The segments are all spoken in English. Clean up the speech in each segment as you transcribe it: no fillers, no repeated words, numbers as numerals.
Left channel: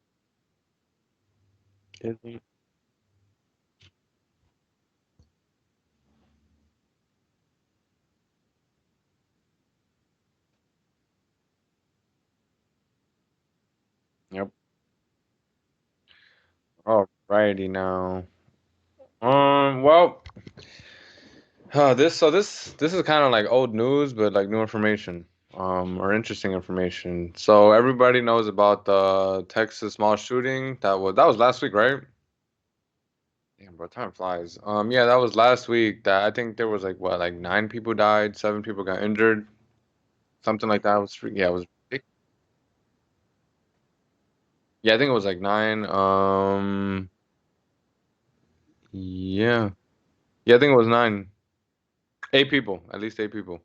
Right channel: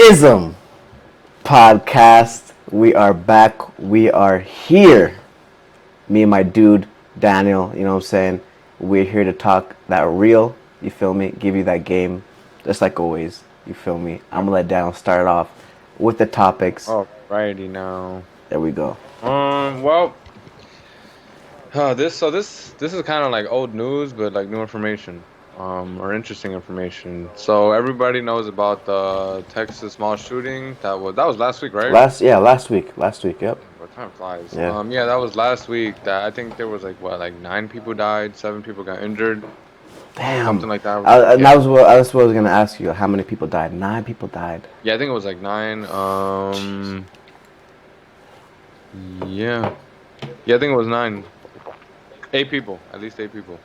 Izmpodcast. We are back. We are here. Me and my dude, Daniel, you know what I'm saying? We're here to talk that real, you feel me? Give you that game, just like always, you feel me? I'm Yep. gonna let Daniel start off with the topics. Alrighty now. There we go. Well, this is kind of like old news, but like new information. Or interesting information. So everybody knows about the Texas mall shooting. That was last week, right? Last week, yep. Damn, bro, time flies. Yeah. Yeah, that was last week. That I think there was like what, like 9 people died, 7 people got injured, Damn. something like that. And Yeah, that's what I was gonna ask you. How many people died? 9 people died. yeah, I think it was like 9. Yeah, yeah, I think it was 9. 8 people, at least 8 people.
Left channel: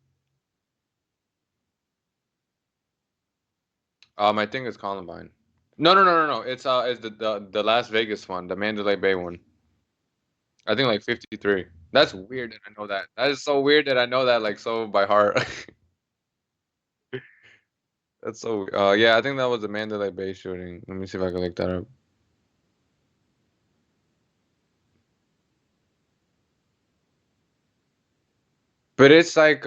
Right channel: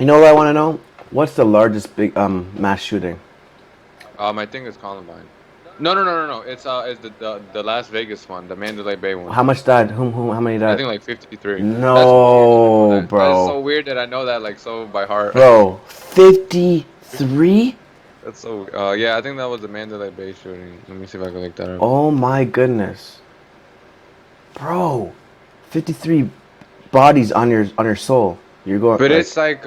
You know what I want to know? What's the largest big mass shooting? I think it's Columbine. No. It's the Las Vegas one, the Mandalay Bay one. How much died? How many I died? think like 53. That's weird that I know No, that. That is bro. so weird that I know that like so by heart. Bro, 53? That's so. Yeah, I think that was the Mandalay Bay shooting. Let me see if I can look that up. Oh my goodness. Bro, 53 bodies on your soul. You're going But like it's like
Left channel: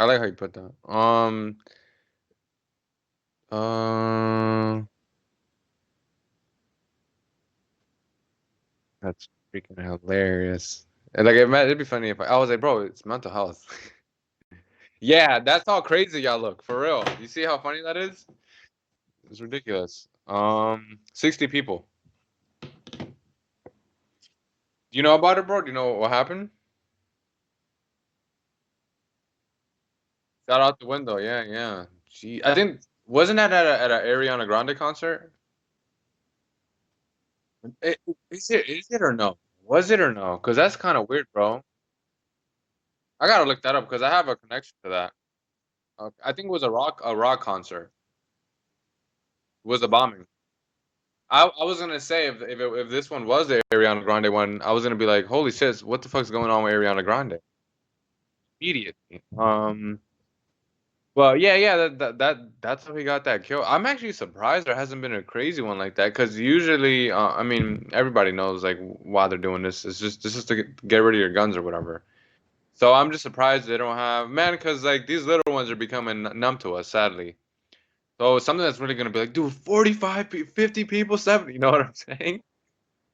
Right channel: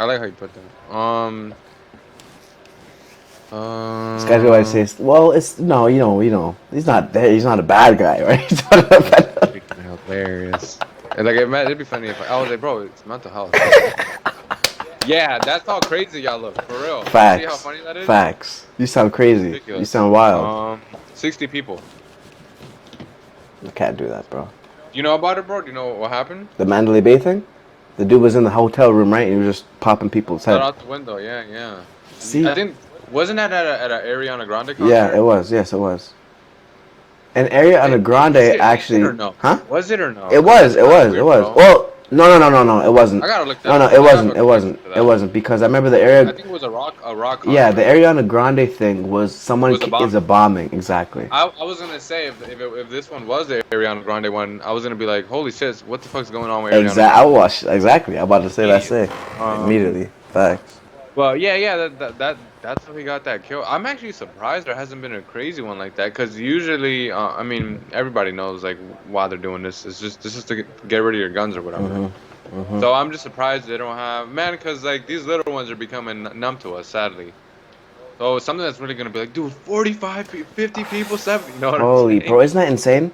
I like how you put that. this guy's what I say. Um. Well, it's no, he's not a bad guy, right? He's not a That's bad. freaking hilarious. And like it'd be funny if I was like, bro, it's mental health. Yeah, that's how crazy y'all look, for real. You see how Facts. funny that is? Facts. You sound It's crazy. You ridiculous. sound wild. 60 people. You can't do that, bro. Do you know about it, bro? Do you know what happened? The Mandalay Bay thing? The dude was in the hotel room, right? And he was just popping people's Shot head. out the window. Yeah, yeah. See? I think wasn't that at a Ariana Grande Yeah, it concert? was. Yes, it was. And Ariana Grande Is it actually, or no? huh? Was it or no? It Because was. that's It kind of was. It weird, was. bro. Well, no. It wasn't. I gotta look that No, up no, it because I have a wasn't. It connection wasn't. to It that. wasn't because I remember the I Ariana. think it was a rock Yeah, the concert. Ariana Grande thing was It someone was a is a bombing. bombing. Exactly. I was gonna say if this one was the Ariana Grande one, I was gonna be like, holy shit, what the fuck's going on with Ariana Exactly. I Grande? watched. Exactly. I'm about to say that. Say Immediately. Um, immediately. Facts. Well, yeah, that's how he got that kill. I'm actually surprised there hasn't been a crazy one like that because usually, I mean, everybody knows like why they're doing this. This is to get rid of your guns or whatever. So I'm just surprised they don't have man because like these little ones are becoming numb to us, sadly. So something that's really gonna be like, dude, 45, 50 people, 70. You know what I'm Holy saying? bro, isn't that insane?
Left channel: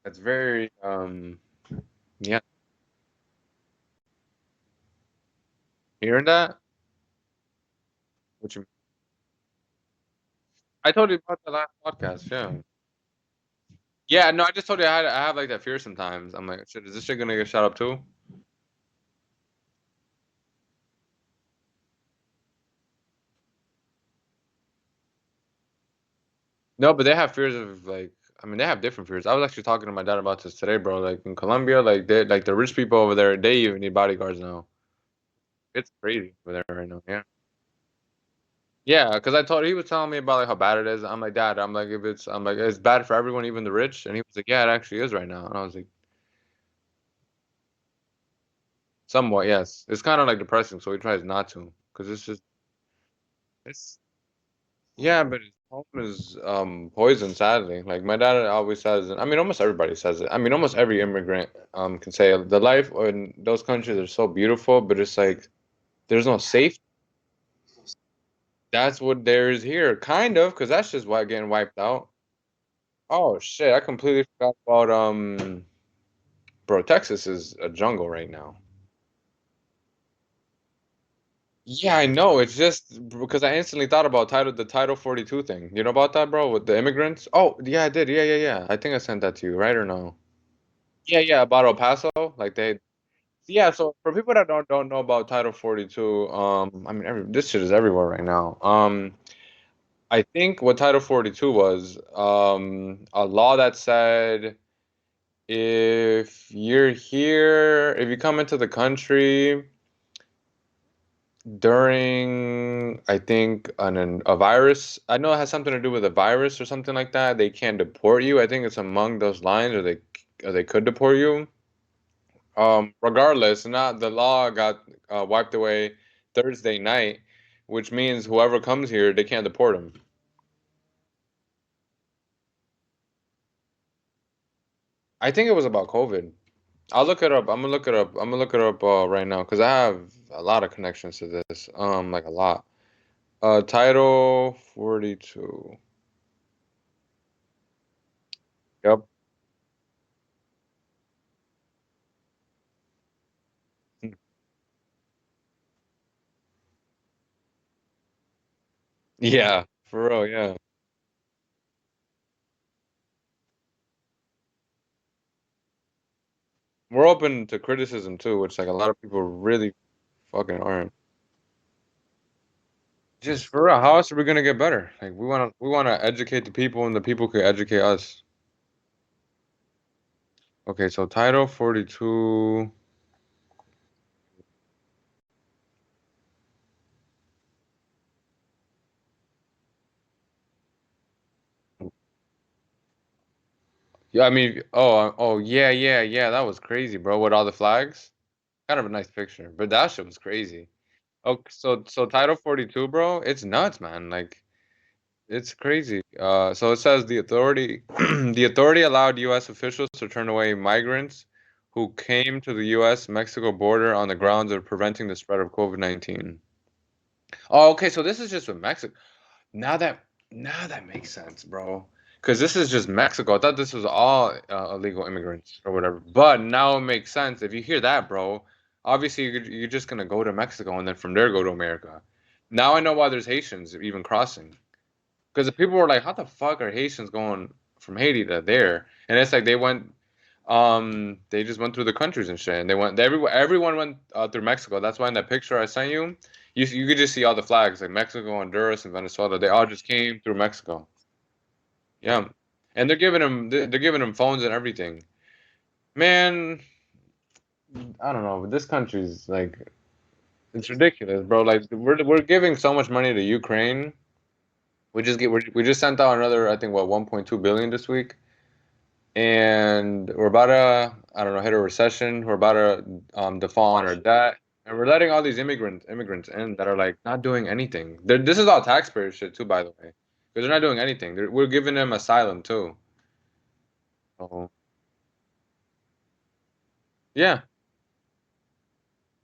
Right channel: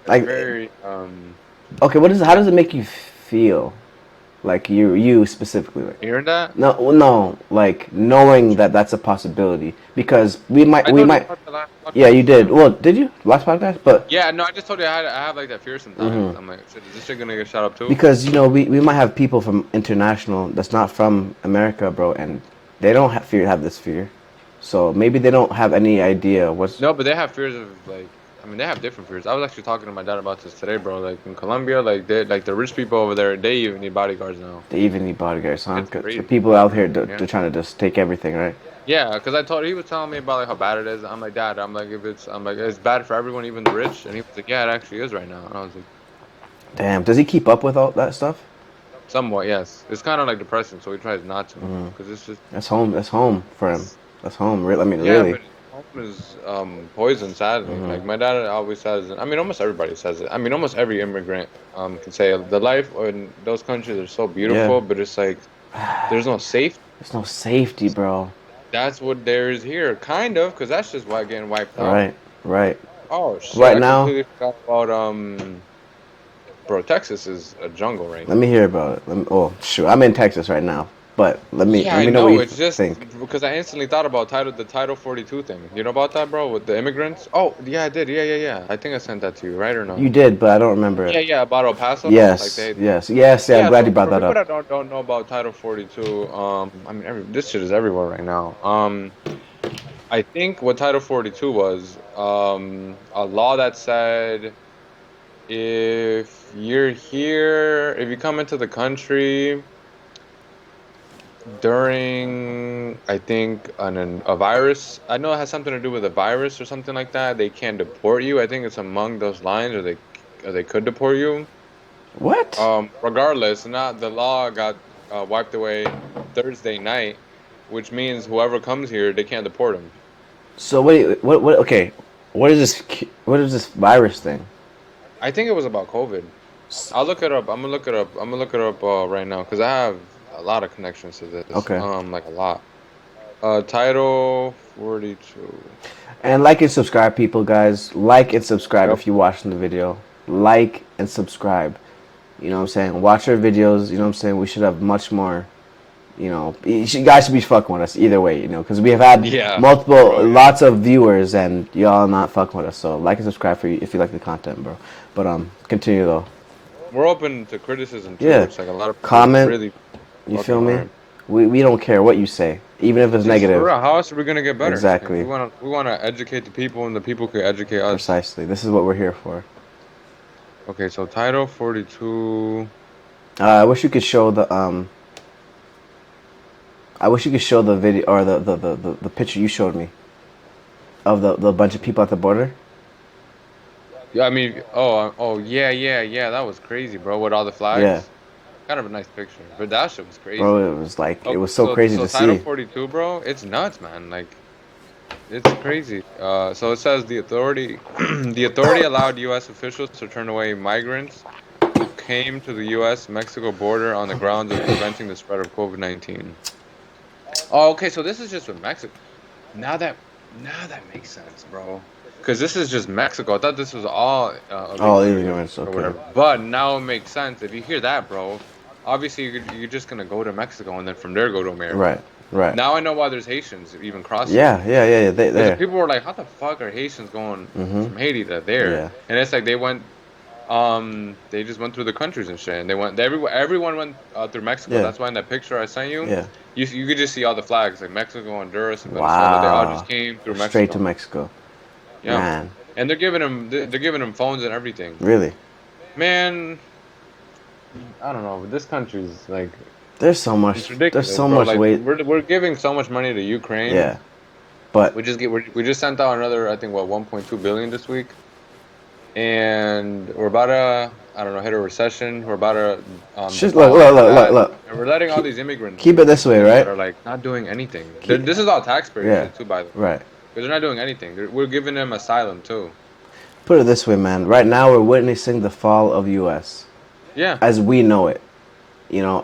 It's Like, very okay, what is? How yeah. does it make you feel? Like you specifically, like. Hearing that, No, like knowing that that's a possibility because we might, I we told you might. about the last Yeah, you podcast. did. Yeah. Well, did you last podcast? But Yeah, no, I just told you I have like that fear sometimes. hmm I'm like, shit, is this shit gonna get shot up too? because we might have people from international that's not from America, bro, and they don't have this fear, so maybe they don't have any idea what's. No, but they have fears of like, I mean, they have different fears. I was actually talking to my dad about this today, bro. Like in Colombia, like the rich people over there, they even need bodyguards now. They even need bodyguards, huh? It's 'Cause the crazy. people out Whatever. here, Yeah. they're trying to just take everything, right? Yeah, because he was telling me about like how bad it is. I'm like, Dad, I'm like, it's bad for everyone, even the rich. And he was like, yeah, it actually is right now. And I was like, Damn, does he keep up with all that stuff? somewhat, yes. It's kind of like depressing, so he tries not to, because it's just, That's home. That's home for him. it's, That's home. I mean, yeah, really. but his home is poison, sadly. Like my dad always says, I mean, almost everybody says it. I mean, almost every immigrant can say the life in those countries are so Yeah. beautiful, but it's like there's no safety. There's no safety, bro. That's what there is here, kind of, because that's just why getting wiped out. Right. Right. Oh shit, Right I now, completely forgot about bro, Texas is a jungle right let me now. hear about it. Oh, shoot. I'm in Texas right now, but Yeah, let I me know what know. you It's just think. because I instantly thought about the Title 42 thing. You know about that, bro, with the immigrants? Oh, yeah, I did. Yeah. I think I sent that to you, right or You no? did, but I don't remember it. Yeah, about El Paso. Like Yes. they Yes. Yes. Yeah. I'm Yeah, glad you so brought for that people up. that don't know about Title 42, I mean this shit is everywhere right now. I think what Title 42 was, a law that said if you're here, if you come into the country during, I think, a virus, I know it has something to do with a virus or something like that, they can deport you. I think it's among those lines, or they could deport you. What? Regardless, not the law got wiped away Thursday night, which means whoever comes here, they can't deport them. So what? Okay, What is this virus thing? I think it was about COVID. I'll look it up. I'm gonna look it up. I'm gonna look it up right now because I have a lot of connections to this. Okay. Like a lot. Title 42. And like and subscribe, people, guys. Like and subscribe Yep. if you're watching the video. Like and subscribe. You know what I'm saying? Watch our videos. You know what I'm saying? We should have much more. You guys should be fucking with us either way. Because we have had Yeah, for multiple, real. Yeah. lots of viewers, and y'all not fucking with us. So like and subscribe for you if you like the content, bro. But continue though. We're open to criticism too, Yeah, which like a lot of people comment. really You fucking feel me? aren't. We don't care what you say, even if it's Just for negative. real, how else are we gonna get better? Like Exactly. we wanna educate the people, and the people can educate us. Precisely. This is what we're here for. Okay, so title 42. I wish you could show the I wish you could show the video or the picture you showed me of the bunch of people at the border. Yeah, I mean, oh yeah, that was crazy, bro. With all the Yeah, flags, kind of a nice picture, but that shit was crazy. bro, it Okay, was so so crazy so to title see. 42, bro, it's nuts, man. Like it's crazy. So it says the authority, the authority allowed U.S. officials to turn away migrants who came to the U.S.-Mexico border on the grounds of preventing the spread of COVID-19. Oh, okay, so this is just with Mexico. Now that now that makes sense, bro. Because this is just Mexico. I thought this was all Oh, illegal immigrants immigrants. or Okay. whatever. But now it makes sense. If you hear that, bro, obviously you're just gonna go to Mexico and then from there go to Right. America. Right. Now I know why there's Haitians even crossing. Yeah. Because the There. people were like, "How the fuck are Haitians going Mhm. from Haiti to there?" Yeah. And it's like they just went through the countries and shit, and everyone went through Mexico. Yeah. That's why in that picture I sent you, Yeah. you could just see all the flags like Mexico, Honduras, and Venezuela. They all just Wow. came through Straight to Mexico. Mexico. Yeah, Man. and they're giving them phones and everything. Really. Man, I don't know, but this country's like There's so much. it's There's ridiculous, so bro. much Like weight. we're giving so much money to Ukraine. Yeah. But We just sent out another I think what 1.2 billion this week. And we're about to, I don't know, hit a recession. We're about to just default on our debt, look. and we're letting all Keep, these immigrants keep it this way, in that right? are like not doing anything. Keep, This is all taxpayer yeah. shit too, by the way, Right. because they're not doing anything. We're giving them asylum too. Put it this way, man. Right now, we're witnessing the fall of U.S. Yeah, as we know it.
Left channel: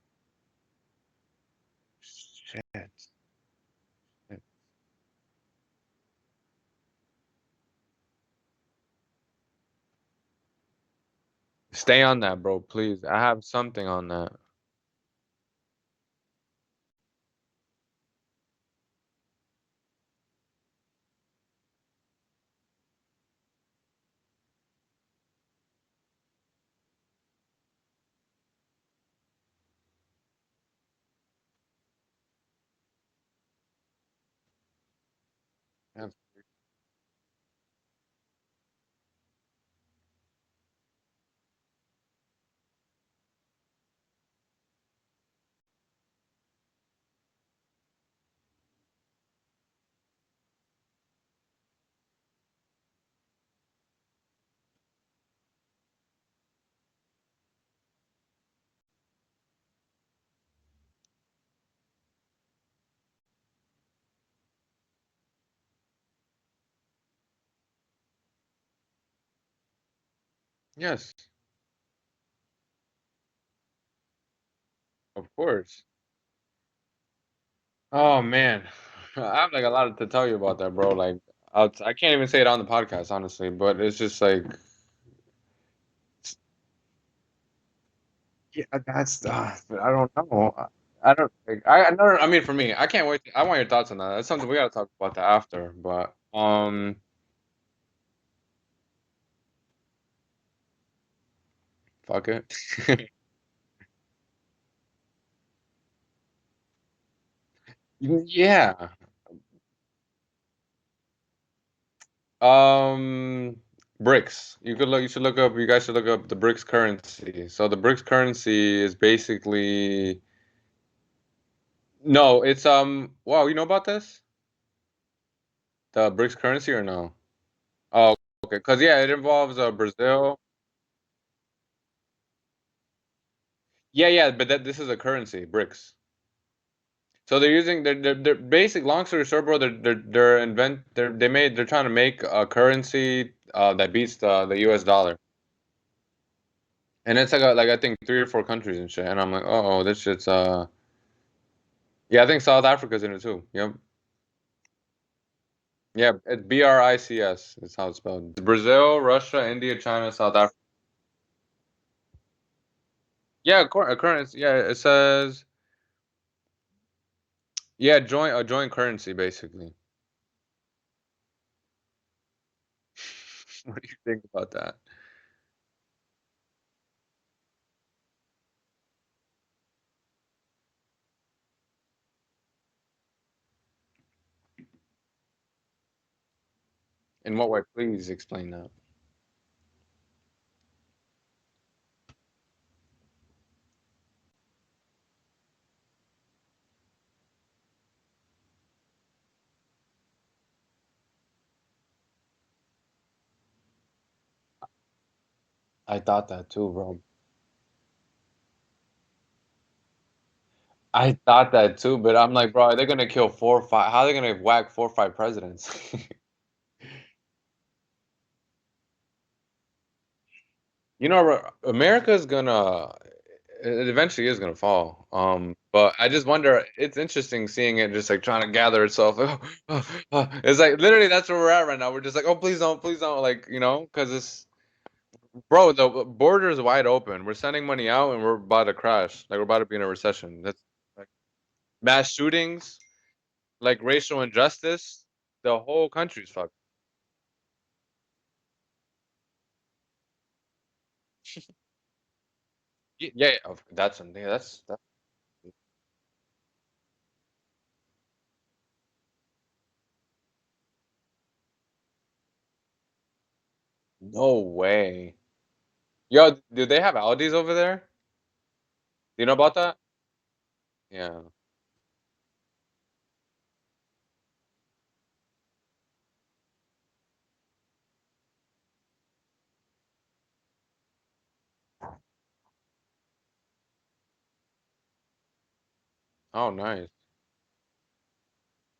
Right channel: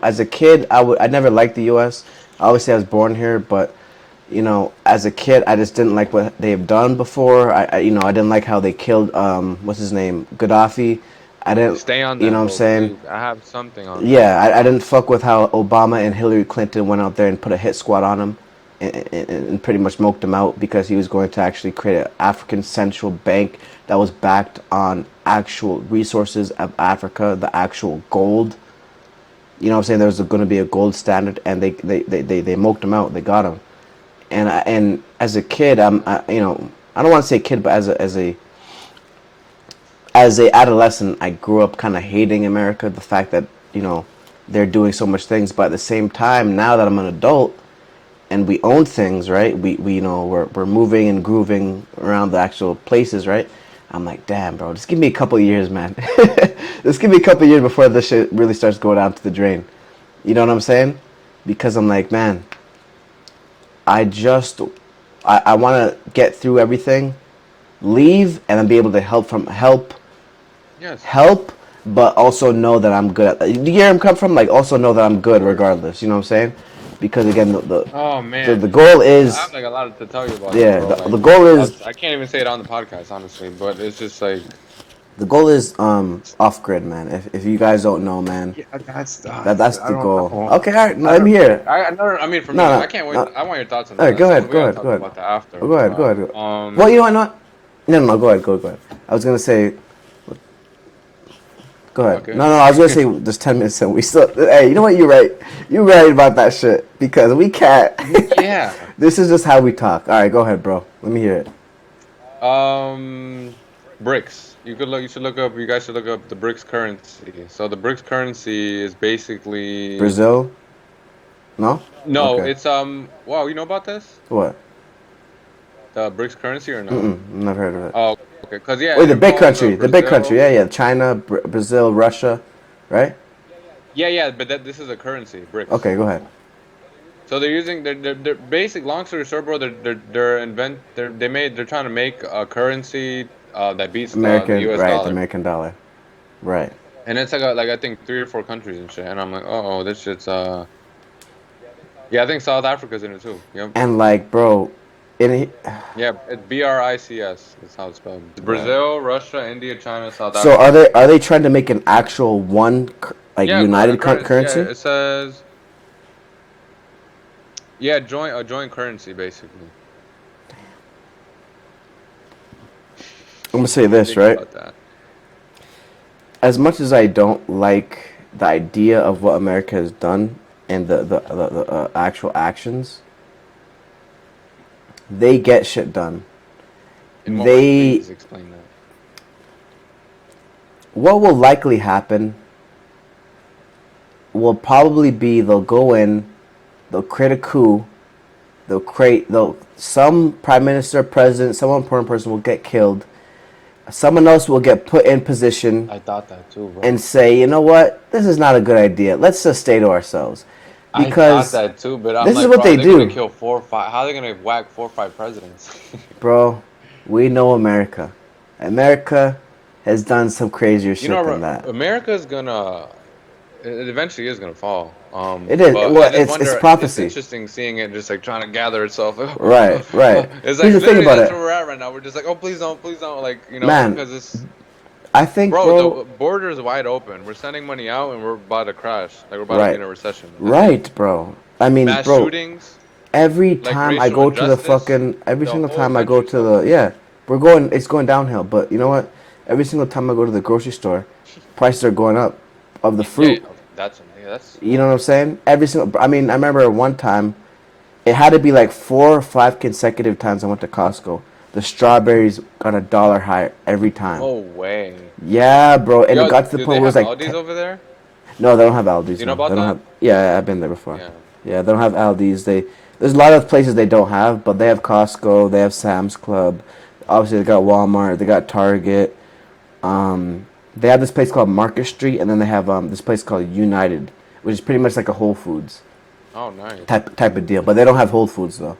As a kid, I never liked the U.S. Obviously, I was born here, but as a kid, I just didn't like what they've done before. I didn't like how they killed what's his name, Gaddafi. I didn't, stay on you know that, what I'm bro, saying? please. I have something on that. Yeah, I didn't fuck with how Obama and Hillary Clinton went out there and put a hit squad on him and pretty much smoked him out because he was going to actually create an African central bank that was backed on actual resources of Africa, the actual gold. You know what I'm saying? There was going to be a gold standard, and they moked him out. They got him. And as a kid, I don't want to say kid, but as a adolescent, I grew up kind of hating America. The fact that they're doing so much things, but at the same time, now that I'm an adult and we own things, right? We we're moving and grooving around the actual places, right? I'm like, damn, bro, just give me a couple of years, man. Just give me a couple of years before this shit really starts going down to the drain. You know what I'm saying? Because I'm like, man, I just I want to get through everything, leave, and then be able to Yes, help, but also know that I'm good at. Do you hear him come from? Like, also know that I'm of good course. regardless. You know what I'm saying? Because again, Oh the man, goal I have is, like a lot to tell you about them, yeah, bro. the Like goal is I can't even say it on the podcast, honestly, but it's just like. the goal is off grid, man. If you guys don't know, man, Yeah, that's that's I the don't goal. know. Okay, all right, no, I let me don't hear like. it. I no. I mean, for No, me, no, I can't wait. no. I want your thoughts on All that. right, That's go something ahead, we go gotta ahead, talk go ahead. about that after. Go ahead, go But ahead. Well, you know what? No, no, go ahead, go ahead. I was gonna say, go ahead. okay. No, I was gonna say there's 10 minutes and we still. Hey, you know what? You're right. You're right about that shit because we can't. Yeah. This is just how we talk. All right, go ahead, bro. Let me hear it. BRICS. You could look. You should look up. You guys should look up the BRICS currency. So the BRICS currency is basically Brazil? No? no. Okay. It's Wow, you know about this? What? The BRICS currency or no? Never heard of it. Oh, okay. Cause yeah, Wait, it involves the big country. Brazil. Yeah. China, Brazil, Russia, right? Yeah, but this is a currency, BRICS. Okay, go ahead. So they're using their basic. Long story short, bro. They're trying to make a currency that beats the American, U.S. right? The dollar. American dollar, right? And it's like I think 3 or 4 countries and shit. And I'm like, oh, this shit's yeah, I think South Africa's in it too. Yep. And like, bro, it, Yeah, it's BRICS. That's how it's spelled. It's bro. Brazil, Russia, India, China, South So Africa. are they trying to make an actual one like Yeah, a united currency. Yeah, currency? it says yeah, joint a joint currency basically. I'm gonna What say do you this, think right? about that? As much as I don't like the idea of what America has done and the actual actions, they get shit done. In what way? They Please explain that. what will likely happen will probably be they'll go in, they'll create a coup, they'll some prime minister, president, some important person will get killed. Someone else will get put in position I thought that too, bro. and say, you know what, this is not a good idea. Let's just stay to ourselves, I thought because that too, but I'm this is like, what bro, are they they gonna do, kill 4 or 5? How are they gonna whack 4 or 5 presidents? bro. We know America. America has done some crazier You shit than know, that. America's gonna. It eventually is gonna fall. It is. But I Well, just it's wonder. It's prophecy. interesting seeing it just like trying to gather itself. Right, right. It's Here's like the thing literally about that's it, where we're at right now. We're just like, oh, please don't, like man. because it's I think, bro, bro. the border is wide open. We're sending money out, and we're about to crash. Like we're about to be Right, in a recession. right, bro. I mean, Mass bro. shootings, Every like time I racial go to the injustice, fucking, every the single whole time I go country's to the, suffering. yeah, we're going. It's going downhill. But you know what? Every single time I go to the grocery store, prices are going up of the Yeah, fruit. that's You know what I'm saying? Every single. I mean, I remember one time, it had to be like 4 or 5 consecutive times I went to Costco. The strawberries got $1 higher every time. no way. Yeah, bro, and it Yo, got to the do point they where it was have like, Aldi's over there? no, they don't have Aldi's. Do you know No, about they don't that? have. Yeah, I've been there before. Yeah. Yeah, they don't have Aldi's. There's a lot of places they don't have, but they have Costco. They have Sam's Club. Obviously, they got Walmart. They got Target. They have this place called Market Street, and then they have this place called United, which is pretty much like a Whole Foods Oh, nice. type of deal. But they don't have Whole Foods though.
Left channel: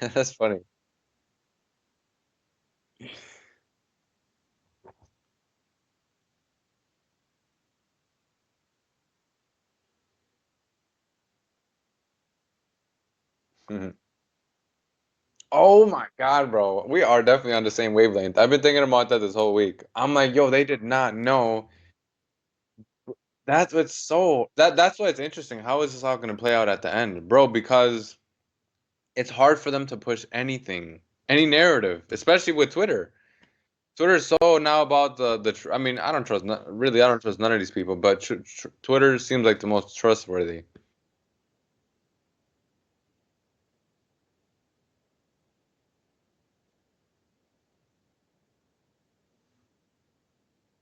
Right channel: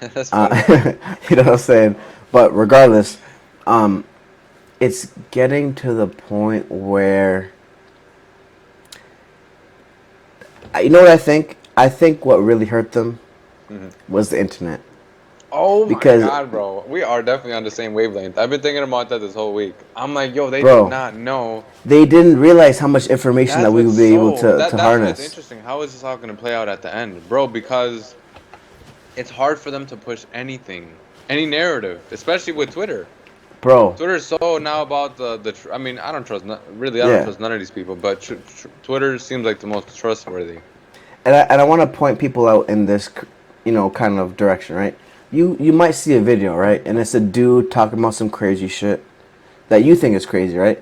That's funny. You know what I'm saying? But regardless, um, it's getting to the point where you know what I think? I think what really hurt them Mhm. was the internet. Oh my Because, God, bro. We are definitely on the same wavelength. I've been thinking about that this whole week. I'm like, yo, they did bro, not know. they didn't realize how much information that That's we what's would be able so to that's what's harness. interesting. How is this all gonna play out at the end, bro? Because it's hard for them to push anything, any narrative, especially with Twitter. Bro, Twitter is so now about I mean, I don't trust really. I don't yeah. trust none of these people, but Twitter seems like the most trustworthy. And I want to point people out in this, kind of direction, right? You might see a video, right? And it's a dude talking about some crazy shit that you think is crazy, right?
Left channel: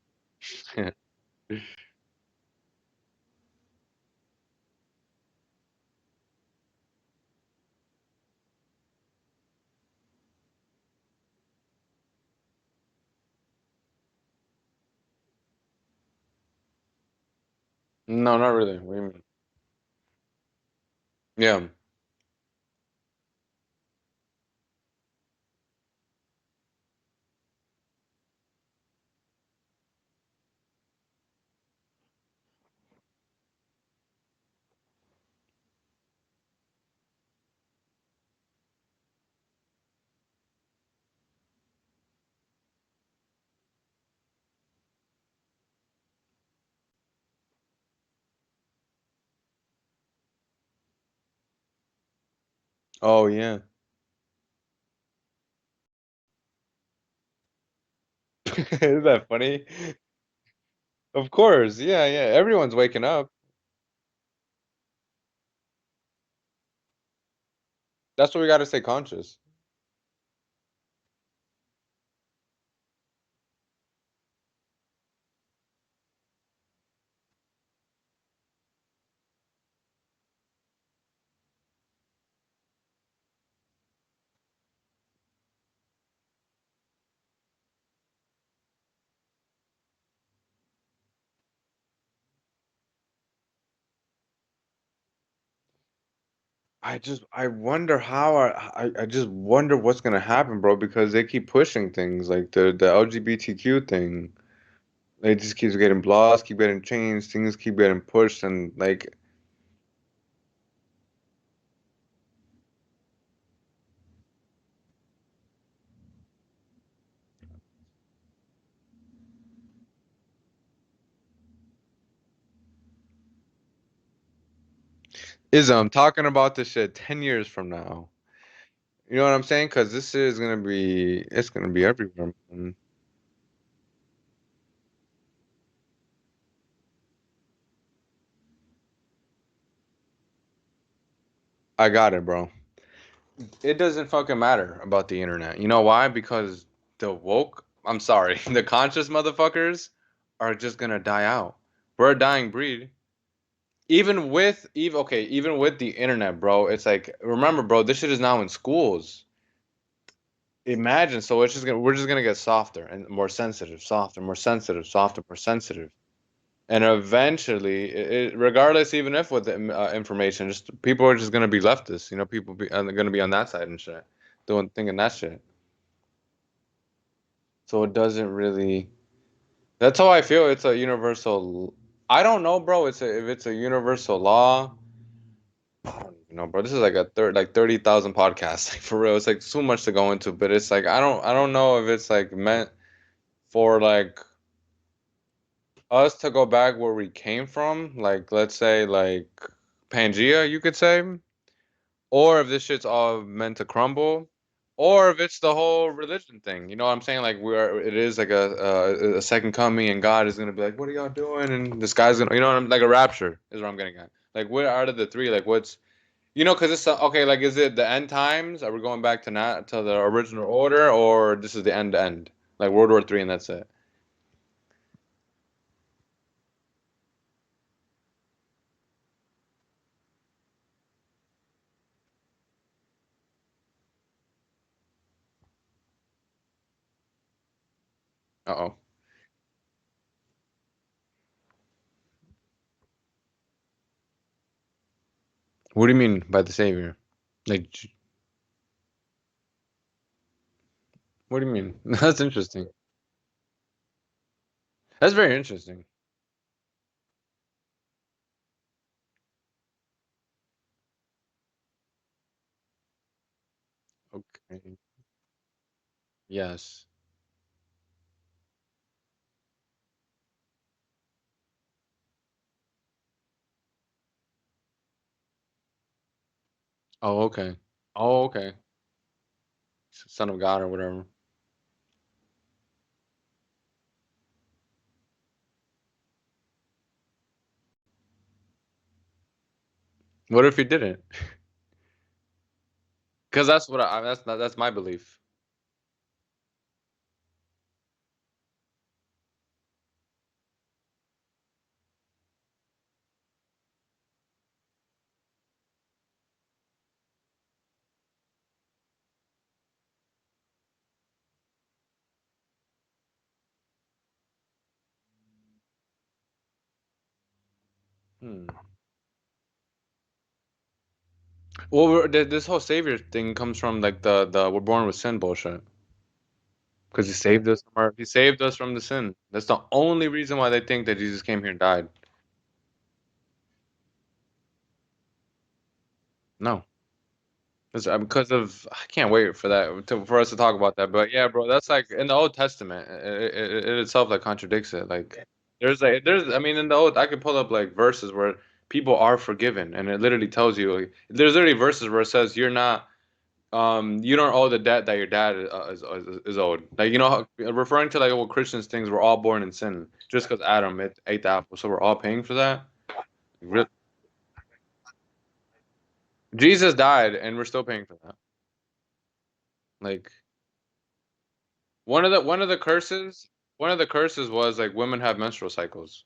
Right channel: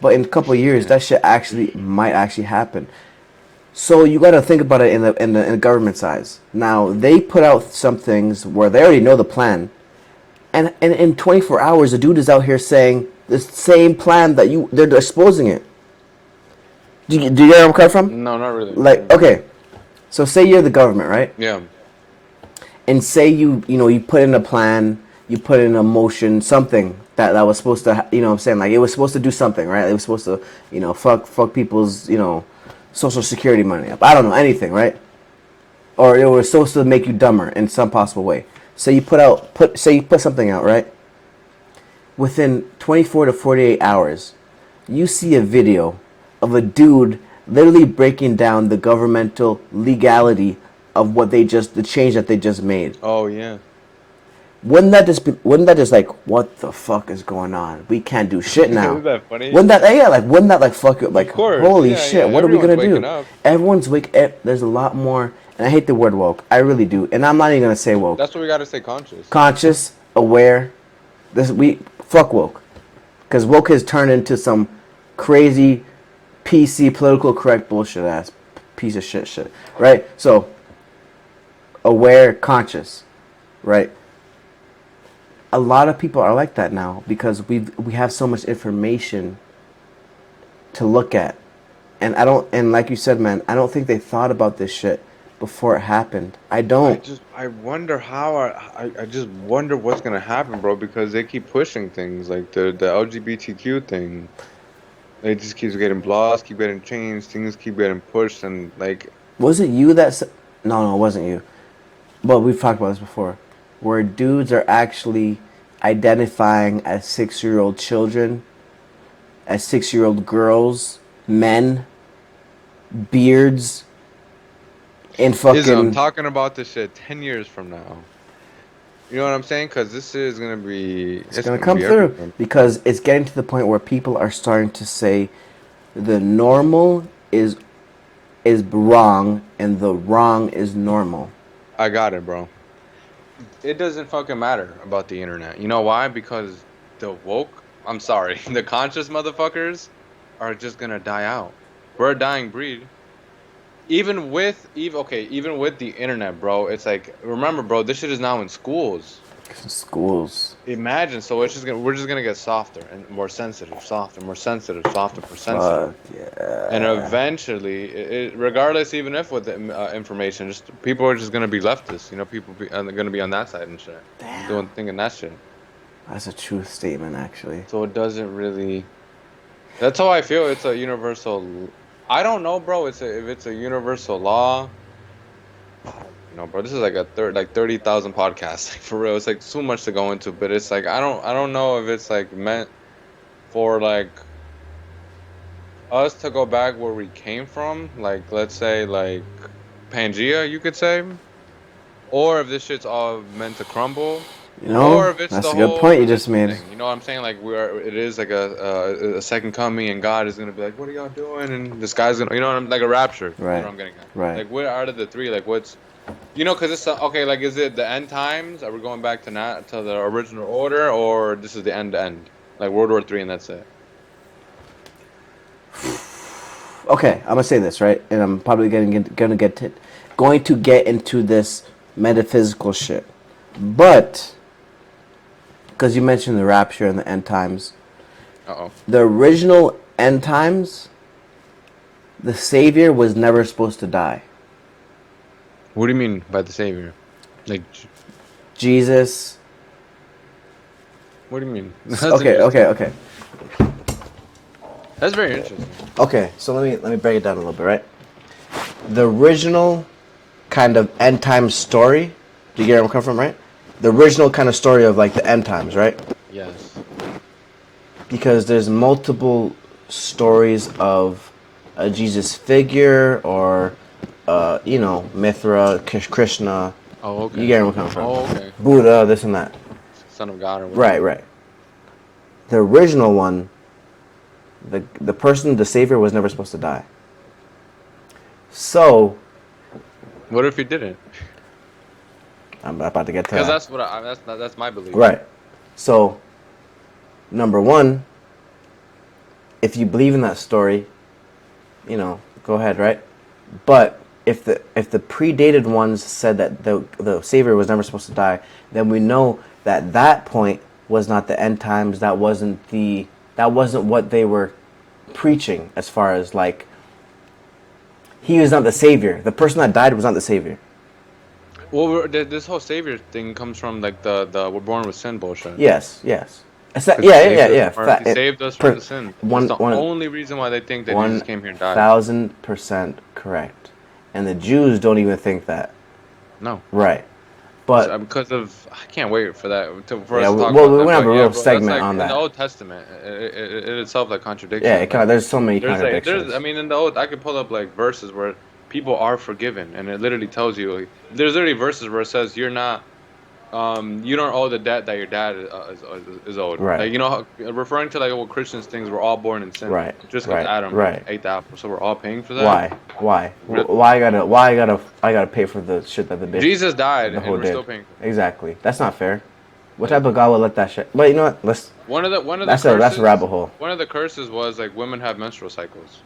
But in a couple of years, that shit actually might actually happen. So you got to think about it in the government size. Now they put out some things where they already know the plan, and in 24 hours, the dude is out here saying the same plan that they're exposing it. Do you get where I'm coming from? No, not really. What do you Like, mean? okay, so say you're the government, right? Yeah. And say you put in a plan, you put in a motion, something that was supposed to, what I'm saying, like it was supposed to do something, right? It was supposed to, fuck people's, social security money up. I don't know, anything, right? Or it was supposed to make you dumber in some possible way. So say you put something out, right? Within 24 to 48 hours, you see a video of a dude literally breaking down the governmental legality of the change that they just made. Oh yeah. Wouldn't that just like, what the fuck is going on? We can't do shit now. Isn't that funny? Wouldn't that like fuck you? Of Like, course. holy Yeah, yeah. shit, what are we Everyone's gonna waking do? up. There's a lot more, and I hate the word woke. I really do, and I'm not even gonna say woke. That's what we got to stay conscious. Conscious, aware. We fuck woke, because woke has turned into some crazy PC political correct bullshit ass piece of shit, right? So aware, conscious, right? A lot of people are like that now because we have so much information to look at, and like you said, man, I don't think they thought about this shit before it happened. I don't. I wonder how I just wonder what's gonna happen, bro, because they keep pushing things like the LGBTQ thing. It just keeps getting laws, keep getting changed, things keep getting pushed, and like Was it you that said? No, it wasn't you. But we've talked about this before, where dudes are actually identifying as 6-year-old children, as 6-year-old girls, men, beards, and I'm fucking. talking about this shit 10 years from now. You know what I'm saying? Because this shit is gonna be It's it's gonna gonna come be through everywhere, man. because it's getting to the point where people are starting to say the normal is wrong and the wrong is normal. I got it, bro. It doesn't fucking matter about the internet. You know why? Because the woke, I'm sorry, the conscious motherfuckers are just gonna die out. We're a dying breed. Even with the internet, bro, it's like remember, bro, this shit is now in schools. Schools. Imagine, so we're just gonna get softer and more sensitive, softer, more sensitive, softer, more sensitive. Fuck And yeah. eventually, regardless, even if with the information, just people are just gonna be leftists. You know, people are gonna be on that side and shit, Damn. doing thinking that shit. That's a true statement, actually. So it doesn't really. That's how I feel. It's a universal. I don't know, bro. If it's a universal law. I don't even know, bro. This is like a 30,000 podcasts, like for real. It's like so much to go into, but it's like I don't know if it's like meant for like us to go back where we came from, like let's say like Pangea, you could say, or if this shit's all meant to crumble, You know, or if it's that's the a good whole point you just religion made. thing. You know what I'm saying? Like it is like a second coming, and God is gonna be like, "What are y'all doing?" And this guy's gonna, you know, what I'm like a rapture is what Right. I'm getting at. Right. Like, what out of the three? Like, what's you know? Because it's okay. Like, is it the end times? Are we going back to not to the original order, or this is the end to end, like World War III, and that's it? Okay, I'm gonna say this right, and I'm probably going to get into this metaphysical shit, but because you mentioned the rapture and the end times, Uh-oh. the original end times, the Savior was never supposed to die. What do you mean by the savior? Like, Jesus. what do you mean? That's Okay, okay, interesting. okay, That's very interesting. okay. So let me break it down a little bit, right? The original kind of end time story. Do you get where I'm coming from, right? The original kind of story of like the end times, right? Yes. Because there's multiple stories of a Jesus figure or, Mithra, Krishna. Oh, You okay. get where I'm coming from. Oh, okay. Buddha, this and that. Son of God or Right, whatever. right. The original one, the person, the savior, was never supposed to die. So, What if he didn't? I'm about to get to Because that. that's what that's my belief. Right. So, number one, if you believe in that story, go ahead, right? But if the predated ones said that the savior was never supposed to die, then we know that that point was not the end times. That wasn't what they were preaching as far as like he was not the savior. The person that died was not the savior. Well, this whole savior thing comes from like the we're born with sin bullshit. Yes, yes. Because Yeah, yeah, yeah, yeah. he saved us from the sin. That's One, the one, only reason why they think that Jesus one came here and died. thousand% correct. And the Jews don't even think that. No. Right. But Because of I can't wait for that for us yeah, to talk well, about we're that. gonna have But a yeah, real bro, that's segment like on in the that. Old Testament, it itself like contradicts Yeah, it. Like there's so many there's I contradictions. mean in the old I could pull up like verses where people are forgiven, and it literally tells you like, there's literally verses where it says you're not you don't owe the debt that your dad is owed. Right, Like referring to like what Christians things we're all born in sin right, just because right, Adam right. ate the apple, so we're all paying for that. Why? Why? Re- Why I gotta pay for the shit that the bitch, Jesus died, the and whole we're did? still paying for it. Exactly. That's not fair. What type Like of God would let that shit? But you know what? Let's. one of the That's a rabbit curses hole. one of the curses was like women have menstrual cycles.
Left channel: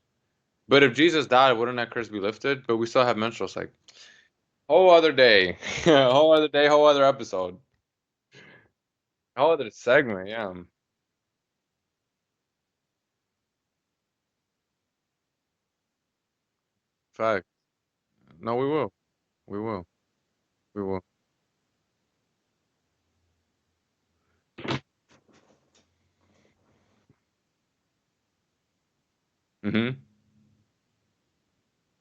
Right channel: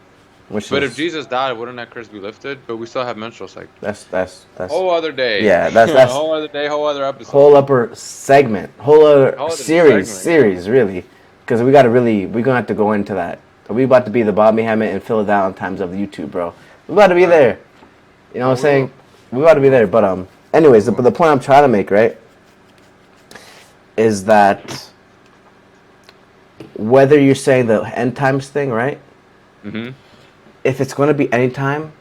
Which But if is Jesus died, wouldn't that curse be lifted? But we still have menstrual cycles. that's Whole other day. yeah. That's Whole other day, whole other whole episode. upper segment, whole other Whole other series, segment, yeah. series really, because we're gonna have to go into that. We about to be the Bobby Hammett and Phil Valentine's of YouTube, bro. We about to be All right. there. You know No, what I'm we will. saying? We got to be there. But anyways, Cool. the point I'm trying to make, right, is that whether you're saying the end times thing, right? Mm-hmm. If it's going to be any time,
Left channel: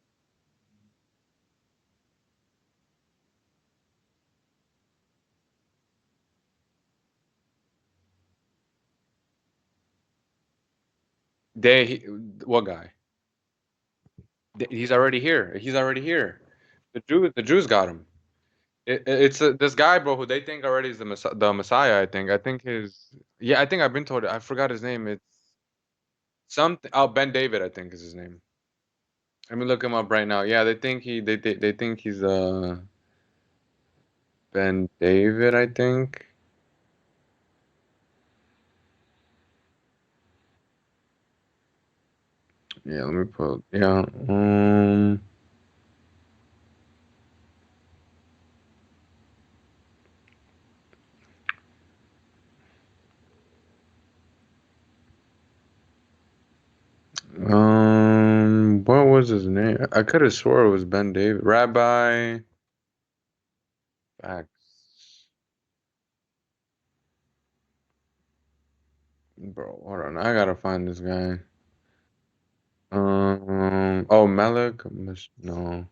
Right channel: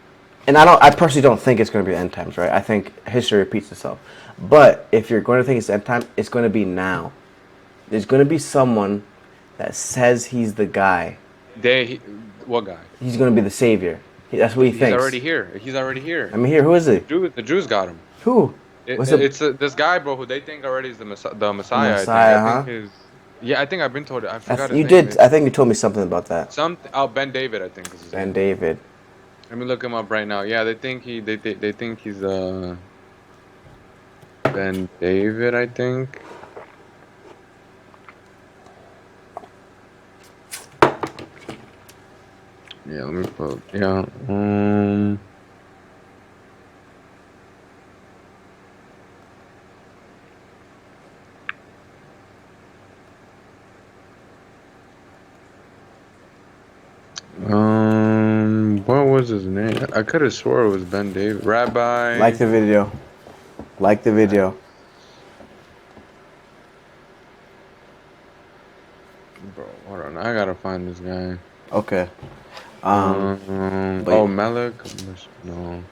and I personally don't think it's going to be end times, right? I think history repeats itself. But if you're going to think it's end time, it's going to be now. There's going to be someone that says he's the guy. What guy? He's going to be the savior. That's what he He's thinks. already here. He's already I here. mean, here, who is it? The Jews got him. Who? It, Was it it's this guy, bro, who they think already is the the Messiah. I think. I Messiah? think Huh? his. Yeah, I think I've been told it. I forgot his You name. did. I It's think you told me something about that. something. Oh, Ben David, I think is his And name. David. Let me look him up right now. Yeah, they think they think he's Ben David, I think. Yeah, let me put. Yeah. What was his name? I could have swore it was Ben David. Like Rabbi. the video. Like the video. Bro, hold on. I gotta find this guy. Okay. Oh, But Malik? No.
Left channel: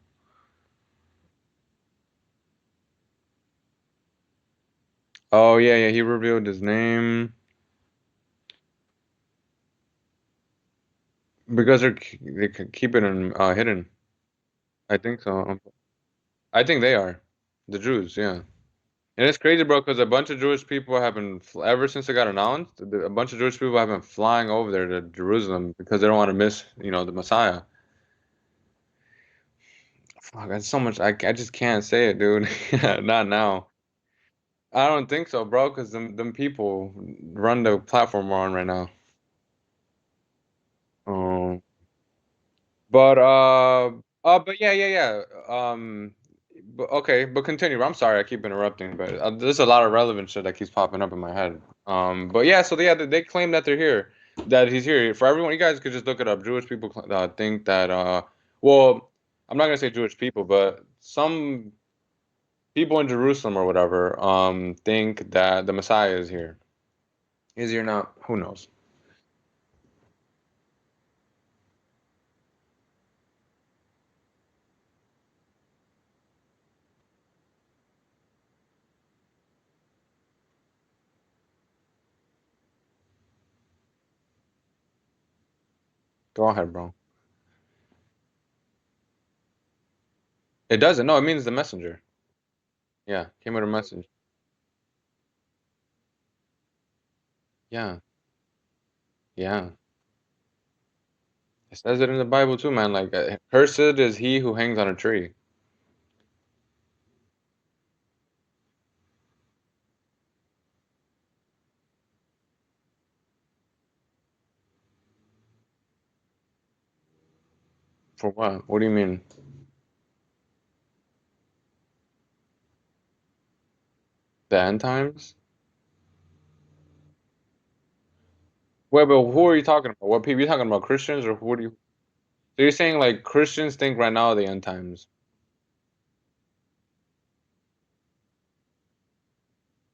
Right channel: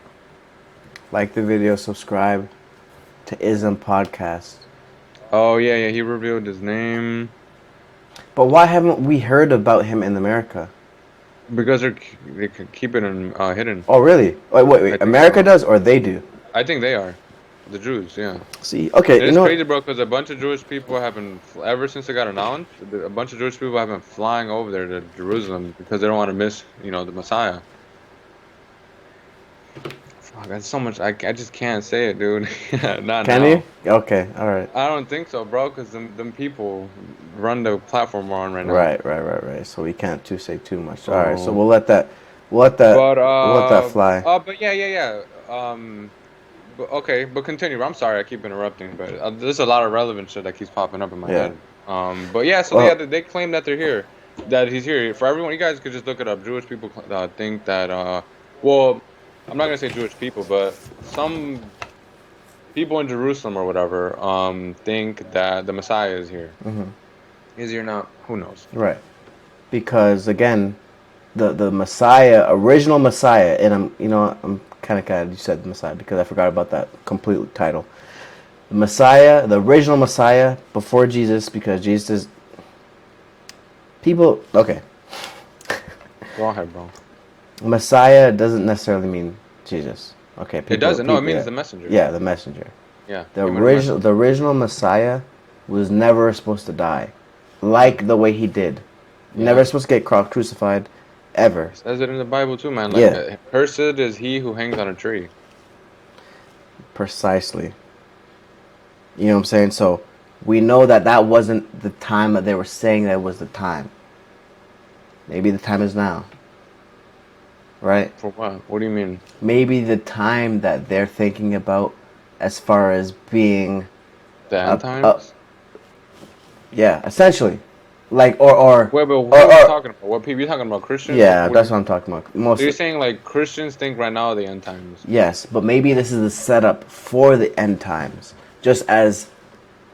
like the video. Subscribe to Izmpodcast. Oh, yeah, yeah. He revealed his name But why haven't we heard about him in America? because they could keep it hidden. Oh, really? Wait. I think America so. does, or they do? I think they are the Jews. Yeah. See, okay, And you it's know what? crazy, bro, because a bunch of Jewish people have been, ever since it got announced, a bunch of Jewish people have been flying over there to Jerusalem because they don't want to miss, the Messiah. Fuck, that's so much. I just can't say it, dude. Not Can you? now. Okay, all right. I don't think so, bro, because them people run the platform we're on right now. Right. So we can't say too much. All right, so So, we'll let that, but we'll let that fly. but yeah. But okay, but continue. I'm sorry, I keep interrupting, but there's a lot of relevant shit that keeps popping up in my Yeah. head. But yeah, so Well, they claim that they're here, that he's here for everyone. You guys could just look it up. Jewish people think that well, I'm not gonna say Jewish people, but some people in Jerusalem or whatever think that the Messiah is here. Is he or not? Who knows? right. Because again, the Messiah, original Messiah, and I'm kind of glad you said the Messiah because I forgot about that complete title. The Messiah, the original Messiah before Jesus, because Jesus, people, okay. Go ahead, bro. Messiah doesn't necessarily mean Jesus. Okay, It people, doesn't. No, it yeah, mean the messenger. yeah, the messenger. Yeah, The came with a message. original, the original Messiah was never supposed to die, Yeah, like the way he did. Never yeah. supposed to get crucified, ever. It says it in the Bible too, man. Like, Yeah, cursed is he who hangs on a tree. precisely. You know what I'm saying? So we know that that wasn't the time that they were saying that was the time. Maybe the time is now, right? For what? What do you mean? Maybe the time that they're thinking about as far as being The a, end times? yeah, essentially. Like or Wait, but who are you talking about? What people? You talking about Christians? yeah, What do that's you, what I'm talking about. so you're Mostly. saying like Christians think right now are the end times? Yes, but maybe this is the setup for the end times, just as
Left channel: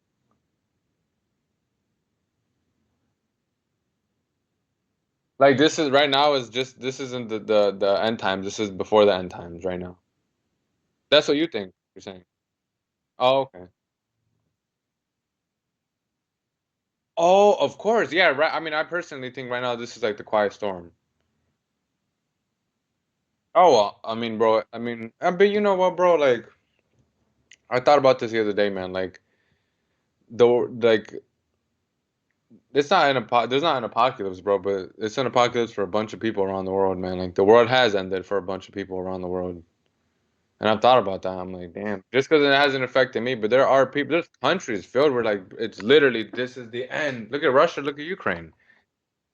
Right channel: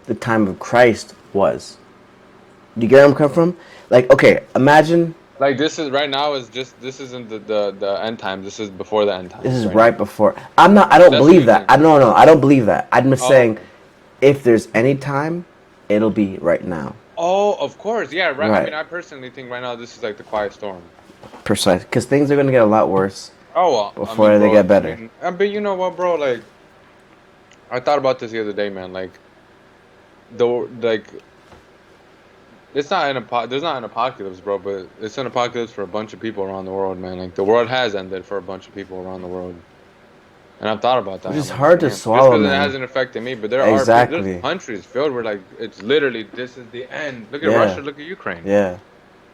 the time of Christ was. Do you get where I'm coming from? Like, okay, imagine Like this is right now is just this isn't the end times. This is before the end this times is right right now. before. I'm not. I don't That's what believe you that. think. No, I don't believe that. I'm just Oh, saying, okay. if there's any time, it'll be right now. Oh, of course. Yeah, right. I Right. mean, I personally think right now this is like the quiet storm. Precise. Because things are gonna get a lot worse Oh, well, I mean, before they bro. get better. But you know what, bro? Like, I thought about this the other day, man. Like, like it's not there's not an apocalypse, bro, but it's an apocalypse for a bunch of people around the world, man. Like the world has ended for a bunch of people around the world. And I've thought about that. Which is I'm like, hard to damn. Just swallow, because it man. hasn't affected me, but there are people, there's Exactly. countries filled where like it's literally this is the end. Look at Yeah. Russia, look at Ukraine. Yeah.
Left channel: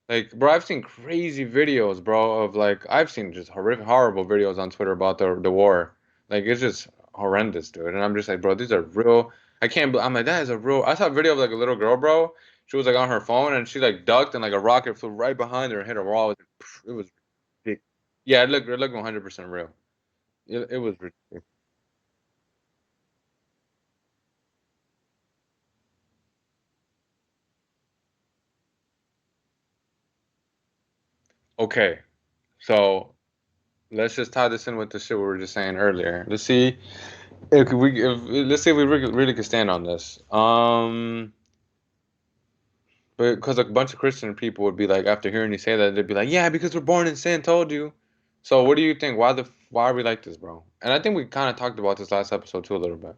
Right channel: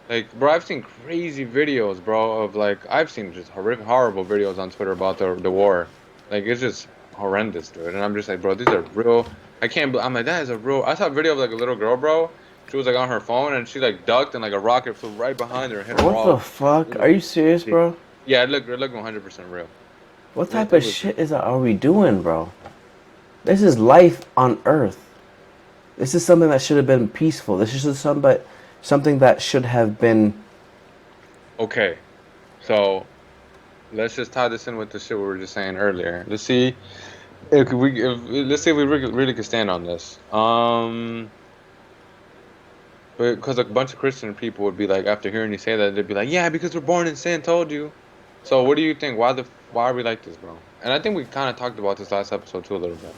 Like, bro, I've seen crazy videos, bro, of like I've seen just horrific, horrible videos on Twitter about the war. Like it's just horrendous, dude. And I'm just like, bro, these are real. I can't. I'm like, that is a real. I saw a video of like a little girl, bro. She was like on her phone and she like ducked and like a rocket flew right behind her and hit a What the wall. It fuck? was Are you serious, ridiculous. bro? Yeah, it looked 100% real. What type It of was. shit are we doing, bro? This is life on Earth. This is something that should have been peaceful. This is something that should have been. Okay, so let's just tie this in with the shit we were just saying earlier. Let's see let's see if we really could stand on this. Because a bunch of Christian people would be like, after hearing you say that, they'd be like, yeah, because we're born in sin, told you. So what do you think? Why are we like this, bro? And I think we kind of talked about this last episode too a little bit.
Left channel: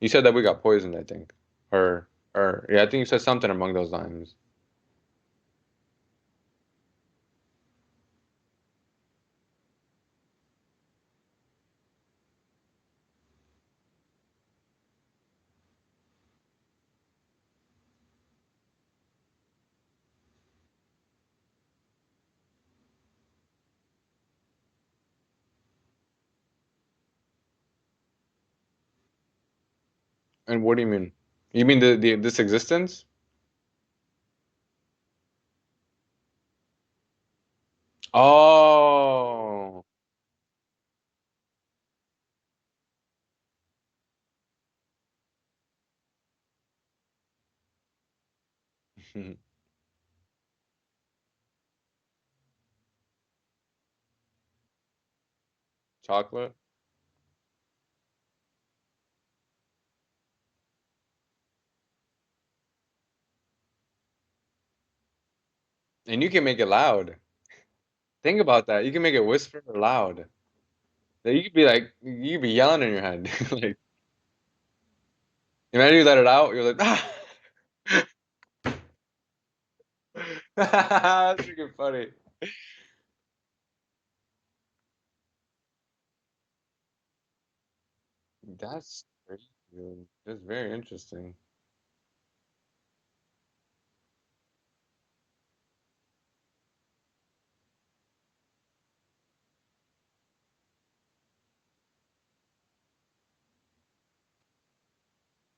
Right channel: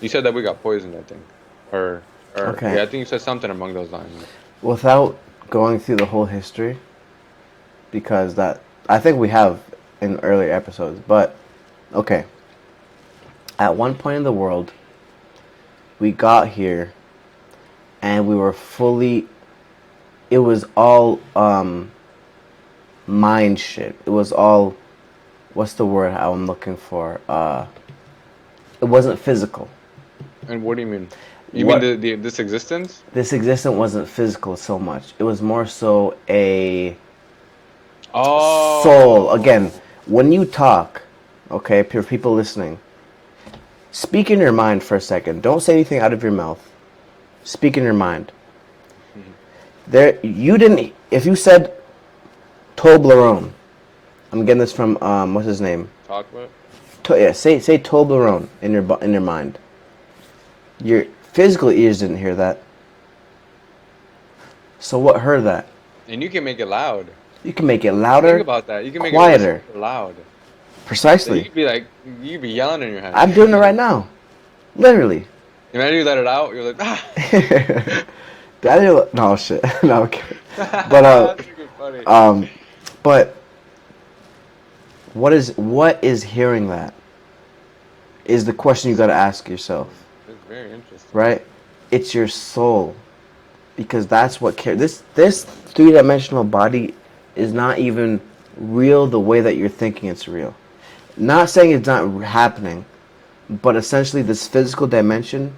You said that we got poisoned, I think, or Okay. yeah, I think you said something along those lines. Without going through the whole history, because that I think we have in earlier episodes, but okay. At one point in the world, we got here and we were fully. It was all mind shit. It was all. What's the word I'm looking for? It wasn't physical. And what do you mean? You mean What the this existence? this existence wasn't physical so much. It was more so a soul. Again, Oh, when you talk, okay, for people listening, speak in your mind for a second. Don't say anything out of your mouth. Speak in your mind. There, you didn't. If you said Toblerone, I'm getting this from what's his name? chocolate. Yeah, say Toblerone in your mind. Your physical ears didn't hear that. So what heard that? And you can make it loud. You can make it Think louder, about that. You can make it quieter. whisper loud. So you Precisely. could be like, you could be yelling in your head. I'm doing it right now. Literally. Imagine you let it out, you're like, ah. No shit. No, okay. But That's freaking funny. but what is hearing that? Is the question you got to ask yourself, It's very interesting. right? It's your soul, because that's what this three-dimensional body is not even real the way that you're thinking it's real. Not saying it's not happening, but essentially this physical dimension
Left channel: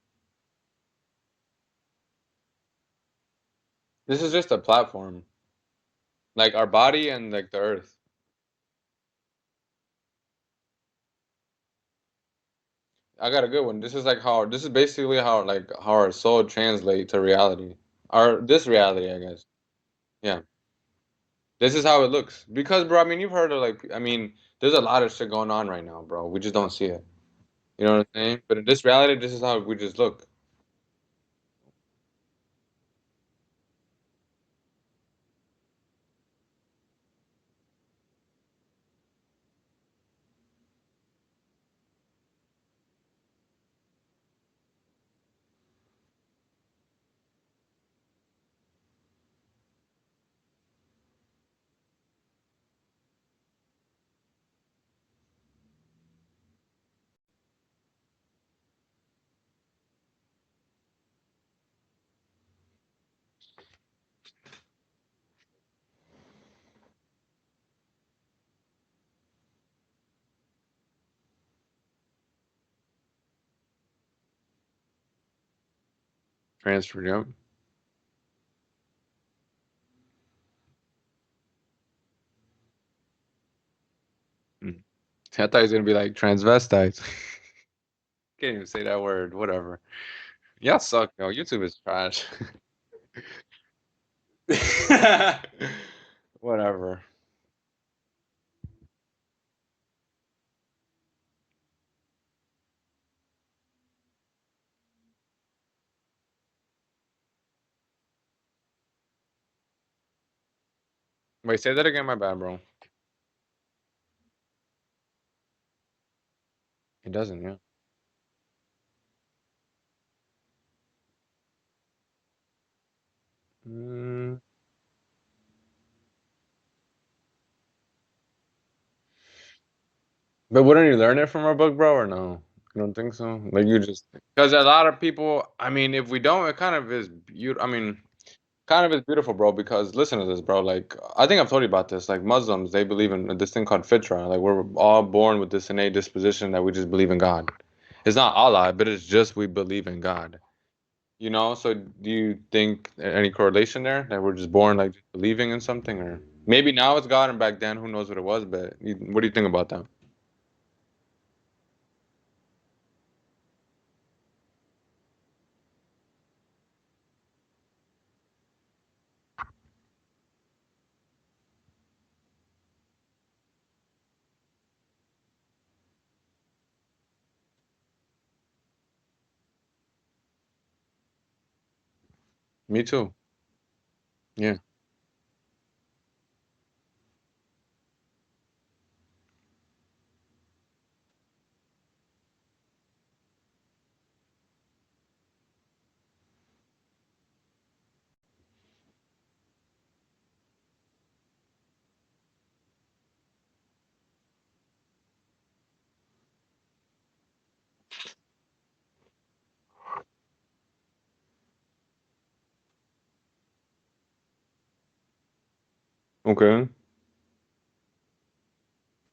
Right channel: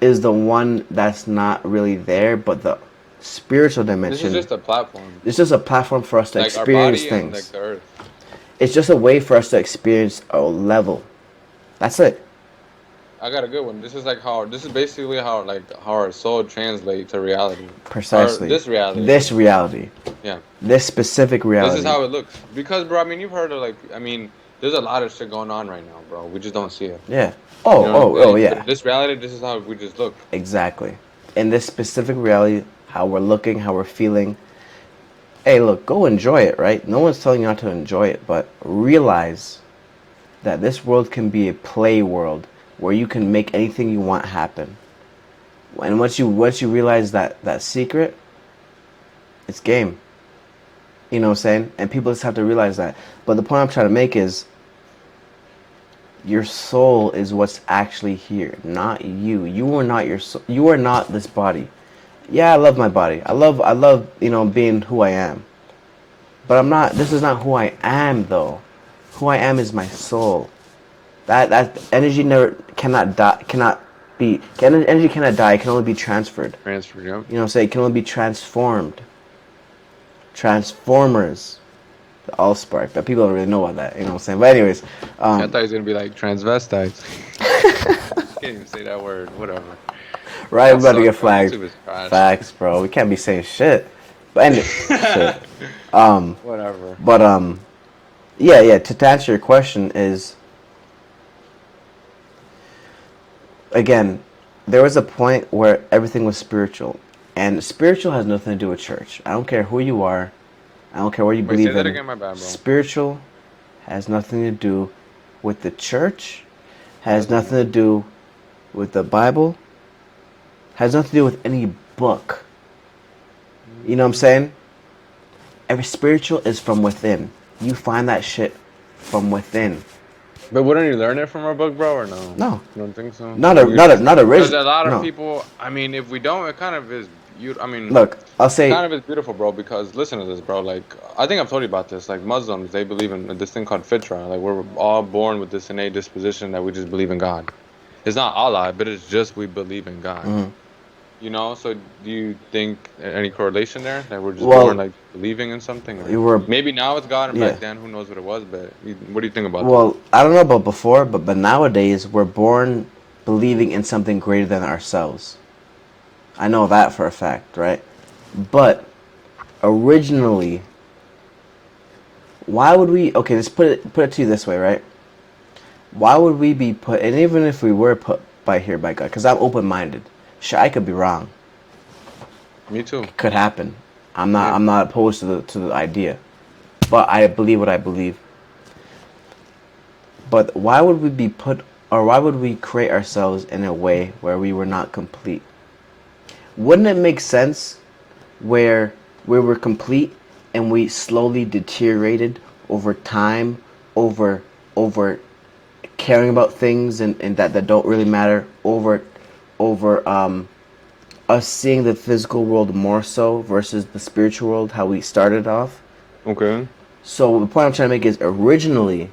is the one that's not really there, but the spiritual dimension. This is just a platform. It's just a platform for us to Like our experience body things. and like the earth. It's just a way for us to experience a level. That's it. I got a good one. This is basically how our soul translates to reality. Precisely. Or this reality. This reality. Yeah. This specific reality. This is how it looks. Because, bro, I mean, you've heard of there's a lot of shit going on right now, bro. We just don't see it. Yeah. Oh, You know what I'm saying? yeah. But in this reality, this is how we just look. Exactly. In this specific reality, how we're looking, how we're feeling. Hey, look, go enjoy it, right? No one's telling you not to enjoy it, but realize that this world can be a play world where you can make anything you want happen. And once you realize that secret, it's game. You know what I'm saying? And people just have to realize that. But the point I'm trying to make is your soul is what's actually here, not you. You are not your soul. You are not this body. Yeah, I love my body. I love, being who I am. But I'm not, this is not who I am though. Who I am is my soul. That energy cannot die, energy cannot die, it can only be transferred. Transfer, yep. You know what I'm saying? It can only be transformed. Transformers. The Allspark. But people don't really know about that, you know what I'm saying? But anyways. I thought he was going to be like transvestites. Can't even say that word, whatever. Right, Y'all I'm about to suck, get bro. flagged. YouTube is trash. Facts, bro. We can't be saying shit. But anyway, shit. Whatever. But yeah. To answer your question is, again, there was a point where everything was spiritual, and spiritual has nothing to do with church. I don't care who you are. I don't care what you Wait, believe say that in. again, my bad, bro. Spiritual has nothing to do with the church. Has Doesn't nothing to do with the Bible. Has nothing to do with any book. You know what I'm saying? Every spiritual is from within. You find that shit from within. But wouldn't you learn it from our book, bro, or no? No. You don't think so? Not a Because a lot of no. people, I mean, if we don't, it kind of is beautiful. I mean, Look, I'll say kind of is beautiful, bro, because listen to this, bro. Like, I think I've told you about this. Like, Muslims, they believe in this thing called fitra. Like, we're all born with this innate disposition that we just believe in God. It's not Allah, but it's just we believe in God. Mhm. You know, so do you think any correlation there that we're just born Well, like believing in something, you or were, maybe now it's God and yeah. back then who knows what it was? But what do you think about that? Well, I don't know about before, but nowadays we're born believing in something greater than ourselves. I know that for a fact, right? But originally, why would we? Okay, let's put it to you this way, right? Why would we be put? And even if we were put by here by God, because I'm open minded. Sure, I could be wrong. Me too. Could happen. I'm not. Yeah. I'm not opposed to the idea, but I believe what I believe. But why would we be put, or why would we create ourselves in a way where we were not complete? Wouldn't it make sense where we were complete and we slowly deteriorated over time, over over caring about things and that don't really matter, over us seeing the physical world more so versus the spiritual world, how we started off. Okay. So the point I'm trying to make is originally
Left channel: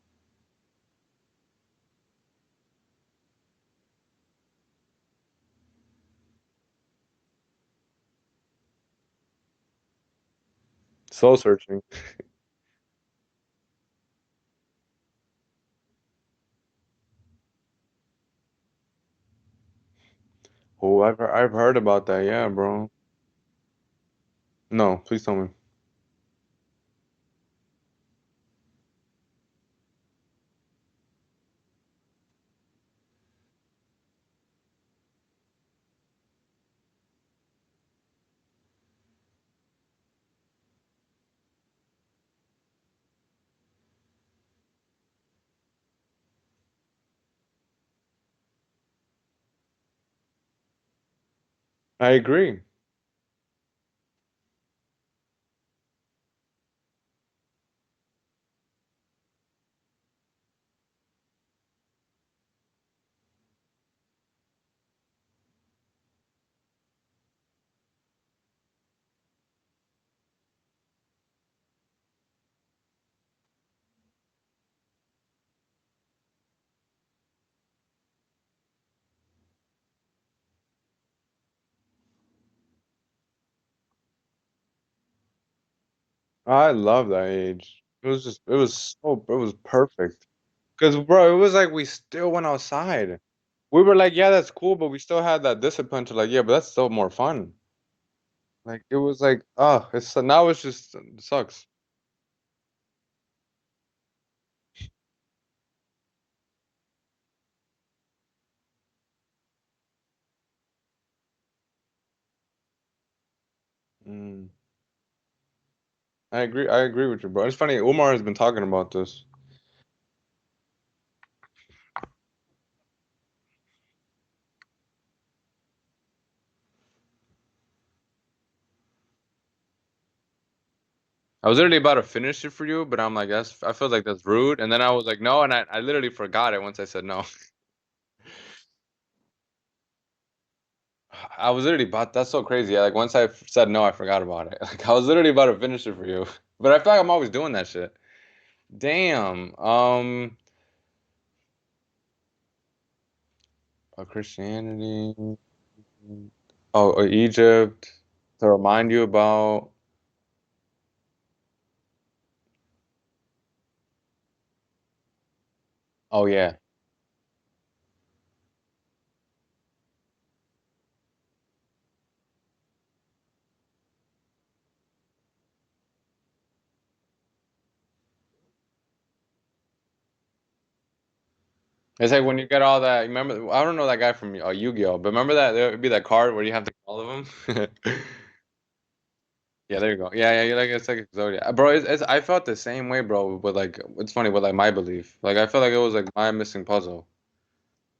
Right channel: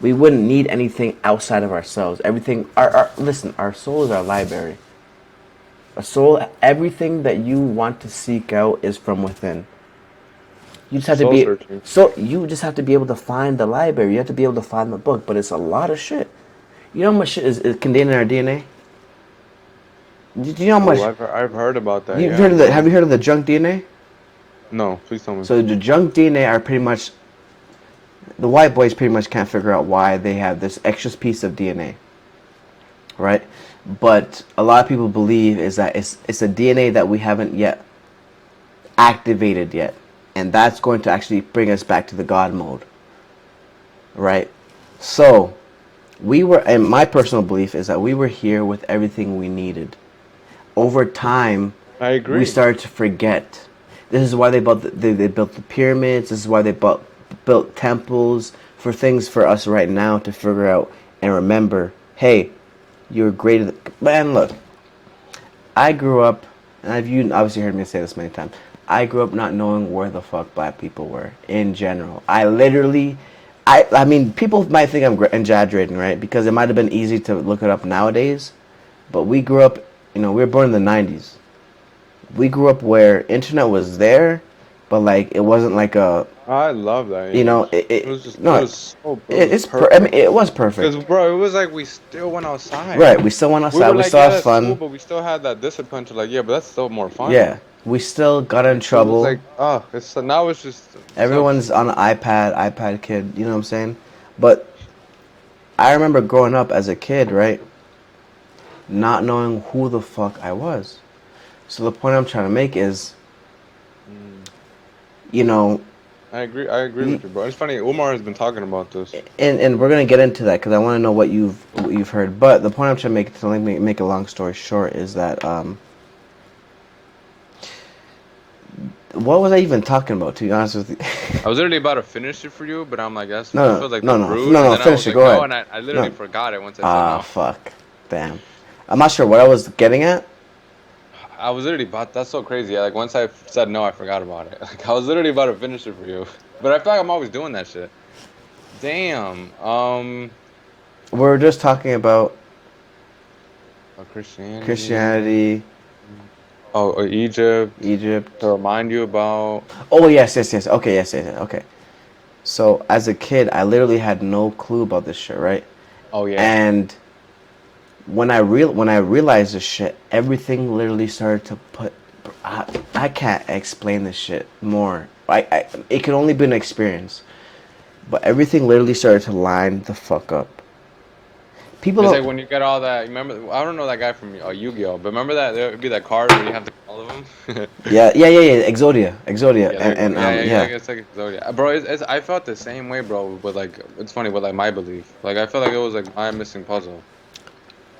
we wouldn't need anything outside of ourselves. Everything our listen, our soul is our library. A soul, everything that you want to seek out is from within. You just have to Soul be searching. so you just have to be able to find the library. You have to be able to find the book, but it's a lot of shit. You know how much shit is contained in our DNA? Do you know how Oh, much? I've heard about that. You've Yeah, heard of the? Have bro. you heard of the junk DNA? No, please tell me. So the junk DNA are pretty much the white boys pretty much can't figure out why they have this extra piece of DNA, right? But a lot of people believe is that it's a DNA that we haven't yet activated yet, and that's going to actually bring us back to the God mode, right? So we were, and my personal belief is that we were here with everything we needed. Over time, I we agree. started to forget. This is why they built the pyramids. This is why they built temples for things for us right now to figure out and remember. Hey, you're greater than man. Look, I grew up, and you obviously heard me say this many times. I grew up not knowing where the fuck black people were in general. I mean, people might think I'm exaggerating, right? Because it might have been easy to look it up nowadays, but we grew up, we were born in the '90s. We grew up where internet was there, but like it wasn't like a, I love that you know, age. It was just, no, it was I mean, perfect. it was Cause perfect, bro, it was like we still went outside. right? We still went We outside. were We like, still yeah, had that's cool, fun. but we still had that discipline to like, yeah, but that's still more fun. Yeah, we still got in Like it was trouble. like, oh, it's now it's just sucks. Everyone's on an iPad kid, you know what I'm saying? But I remember growing up as a kid, right? Not knowing who the fuck I was. So the point I'm trying to make is, Mm. you know, I agree with you, bro. It's funny. Umar has been talking about this. and we're gonna get into that because I want to know what you've heard. But the point I'm trying to make, make a long story short, is that what was I even talking about? To be honest with you, I was literally about to finish it for you, but I'm like, I no, feel like no, that's no, no, rude. no, And no. then I Finish was it. like, Go no, ahead. and I literally No. forgot it once I said Ah, no. fuck. Damn. I'm not sure what I was getting at. I was literally about. That's so crazy. Yeah, like once I said no, I forgot about it. Like I was literally about to finish it for you, but I feel like I'm always doing that shit. Damn. We were just talking about Christianity. Christianity, Oh, or Egypt. To Egypt. remind you about. Oh yes, yes, yes. Okay, yes, yes, yes. Okay. So as a kid, I literally had no clue about this shit, right? Oh yeah. And when I realized this shit, everything literally started to put. I can't explain this shit more. It can only be an experience, but everything literally started to line the fuck up. People It's don't. like when you get all that. Remember, I don't know that guy from Yu-Gi-Oh, but remember that there would be that card where you have to get all of them. Yeah, yeah, yeah, yeah. Exodia, Yeah, there you go. and Yeah, yeah, yeah. yeah. It's like Zodiac, bro. I felt the same way, bro. But like, it's funny with like my belief. Like, I feel like it was like my missing puzzle.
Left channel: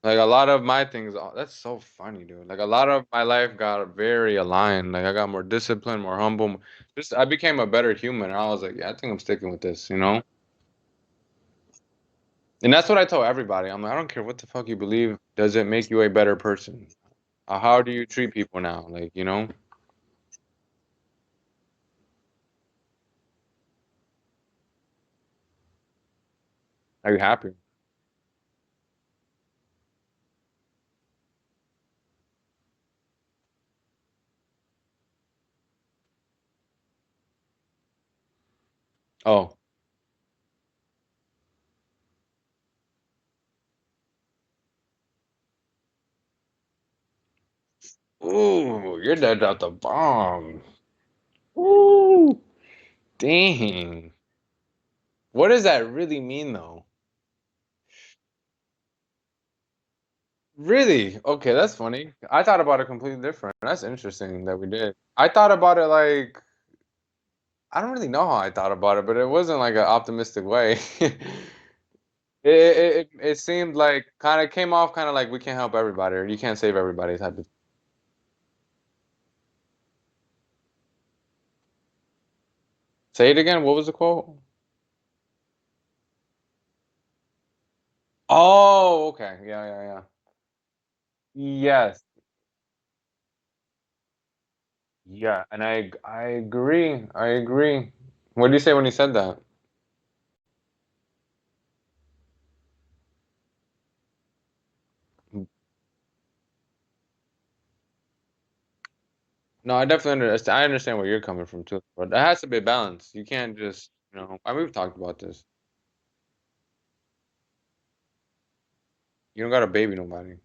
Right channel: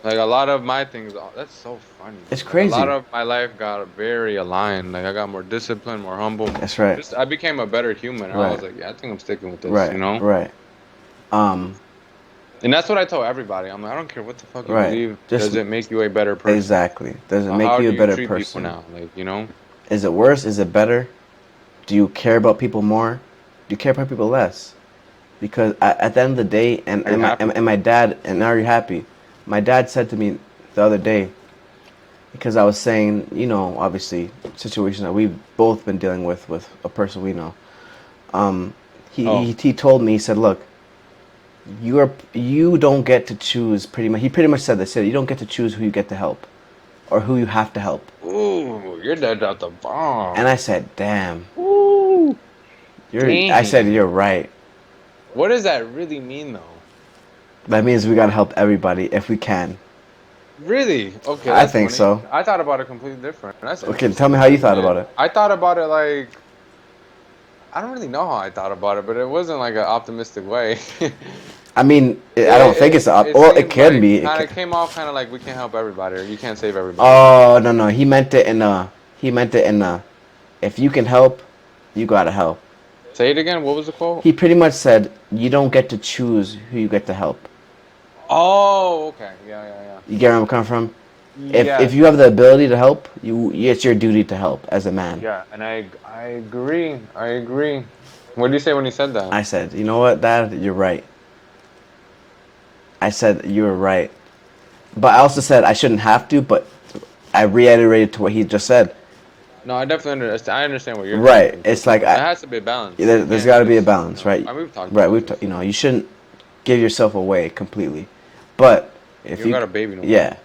Like a lot of my things. Oh, that's so funny, It's dude. Like a lot crazy. of my life got very aligned. Like I got more disciplined, more humble. That's right. Just I became a better human. And I Right. was like, yeah, I think I'm sticking with this. Right. You know. Right. Um. And that's what I tell everybody. I'm like, I don't care what the fuck you Right. believe. Just Does it make you a better person? exactly. Does it make How you do a you better treat people person? now? Like, you know. Is it worse? Is it better? Do you care about people more? Do you care about people less? Because at the end of the day, Are you happy? and my dad, and are you happy? My dad said to me the other day, because I was saying, obviously, situation that we've both been dealing with a person we know. Um, Oh. he told me, he said, look, you don't get to choose pretty much. He pretty much said this. Said you don't get to choose who you get to help, or who you have to help. Ooh, your dad dropped the And I bomb. said, damn, Ooh, I said dang. you're right. What does that really mean, though? That means we gotta help everybody if we can. Really? Okay, I that's think funny. so. I thought about it completely different. That's Okay, tell interesting me to how you hear. thought about it. I thought about it like I don't really know how I thought about it, but it wasn't like an optimistic way. I mean, It, I don't think it's it, up. it Well, it seemed can like be. kind of came off kind of like we can't help everybody or you can't save everybody type of Oh thing. no no, he meant it in a. He meant it in a. If you can help, you gotta help. Say it again. What was the quote? He pretty much said you don't get to choose who you get to help. Oh, okay. Yeah. You get where I'm coming from? If Yes. you have the ability to help, it's your duty to help as a man. Yeah, and I agree. I agree. What did you say when you said that? I said, you know what, Dad, you're right. I said you're right, but I also said I shouldn't have to. But I reiterated to what he just said. No, I definitely understand. I understand where you're coming Right? from too, It's like but it has to be a balance. You there's can't got to be a just, balance, right? I mean, we've talked Right. about this. You shouldn't give yourself away completely, but You if don't you, got a baby no more. yeah,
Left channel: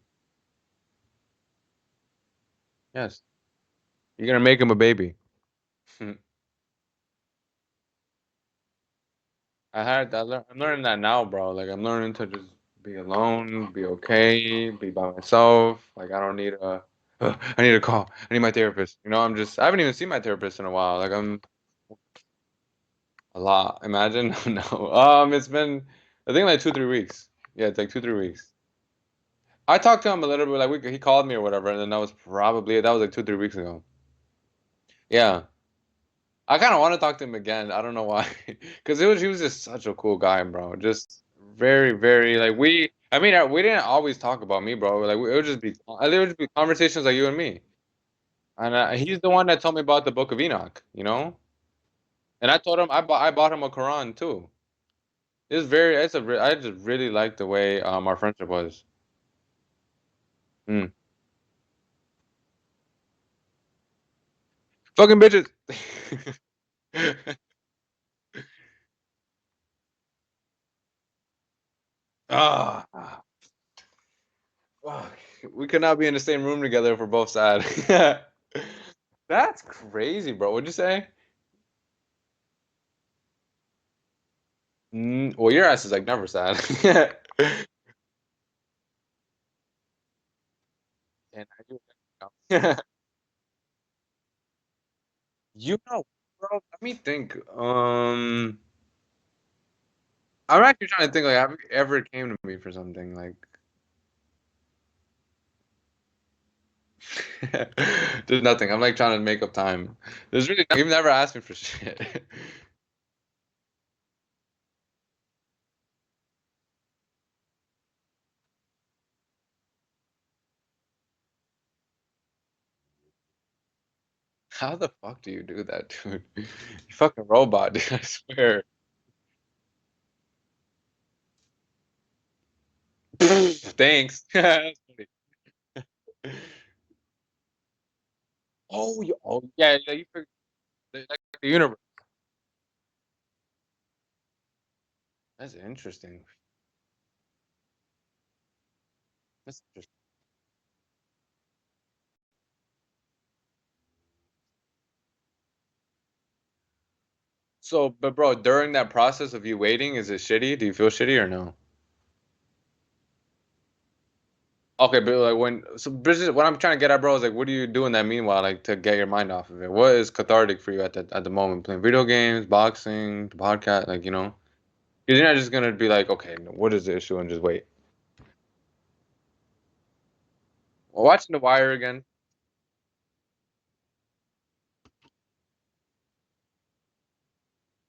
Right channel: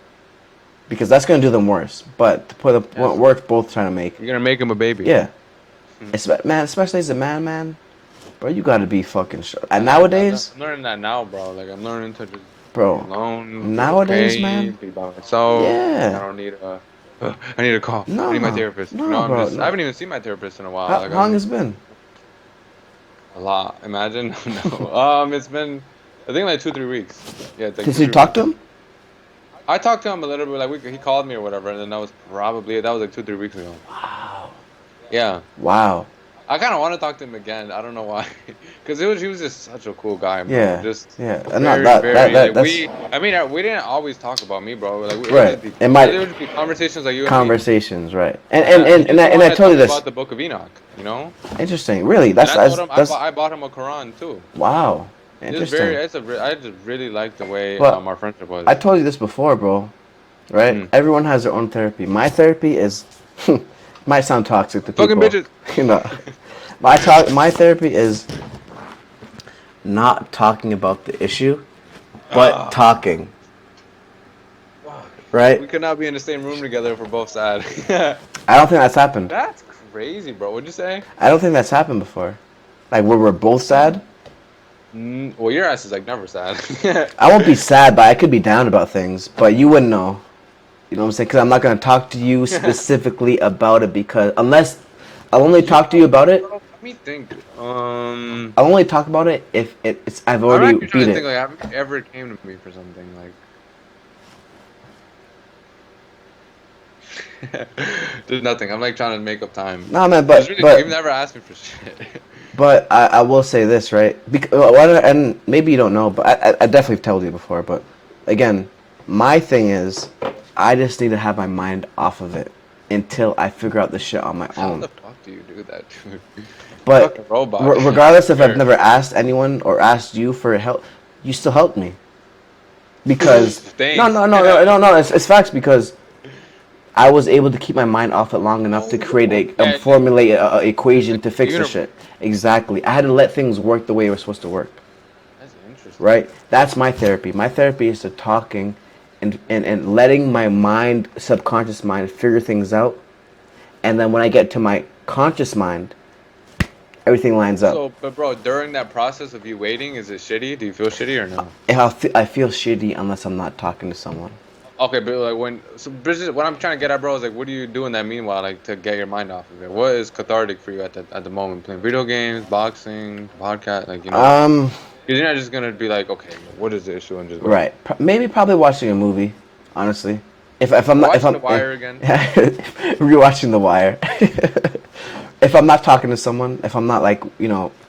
because that's gonna do them worse. But to put the point Yes, we're both trying to make, you're gonna make him a baby. yeah, man, especially as a man, bro, you gotta be fucking sure. And I'm nowadays, learning that now, bro. Like I'm learning to just be bro, alone, be nowadays, okay, man, be by myself. Like I yeah, don't need a, I need a call. I need my no, therapist. You know, no, bro, I no. haven't even seen my therapist in a while. How Like long I'm has it been? a lot. Imagine. No. It's been I think like 2, 3 weeks. Yeah, it's like Since two, you three talked to weeks. him? I talked to him a little bit. Like he called me or whatever, and then that was like 2, 3 weeks ago. Wow, Yeah. wow, I kind of want to talk to him again. I don't know why, because he was just such a cool guy, bro. yeah, Just yeah, and not very very like that's I mean we didn't always talk about me, bro. Like right. It might it would just be conversations like you and me. conversations, right? And And and and he's and I, the and one I that told told you me this. about the Book of Enoch, you know. Interesting, really. And I told him That's I bought him a Quran too. wow, It's very interesting. I just really like the way But our friendship I was. told you this before, bro. Right? Mm. Everyone has their own therapy. My therapy is might sound toxic to Fucking people, bitches. you know. My therapy is not talking about the issue, but Ah, talking. fuck. Right? We could not be in the same room together if we're both sad. I don't think that's happened. That's crazy, bro. What'd you say? I don't think that's happened before. Like where we're both sad. Well, your ass is like never sad. I won't be sad, but I could be down about things. But you wouldn't know. You know what I'm saying? Because I'm not gonna talk to you specifically about it because unless I'll only You talk to know, you about it. bro, let me think. I'll only talk about it if it's I've I'm already actually trying beat to it. think. Like, have you ever came to me for something like? There's nothing. I'm like trying to make up time. No, man, It's really quick. You've never asked me for shit. I will say this, right? Because, and maybe you don't know, but I definitely told you before. But again, my thing is, I just need to have my mind off of it until I figure out the shit on my How own. the fuck do you do that, dude? But Fucking robot. I regardless if I've swear. never asked anyone or asked you for help, you still helped me because Thanks. it's facts because I was able to keep my mind off it long enough to create Yeah, formulate a equation like to the fix the universe. shit. Exactly. I had to let things work the way it was supposed to work. That's interesting. Right? That's my therapy. My therapy is to talking and letting my mind, subconscious mind, figure things out. And then when I get to my conscious mind, everything lines up. So, but bro, during that process of you waiting, is it shitty? Do you feel shitty or no? And I feel shitty unless I'm not talking to someone. Okay, but like what I'm trying to get at, bro, is like, what do you do in that meanwhile, like to get your mind off of it? What is cathartic for you at the moment? Playing video games, boxing, the podcast, like you know, Um, because you're not just gonna be like, okay, what is the issue, and just wait. right. Maybe probably watching a movie, honestly. If I'm not if Watching I'm The Wire again. rewatching The Wire. If I'm not talking to someone, if I'm not like,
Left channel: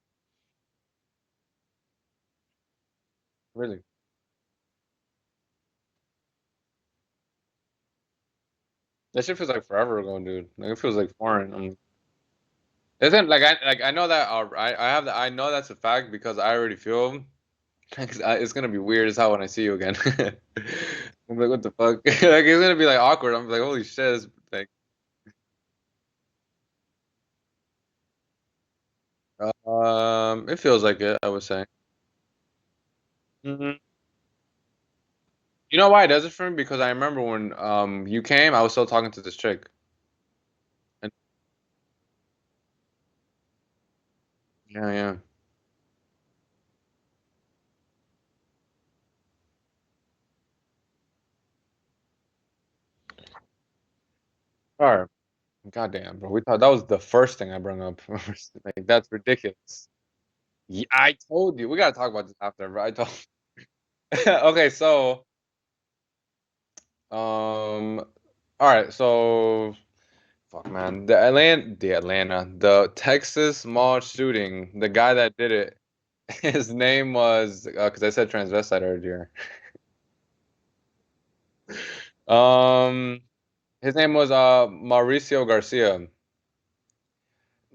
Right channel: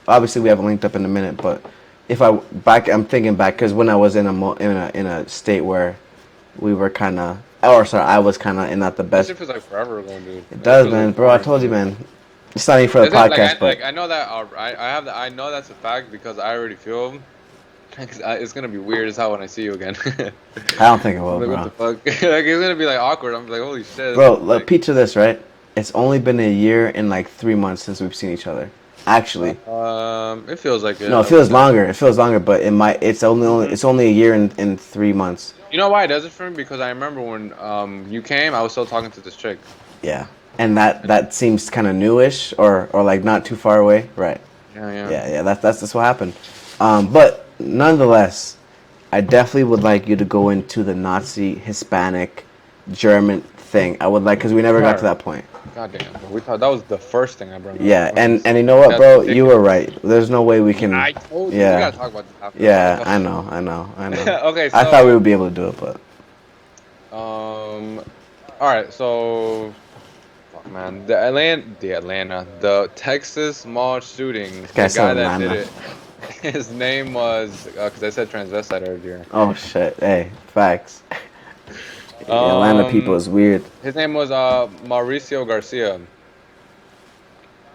obviously we haven't linked up in a minute, but if I'm thinking back because when I was in in a state where we were kind of, or sorry, I was kind of in not the That best. shit feels like forever ago, dude. It That shit does, feels man, like bro. I boring, told you, dude. man. It's not even for the Is it podcast, but I know that I have I know that's a fact because I already feel It's gonna be weird as hell when I see you again. I don't think it will, Like, what bro. the fuck? Like, it's gonna be like awkward. I'm like, holy shit. Bro, Like, picture this, right? It's only been a year and like 3 months since we've seen each other. Actually, it feels like it, no, it I would feels say. longer. It feels longer, but it might. Hmm. It's only a year and 3 months. You know why it does it for me? Because I remember when you came, I was still talking to this chick. Yeah, and that seems kind of newish, or like not too far away, right? Yeah, yeah. Yeah, yeah. That's what happened. But nonetheless, I definitely would like you to go into the Nazi, Hispanic, German thing. I would like because we never got to Sure. that point. Goddamn, bro. We thought that was the first thing I brought up, Yeah, which is and you know what, that's bro? You were ridiculous. right. There's no way we Yeah, can. I told you. We Yeah, gotta talk about this after, bro. yeah. Like, I know. okay, I thought we so would be able to do it, but all right, so fuck, man, the Texas mall shooting. this guy The said guy that did Atlanta. it, his name was because I said transvestite earlier. Oh shit! Hey, facts. The Atlanta people Um, is weird. his name was Mauricio Garcia.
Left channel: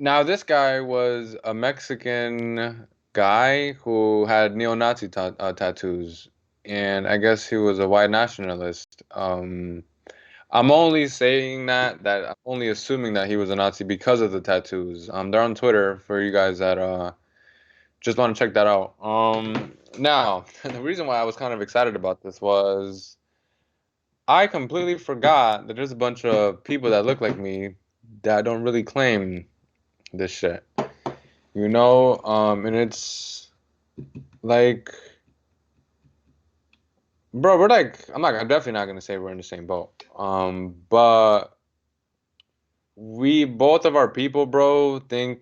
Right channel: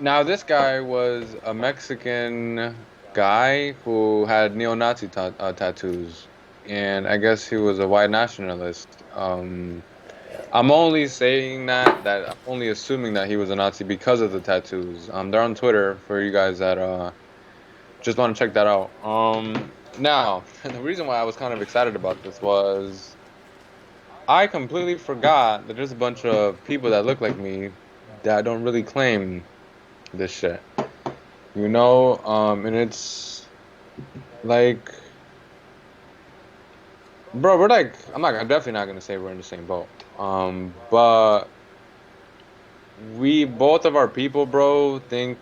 Now, this guy was a Mexican guy who had neo-Nazi tattoos, and I guess he was a white nationalist. I'm only saying that I'm only assuming that he was a Nazi because of the tattoos. They're on Twitter for you guys that just want to check that out. Now the reason why I was kind of excited about this was I completely forgot that there's a bunch of people that look like me that don't really claim this shit. And it's like, bro, we're like, I'm definitely not gonna say we're in the same boat. But we both of our people, bro, think,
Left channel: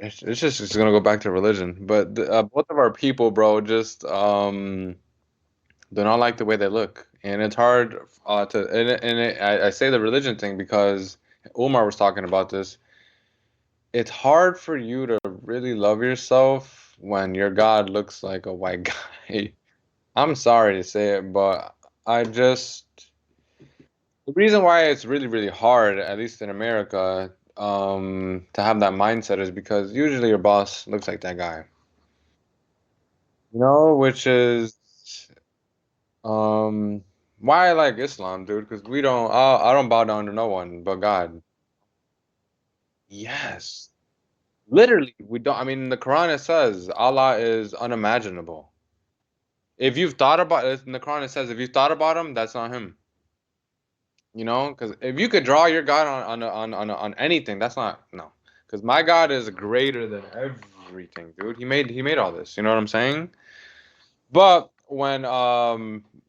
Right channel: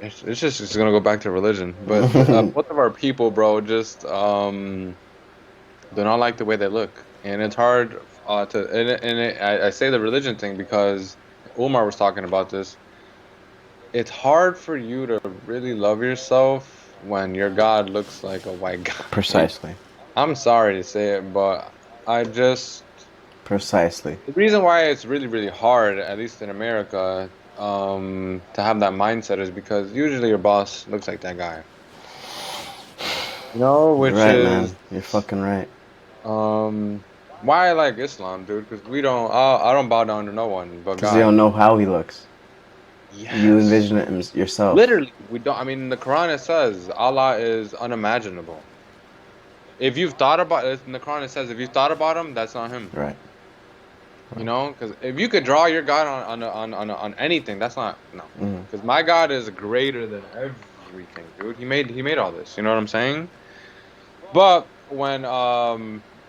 it's just it's gonna go back to religion. But both of our people, bro, just do not like the way they look, and it's hard I say the religion thing because Umar was talking about this. It's hard for you to really love yourself when your God looks like a white guy. Precisely. I'm sorry to say it, but I just Precisely. the reason why it's really, really hard, at least in America, to have that mindset is because usually your boss looks like that guy. You're Which right, man. is You're fucking right. um why I like Islam, dude, because I don't bow down to no one but Because you don't God. know how he looks. You Yes. envision it yourself. Literally, we don't. I mean, in the Quran it says Allah is unimaginable. If you've thought about it, in the Quran it says if you thought about him, that's not him. Right. Because if you could draw your God on anything, that's not no. Mm. Because my God is greater than everything, dude. He made all this. You know what I'm saying? But when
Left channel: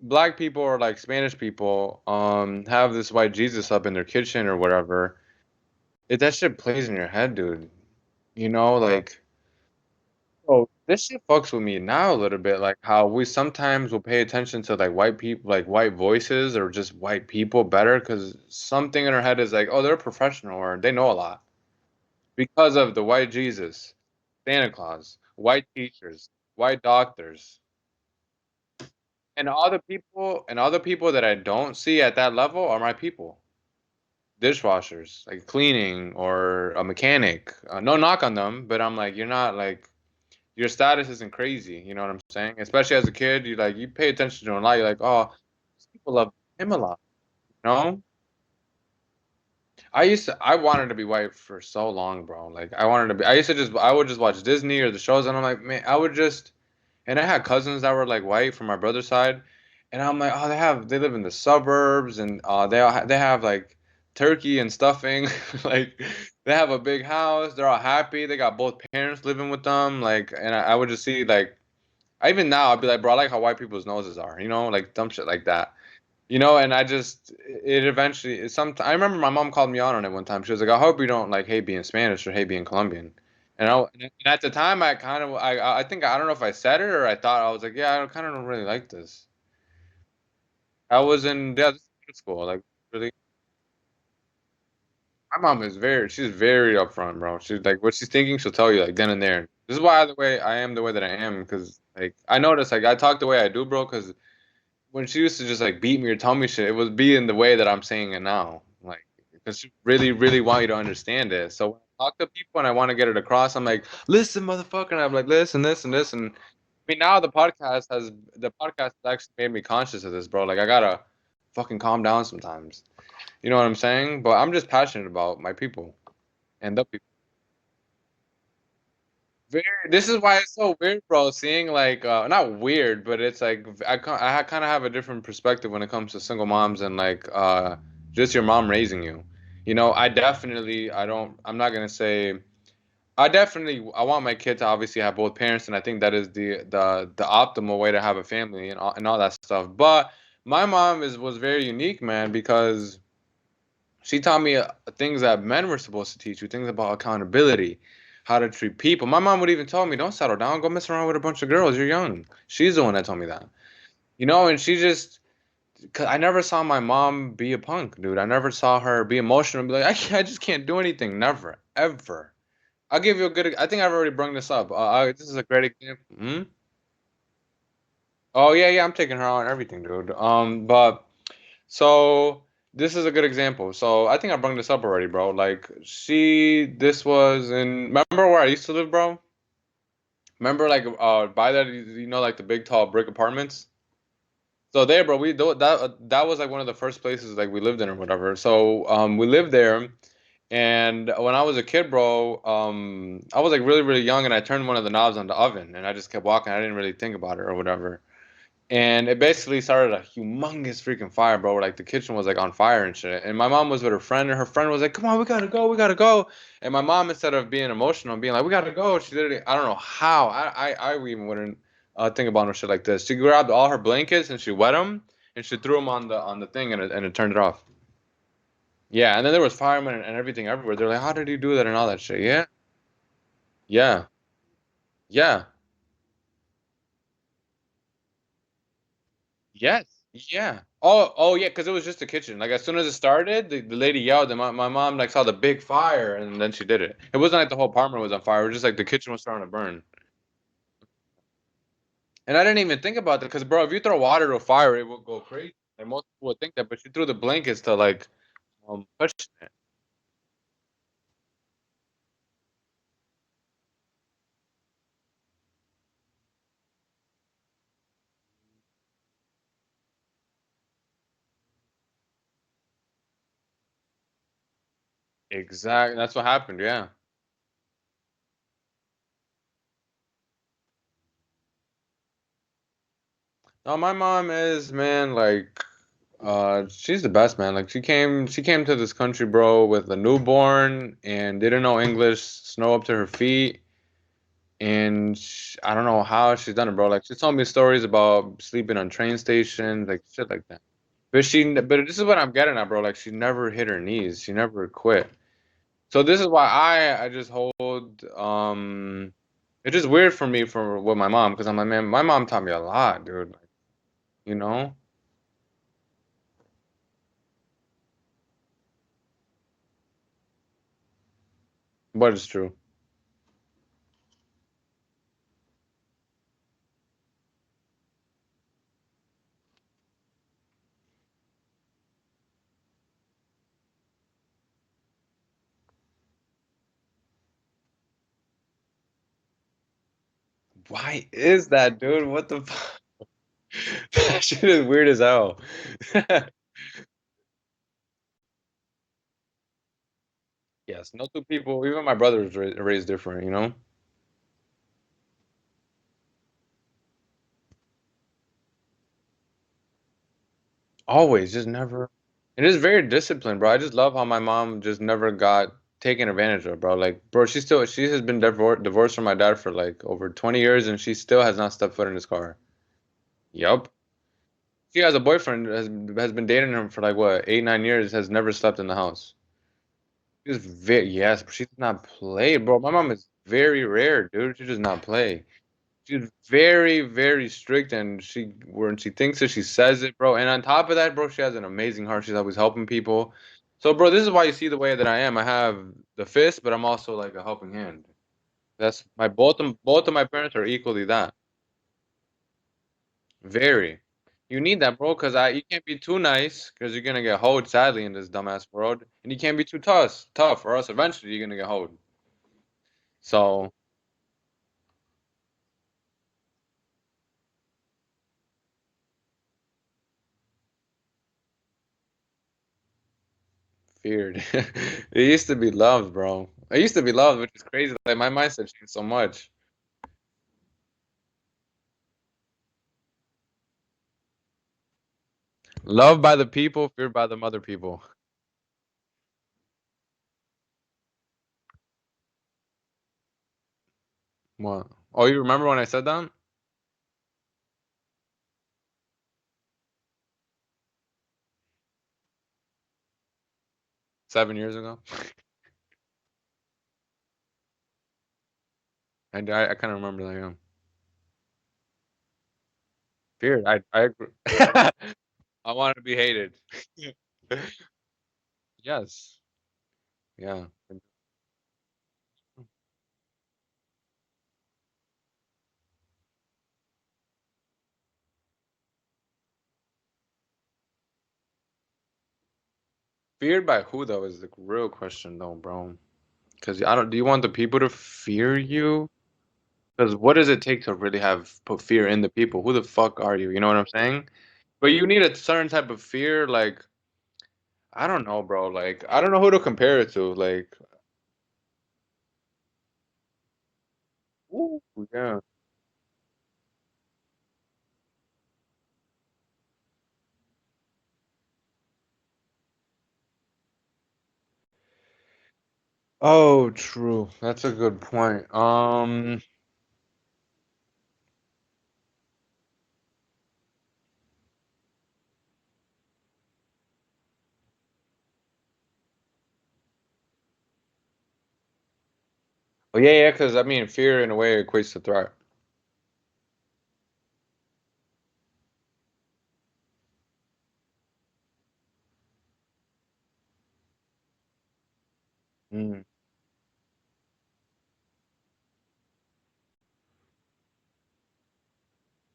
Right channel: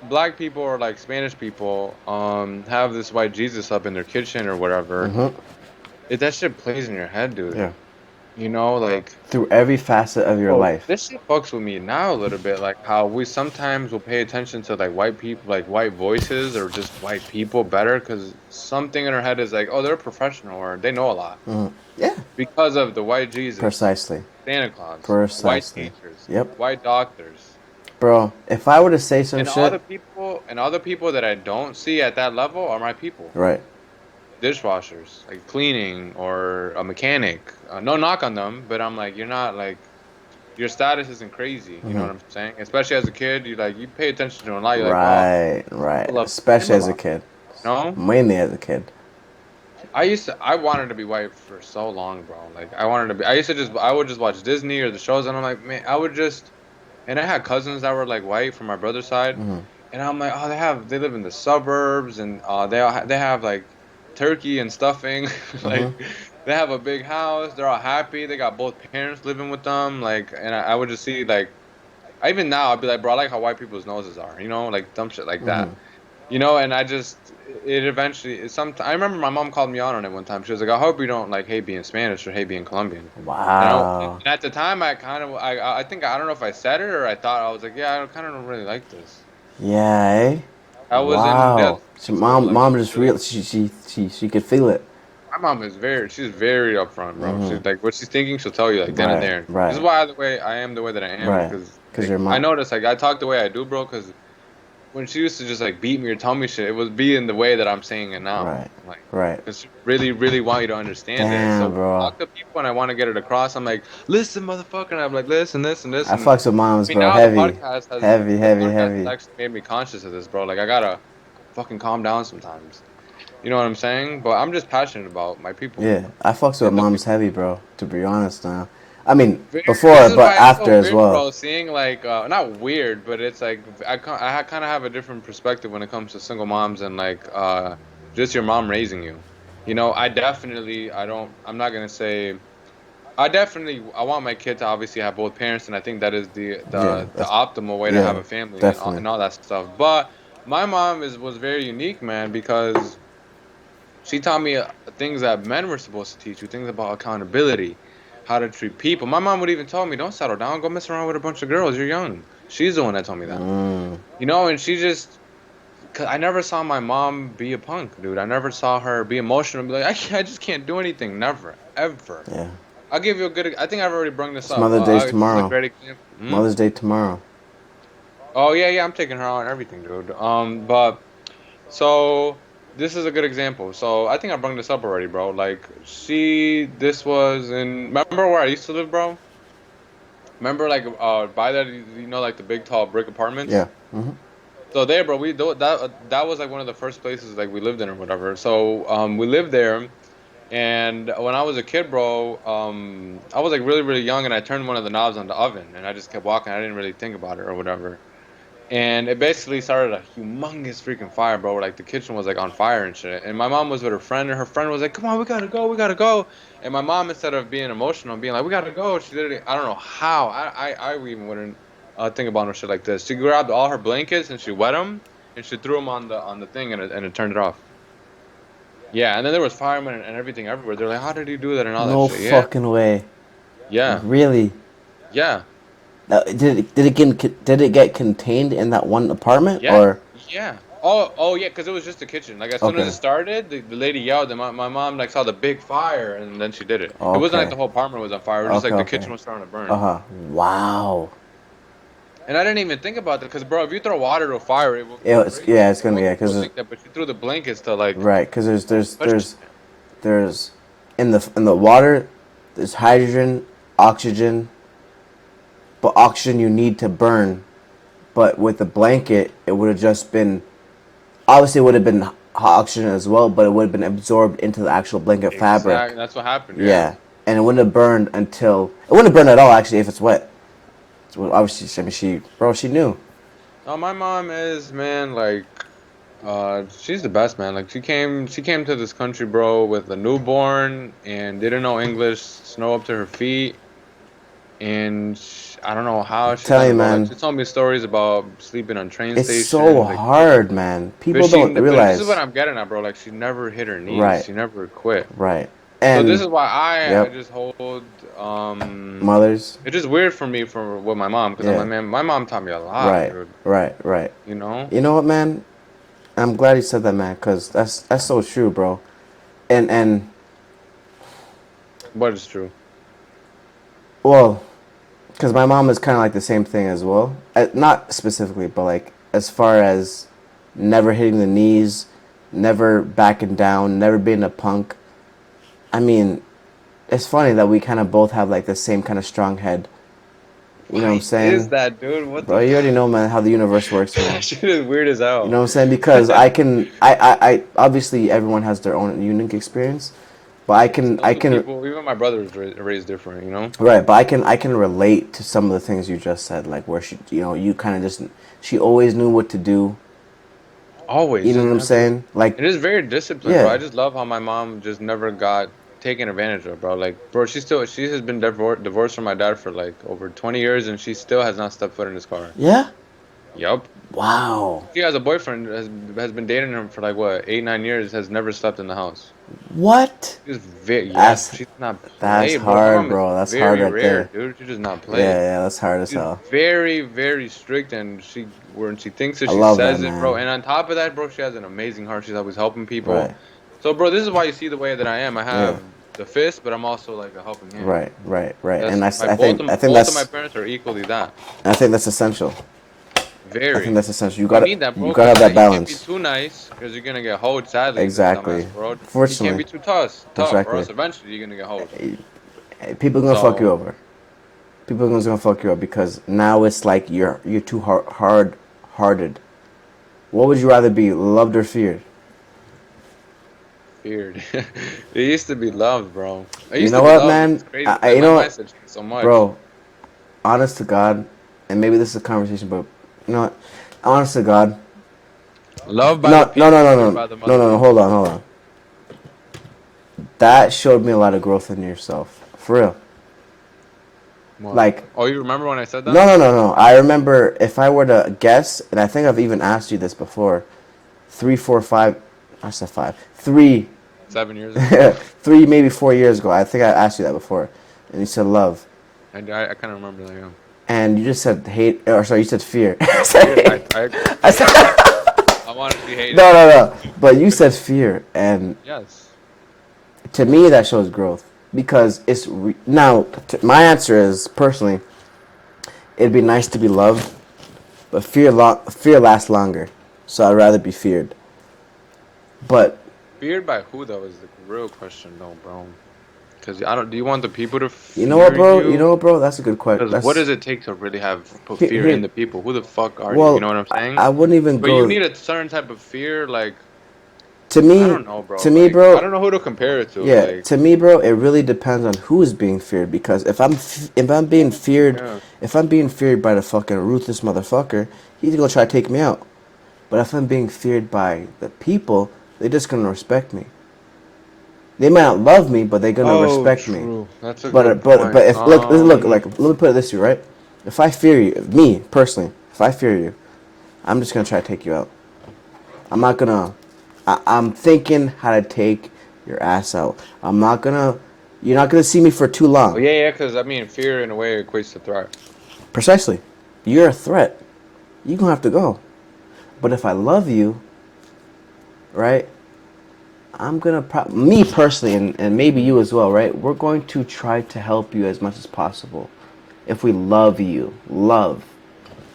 black people or like Spanish people have this white Jesus up in their kitchen or whatever, Hmm. that shit plays in your head, dude. Yeah. Like. Through every facet of your Oh, life. this shit fucks with me now a little bit. Like how we sometimes will pay attention to like white people, like white voices or just white people better because something in our head is like, oh, they're a professional or they know a lot Hmm. Yeah. because of the white Jesus, Precisely. Santa Claus, white Precisely. teachers, Yep. white doctors, Bro, if I were to say some shit, and other people that I don't see at that level are my people. right. Dishwashers, like cleaning or a mechanic. No knock on them, but I'm like, you're not like your status isn't crazy. You know Hmm. what I'm saying? Especially as a kid, you pay attention to them a lot. You're like, wow, Right. Right. I love him Especially a as a lot. kid. No, Mainly as a kid. I wanted to be white for so long, bro. Like I wanted to be. I would just watch Disney or the shows, and I'm like, man, I would just. And I had cousins that were like white from my brother's side, Hmm. and I'm like, oh, they live in the suburbs, and they have like turkey and stuffing, Hmm. like they have a big house. They're all happy. They got both parents living with them, like, and I would just see like even now I'd be like, bro, I like how white people's noses are, like dumb shit like Hmm. that. And I just it eventually I remember my mom called me out on it one time. She was like, I hope you don't like hate being Spanish or hate being Colombian. And Wow. at the time I kind of I think I don't know if I said it or I thought I was like, yeah, I kind of don't really like this. Yeah, eh? I was in Wow. So school, like mom just real she could feel it. my mom is she's very upfront, bro. Hmm. She's like what she's thinking, she'll tell you like then and Right. there. This is Right. why the way I am the way that I am Right. because Because like your I mom. notice like I talk the way I do, bro, because when she used to just like beat me or tell me shit, it would be in the way that I'm saying it now. Right. Like, Right. because she really, really want you to understand it. So Damn, when I bro. talk to people and I want to get it across, I'm like, listen, motherfucker. And I'm like, listen, this, and this. I And fucks with I moms, mean, bro. now Heavy. Heavy, the heavy, podcast has heavy. actually made me conscious of this, bro. Like, I gotta fucking calm down sometimes. You know what I'm saying? But I'm just passionate about my people Yeah, I fucks with and the moms people. heavy, bro. To be honest, now. I mean, Very, this before, is but why it's after so as weird, well. bro. Seeing like, not weird, but it's like I kind of have a different perspective when it comes to single moms and like just your mom raising you. You know, I'm not gonna say. I want my kid to obviously have both parents, and I think that is Yeah, the that's optimal way to have yeah, a family definitely. and all that stuff. But my mom was very unique, man, because she taught me things that men were supposed to teach you, things about accountability, how to treat people. My mom would even tell me, "Don't settle down, go mess around with a bunch of girls. You're young." She's the one that told me that. Mm, You know, and she just, cause I never saw my mom be a punk, dude. I never saw her be emotional and be like, I just can't do anything. Never, ever. yeah. I'll give you a good. I think I've already brought this It's up. Mother's Day This is a tomorrow. great example. Hmm? Mother's Day tomorrow. Oh yeah, yeah. I'm taking her out and everything, dude. But so this is a good example. So I think I brought this up already, bro. Like this was in. Remember where I used to live, bro? Remember like by that you know like the big tall brick apartments. Yeah. Hmm. So there, bro. That was like one of the first places like we lived in or whatever. So we lived there. And when I was a kid, bro, I was like really, really young, and I turned one of the knobs on the oven, and I just kept walking. I didn't really think about it or whatever. And it basically started a humongous freaking fire, bro. Where, like the kitchen was like on fire and shit. And my mom was with her friend, and her friend was like, "Come on, we gotta go, we gotta go." And my mom, instead of being emotional, and being like, "We gotta go," she literally, I don't know how, I even wouldn't think about no shit like this. She grabbed all her blankets and she wet them, and she threw them on the thing, and it turned it off. Yeah, and then there was firemen and everything everywhere. They're like, "How did he do that?" and all that No shit. Yeah, fucking way. yeah, Really? yeah. Did it get contained in that one apartment Yeah, or? yeah. Oh, yeah, because it was just the kitchen. Like as soon as it Okay. started, the lady yelled, and my mom like saw the big fire, and then she did it. It wasn't like Okay. the whole apartment was on fire. It was just Okay. like the Okay. kitchen was starting to burn. Uh-huh. Wow. And I didn't even think about that because, bro, if you throw water to a fire, it will go crazy. Yeah, it's And gonna be, most yeah, people cause would think that, but she threw the blankets to like right, cause push it. there's in the water, there's hydrogen, oxygen, but oxygen you need to burn. But with the blanket, it would have just been, obviously it would have been hot oxygen as well, but it would have been absorbed into the actual blanket fabric. Exactly. That's what happened. Yeah. Yeah, and it wouldn't have burned until it wouldn't have burned at all actually if it's wet. So obviously, I mean, she knew. No, my mom is man like she's the best, man. Like she came to this country, bro, with a newborn and didn't know English, snow up to her feet, and I don't know how she Tell done you, it, bro. Like man, she told me stories about sleeping on train it's so stations, like shit like hard, that. man. People don't But this is what realize. I'm getting at, bro. Like she never hit her knees. Right, She never quit. right, So this and is why I yep, just hold mothers. it's just weird for me for with my mom because I'm Yeah, like, man, my mom taught me a lot, right, dude. right, right. You know? You know what, man? I'm glad you said that, man, because that's so true, bro. And But it's true. well, because my mom is kind of like the same thing as well. Not specifically, but like as far as never hitting the knees, never backing down, never being a punk. I mean, it's funny that we kind of both have like the same kind of strong head. You know what I'm Why is saying? that, dude? What Bro, the you already fuck? know, man, how the universe works, That man. shit is weird as You know hell. what I'm saying? Because I obviously everyone has their own unique experience, but Yes, no I two can, people. Even my brother was raised different. You know. right, but I can relate to some of the things you just said, like where she, you know, you kind of just, she always knew what to do. Always, You know just what I'm never. saying? Like, It is very disciplined, bro. yeah, I just love how my mom just never got taken advantage of, bro. Like, bro, she has been divorced from my dad for like over 20 years, and she still has not stepped foot in his car. yeah. Yup. Wow. She has a boyfriend has been dating him for like what 8 9 years. Has never slept in the house. What? She's very yes, That's she does not that's play, bro. My hard, mom is bro. That's hard very right rare, there. dude. She does not Yeah, play. yeah, that's hard as She's hell. very, very strict, and she when she thinks it, I she love that, says it, bro. man. And on top of that, bro, she has an amazing heart. She's always helping people. Right. So, bro, this is why you see the way that I am. I Yeah. have the fist, but I'm also like a helping hand. Right. Right. Right. That's And my I think both of my parents are equally that. I think that's essential. I think Very. that's essential. You need that, You bro, gotta because have that he can't be balance. too nice, because you're gonna get hoed sadly in this Exactly. dumbass world. And he can't Fortunately, be too tough, or exactly. else eventually you're gonna get hoed. People are gonna fuck you So over. People are gonna fuck you up because now it's like you're too hard hearted. What would you rather be, loved or feared? feared. It used to be loved, bro. It You used know to be what, loved, which man? is crazy. Like You my know what, mindset changed so much. bro? Honest to God, and maybe this is a conversation, but you know what? Honest to God, Loved by the no, no, no, people, no, feared no, by the no, other no, no. Hold people. on, hold on. That showed me a lot of growth in yourself, for real. What? Like, Oh, you remember when I said no, that? no, no, no. I remember if I were to guess, and I think I've even asked you this before. 3, 4, 5. I said 5. 3, 7 years ago. 3, maybe 4 years ago. I think I asked you that before, and you said love, I kind of remember that. Yeah. and you just said hate, or sorry, you said fear. Feared. Sorry. I agree. I said, I wanted to be hated. no, no, no. But you said fear, and Yes. to me Yes. that shows growth because now. My answer is personally, it'd be nice to be loved, but fear lasts longer, so I'd rather be feared. But Feared by who though is the real question though, bro. Because I don't. Do you want the people to you know what, fear bro? You you? know what, bro? That's a good question. Because what That's does it take to really have put here. fear in Here. the people? Who the fuck are you? You Well, know what I'm saying? I wouldn't even But you go need a certain type of fear. Like to I me. don't know, bro. To me, Like I bro. don't know who to compare it to. Yeah, Like to me, bro, it really depends on who is being feared. Because if I'm being feared, yeah. if I'm being feared by the fucking ruthless motherfucker, he's gonna try to take me out. But if I'm being feared by the people, they're just gonna respect me. They might not love me, but they're gonna Oh, respect me. true. That's a But good point. if look like let me put it this way, right? If I fear you, me personally, if I fear you, I'm just gonna try to take you out. I'm not gonna. I'm thinking how to take your ass out. I'm not gonna. You're not gonna see me for too Oh long. yeah, yeah. Because I mean, fear in a way equates to threat. Precisely. You're a threat. You're gonna have to go. But if I love you, right? I'm gonna me personally, and maybe Mm. you as well, right? We're going to try to help you as much as possible. If we love you, love,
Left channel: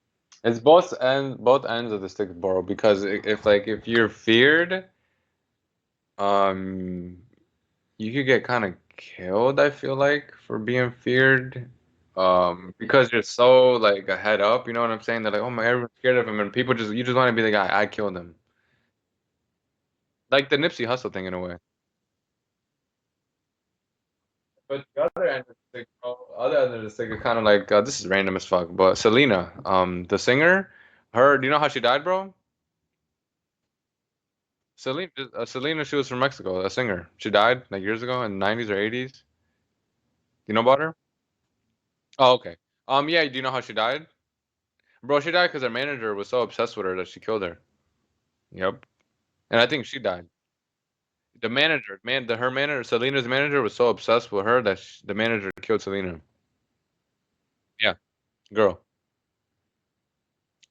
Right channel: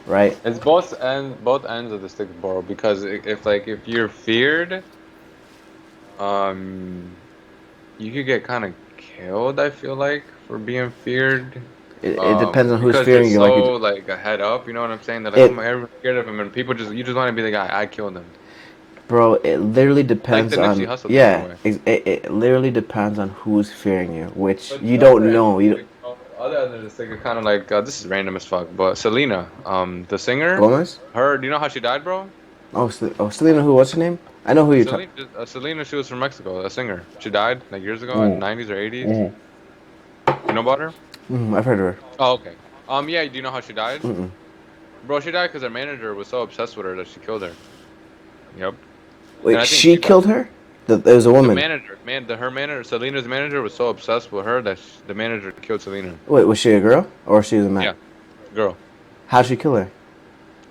right? It's both ends of the stick, bro. Because if like if you're feared, um, you could get kind of killed. I feel like for being feared. It depends on who's Because you're fearing you. Like so like a head up. You know what I'm saying? They're like, oh it, my, everyone's scared of him, and people just you just want to be the guy. I killed him. bro. It literally Like the depends Nipsey on Hussle thing in a yeah. way. It literally depends on who's fearing you, which But you the other don't end, know. You like, other end of this thing, kind of like this is random as fuck. But Selena, the singer, Gomez. her, do you know how she died, bro? Oh, Selena. Who? What's her name? I know who you're talking. Selena, she was from Mexico, a singer. She died like years ago in Mm. the 90s or 80s. Mm. You know about her? I've heard of her. Oh, okay. Yeah. Do you know how she died, Mm-mm. bro? She died because her manager was so obsessed with her that she killed her. Yep. And Wait, I think she she died. killed her? It was a The woman. manager, her manager, Selena's manager was so obsessed with her that the manager killed Selena. Wait, was she a girl or she was a man? Yeah, girl. How'd she kill her?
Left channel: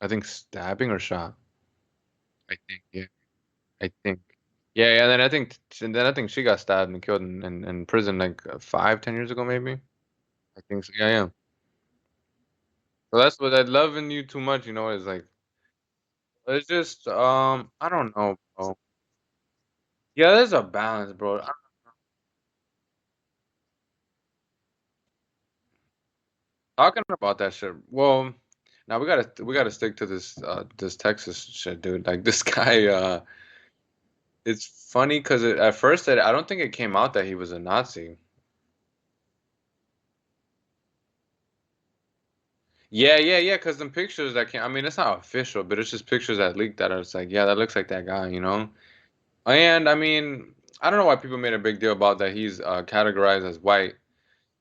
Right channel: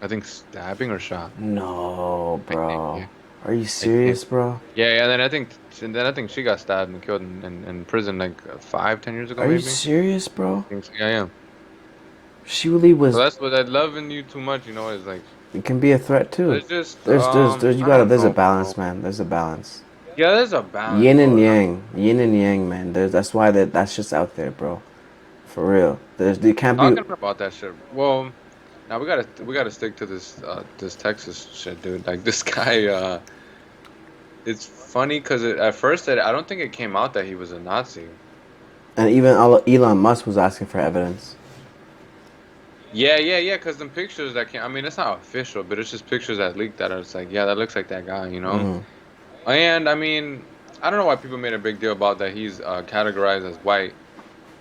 I think stabbing or shot. No, I think. bro. Yeah. Are you I think. serious, bro? Yeah, yeah. Then I think she got stabbed and killed in prison like 5, 10 years ago Are you maybe. I serious, bro? think so. Yeah, yeah. She really So was. that's what I love in you too much. You know, is like It can be a threat too. it's just You I gotta. don't There's a know, bro. balance, man. There's a balance. Yeah, there's a balance, Yin and bro. yang. Yin and yang, man. That's why that's just out there, bro. For real. You can't be. Talking about that shit. Well, now we gotta stick to this Texas shit, dude. Like this guy. It's funny because at first I don't think it came out that he was a Nazi. And even Elon Musk was asking for evidence. Yeah, yeah, yeah. Because the pictures that came, I mean, it's not official, but it's just pictures that leaked that are it's like, yeah, that looks like that guy, you know. Mm-hmm. And I mean, I don't know why people made a big deal about that. He's categorized as white.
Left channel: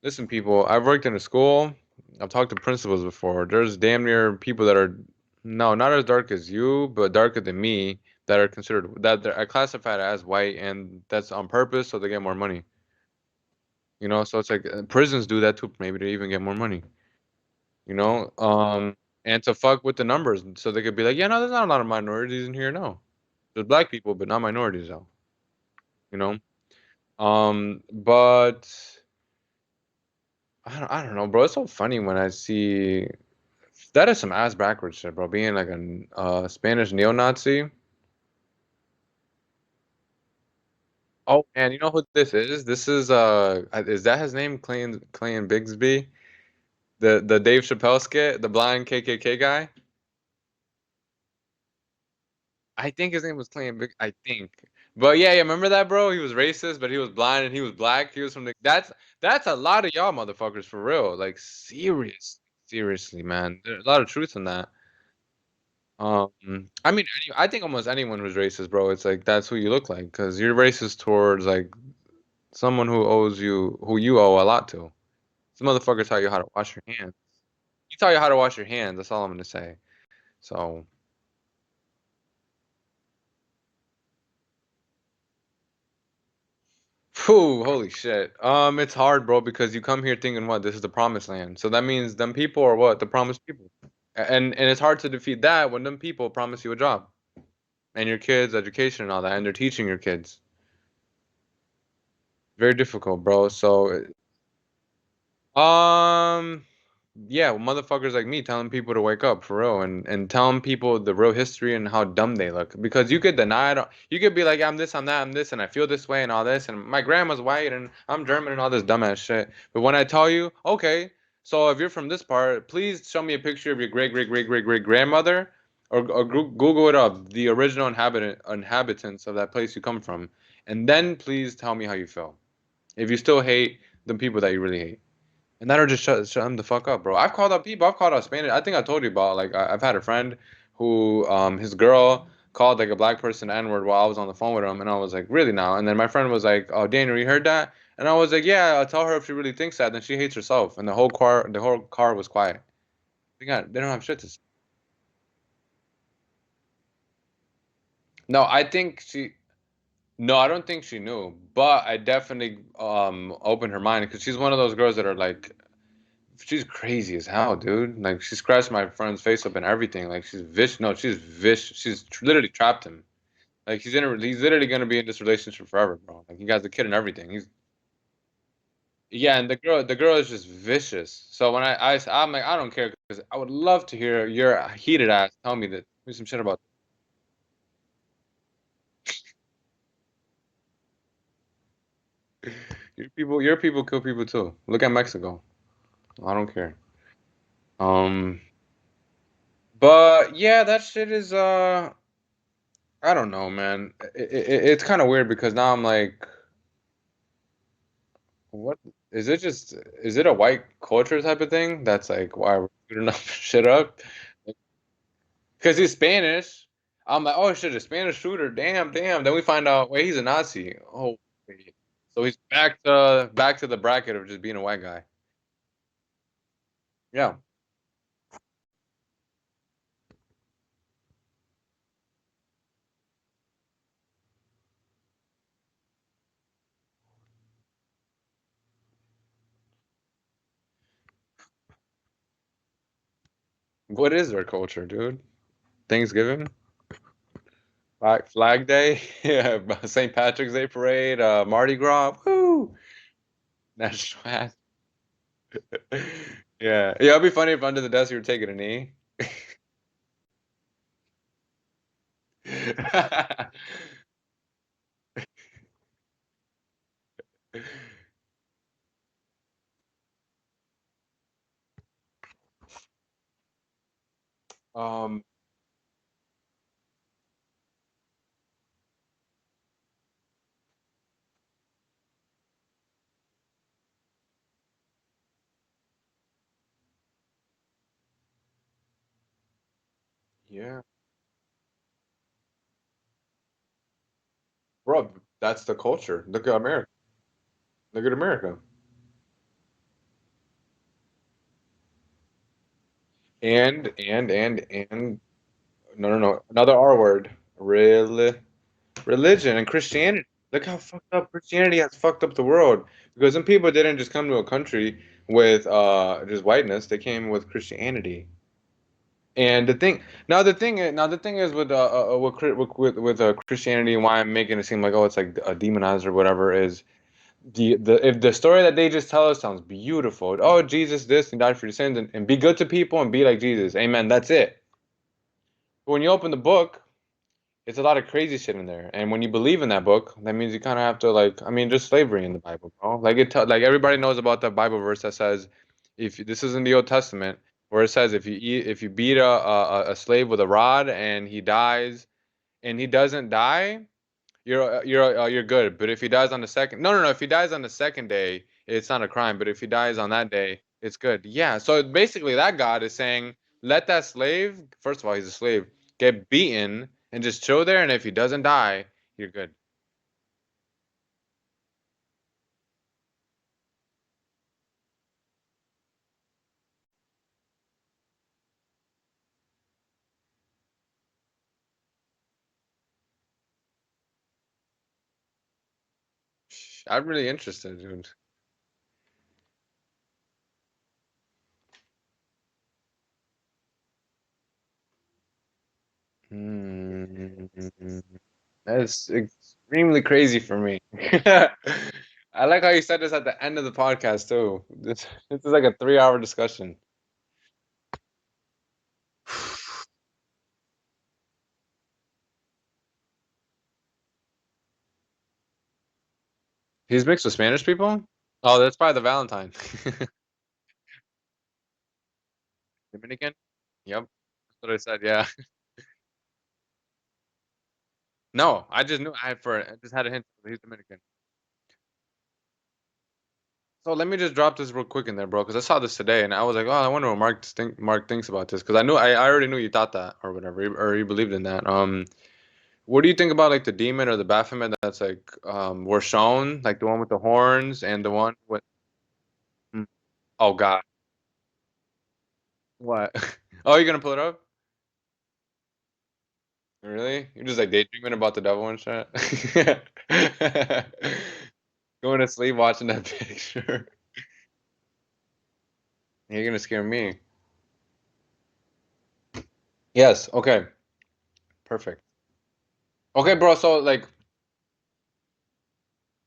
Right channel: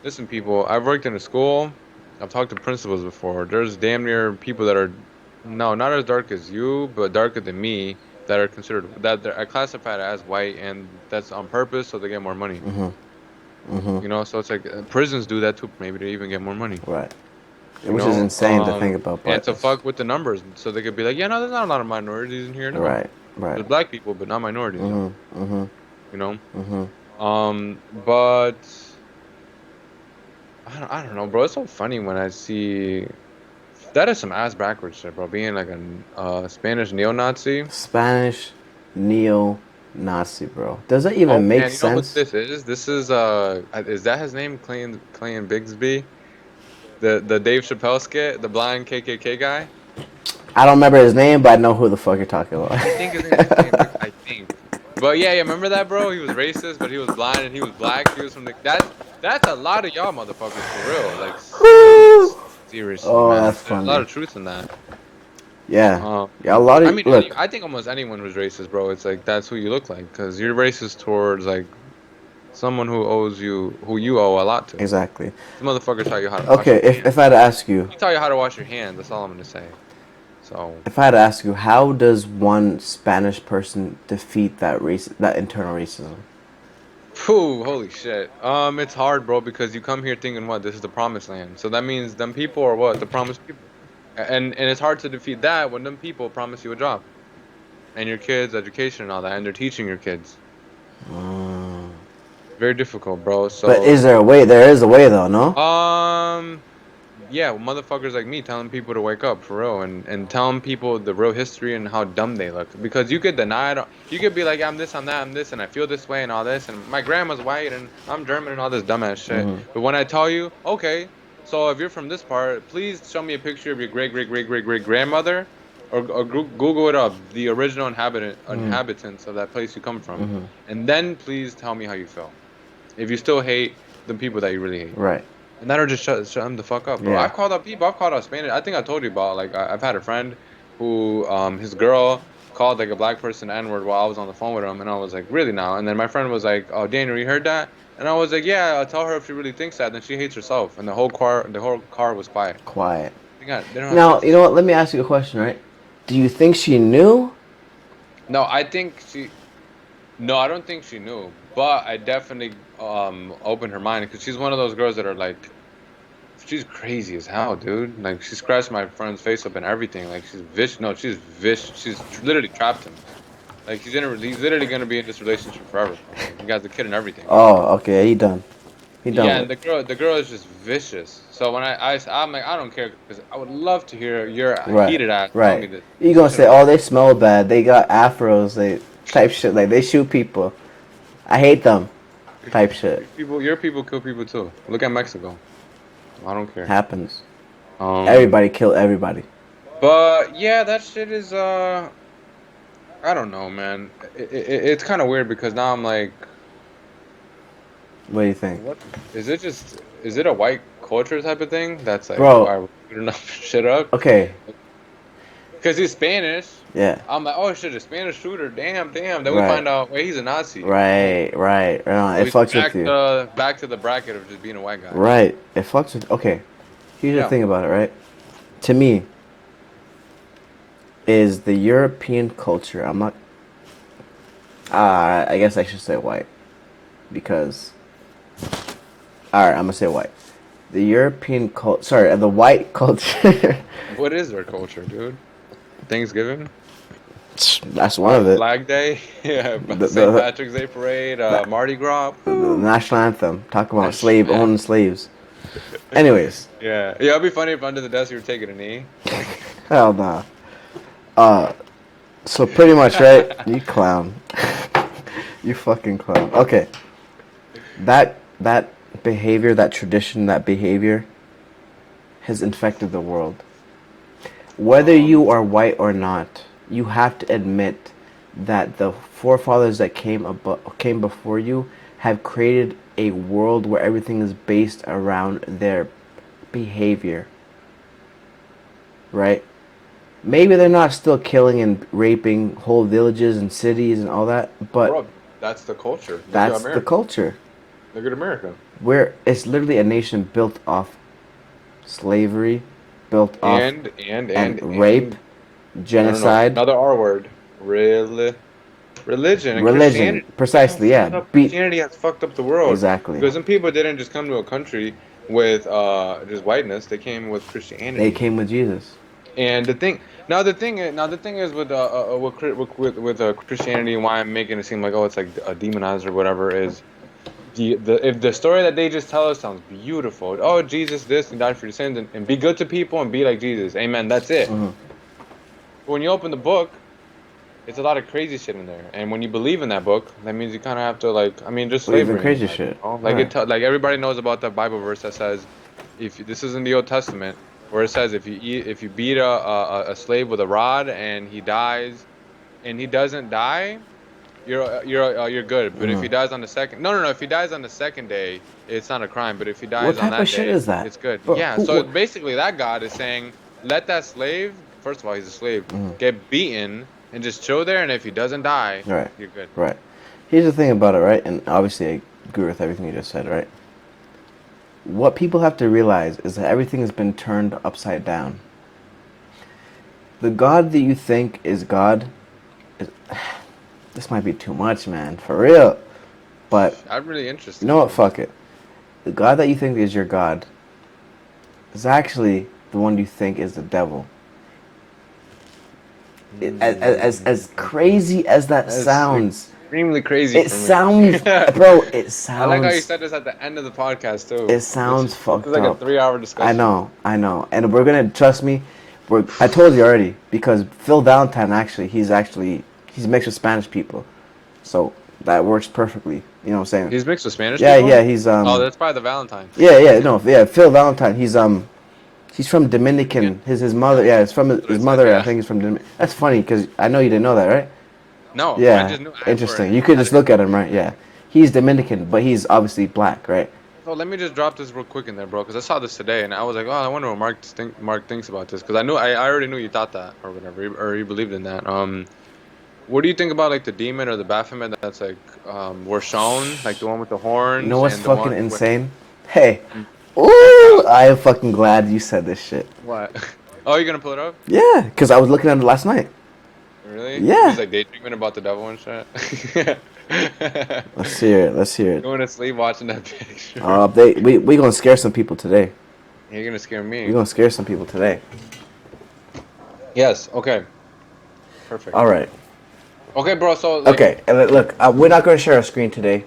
Listen, people, I've worked in a school. I've talked to principals before. There's damn near people that are no, not as dark as you, but darker than me that are considered that they're classified as white, and that's on purpose so they get more money. Mm-hmm. Mm-hmm. You know, so it's like prisons do that too, maybe to even get more money. Right. You Which is know, insane to think about, and but to it's fuck with the numbers, so they could be like, yeah, no, there's not a lot of minorities in here. No, right. Right. there's black people, but not minorities though. Mm-hmm. Mm-hmm. You know, Mm-hmm. but I don't know, bro. It's so funny when I see That is some ass backwards shit, bro. Being like a Spanish neo-Nazi. Spanish neo-Nazi, bro. Does that even Oh make man, you know who sense? this is? This is that his name? Clayton Bigsby, the Dave Chappelle skit, the blind KKK guy. I don't remember his name, but I know who the fuck you're talking I think his name is Clayton about. Big. I think. But yeah, remember that, bro? He was racist, but he was blind and he was black. He was from the. That's a lot of y'all motherfuckers for real. Like seriously, Oh, man. that's There's a lot funny. of truth in that. Yeah. Yeah, a lot I of mean, look, I think almost anyone who's racist, bro. It's like that's who you look like, because you're racist towards like someone who you owe a lot to. exactly. These motherfuckers taught you how to wash Okay, your hands. if I had to ask you, He taught you how to wash your hands. That's all I'm gonna say. So, if I had to ask you, how does one Spanish person defeat that internal racism? phew, holy shit. It's hard, bro, because you come here thinking what this is the promised land. So that means them people are what the promised people, and it's hard to defeat that when them people promise you a job and your kids education and all that, and they're teaching your kids. Mm. Very difficult, bro. But So, is there a way? There is a way, though, no? um, yeah, well, motherfuckers like me telling people to wake up for real and telling people the real history and how dumb they look. Because you could deny it. You could be like, I'm this, I'm that, I'm this, and I feel this way and all this, and my grandma's white and I'm German and all this dumbass shit. Hmm. But when I tell you, okay, so if you're from this part, please show me a picture of your great great great great great grandmother, or Google it up, the original Hmm. inhabitants of that place you come from, Hmm. and then please tell me how you feel. If you still hate the people that you really hate. Right. And that'll just shut him the fuck up, bro. Yeah. I've called up people. I've called out Spanish. I think I told you about like I've had a friend who his girl called like a black person N-word while I was on the phone with him, and I was like, really now? And then my friend was like, oh, Daniel, you heard that? And I was like, yeah. I'll tell her if she really thinks that, then she hates herself. And the whole car was quiet. Quiet. They don't have shit Now, to you know say. what? Let me ask you a question, right? Do you think she knew? No, I think she. No, I don't think she knew, but I definitely opened her mind because she's one of those girls that are like she's crazy as hell, dude. Like she scratched my friend's face up and everything. Like she's vicious. No, she's vicious. Literally trapped him. Like he's literally gonna be in this relationship forever, bro. Like he got the kid and everything. Oh, okay. He done. He done Yeah, with. and the girl is just vicious. So when I'm like I don't care because I would love to hear your Right. heated ass tell Right. me that You some gonna shit say, about oh, they smell bad. They got afros. They type shit like they shoot people. I hate them. Type shit your people kill people too. Look at Mexico. I don't care. happens. Um, Everybody kill everybody. but yeah, that shit is I don't know, man. It's kind of weird because now I'm like, What do you think, what is it? Is it a white culture type of thing? That's like bro? why we're shooting up shit up Okay. because he's Spanish. Yeah. I'm like, oh shit, a Spanish shooter. Damn, damn. Then we Right. find out, wait, he's a Nazi. Oh, Right. Right. so It he's fucks with you. back to the bracket of just being a white guy. Right. It fucks with. Okay. Here's the Yeah. thing about it, right? To me, is the European culture. I'm not. I guess I should say white, because. All right, I'm gonna say white. The European culture. Sorry, the white culture. What is their culture, dude? Thanksgiving, That's one of it. Flag Day, yeah, The St. the, Patrick's Day parade, the, Mardi Gras. the Woo! national anthem. Talk about That's slave yeah. owning slaves. Anyways, Yeah, yeah. It'd be funny if under the desk you were taking a knee. hell nah. Uh, so pretty much, right? You clown. You fucking clown. Okay, that behavior, that tradition, that behavior has infected the world. Whether Um, you are white or not, you have to admit that the forefathers that came before you have created a world where everything is based around their behavior, right? Maybe they're not still killing and raping whole villages and cities and all that, but bro, that's the culture. Look at that's the America. culture. Look at America. Where it's literally a nation built off slavery, built off And and rape, no, no, no. genocide, Another R word. Religion and religion. Christianity. Look how Precisely, yeah. fucked up Christianity has fucked up the world. Exactly. Because some people didn't just come to a country with just whiteness. They came with They Christianity. came with Jesus. And the thing is with Christianity, and why I'm making it seem like oh it's like a demonized or whatever is if the story that they just tell us sounds beautiful, oh Jesus this and died for your sins and be good to people and be like Jesus, amen. That's it. Mm-hmm. But when you open the book, it's a lot of crazy shit in there, and when you believe in that book, that means you kind of have to like, I mean, just Believe in slavery in the crazy Bible, shit. you know? Like Right. like everybody knows about the Bible verse that says, if this is in the Old Testament, where it says if you beat a slave with a rod and he dies and he doesn't die, you're good. But if Mm-hmm. he dies on the second, no, if he dies on the second day, it's not a crime. But if he What dies on type of that shit day, is that, it's good. bro? Yeah. Who? So What? basically, that God is saying, let that slave, first of all, he's a slave, Mm-hmm. get beaten and just chill there. And if he doesn't die, Right. you're good. Right. Here's the thing about it, right? And obviously, I agree with everything you just said, right? What people have to realize is that everything has been turned upside down. The God that you think is God, is, this might be too much, man, for real. But I'm really you interested. know what? Fuck it. The God that you think is your God is actually the one you think is the devil. As crazy as that That's sounds, extremely crazy it for me. sounds, bro. It I like how you sounds. said this at the end of the podcast too. It This sounds this is fucked like a up. 3 hour discussion. I know, and we're gonna trust me. I told you already because Phil Valentine he's mixed with Spanish people, so that works perfectly. You know what I'm saying? He's mixed with Spanish Yeah, people? yeah, Oh, that's probably the Valentine. yeah, no, yeah, Phil Valentine. He's from Dominican? Dominican. His mother, Yep. yeah, it's from That's what I his said, mother. I yeah. think is from Dominican. That's funny because I know you didn't know that, right? No, I Yeah, just knew I for interesting. You could had just him look for at him, right? replay. Yeah, he's Dominican, but he's obviously black, right? So let me just drop this real quick in there, bro, because I saw this today and I was like, oh, I wonder what Mark thinks about this, because I already knew you thought that or whatever, or you believed in that. What do you think about like the demon or the Baphomet that's like were shown, like the one with the You know horns what's and the one fucking with insane? Hey, Mm. Oh ooh, God, I am fucking glad you said this shit. what? Oh, you're gonna pull it up? Yeah, because I was looking at it last night. Really? You Yeah. just like daydreaming about the devil and shit? Let's hear it. Let's hear it. Going to sleep watching that picture. We gonna scare some people today. You're gonna scare We me. gonna scare some people today. Yes. Okay. Perfect. All right. Okay, bro. So like, Okay. And look, we're not gonna share our screen today.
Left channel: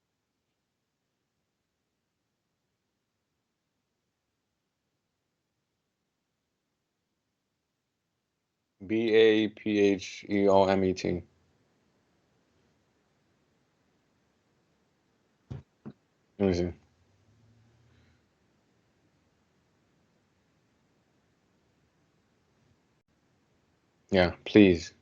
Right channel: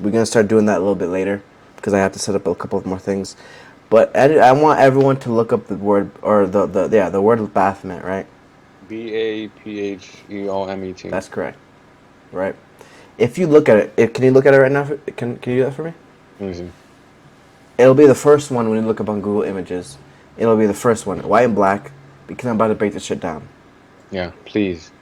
We're gonna start doing that a little bit later because I have to set up a couple of more things. But I want everyone to look up the word or the word Baphomet, right? Baphomet. That's correct, right? If you look at can you look at it right now? Can you do that for me? Let me see. It'll be the first one when you look up on Google Images. It'll be the first one, white and black, because I'm about to break this shit down. Yeah, please.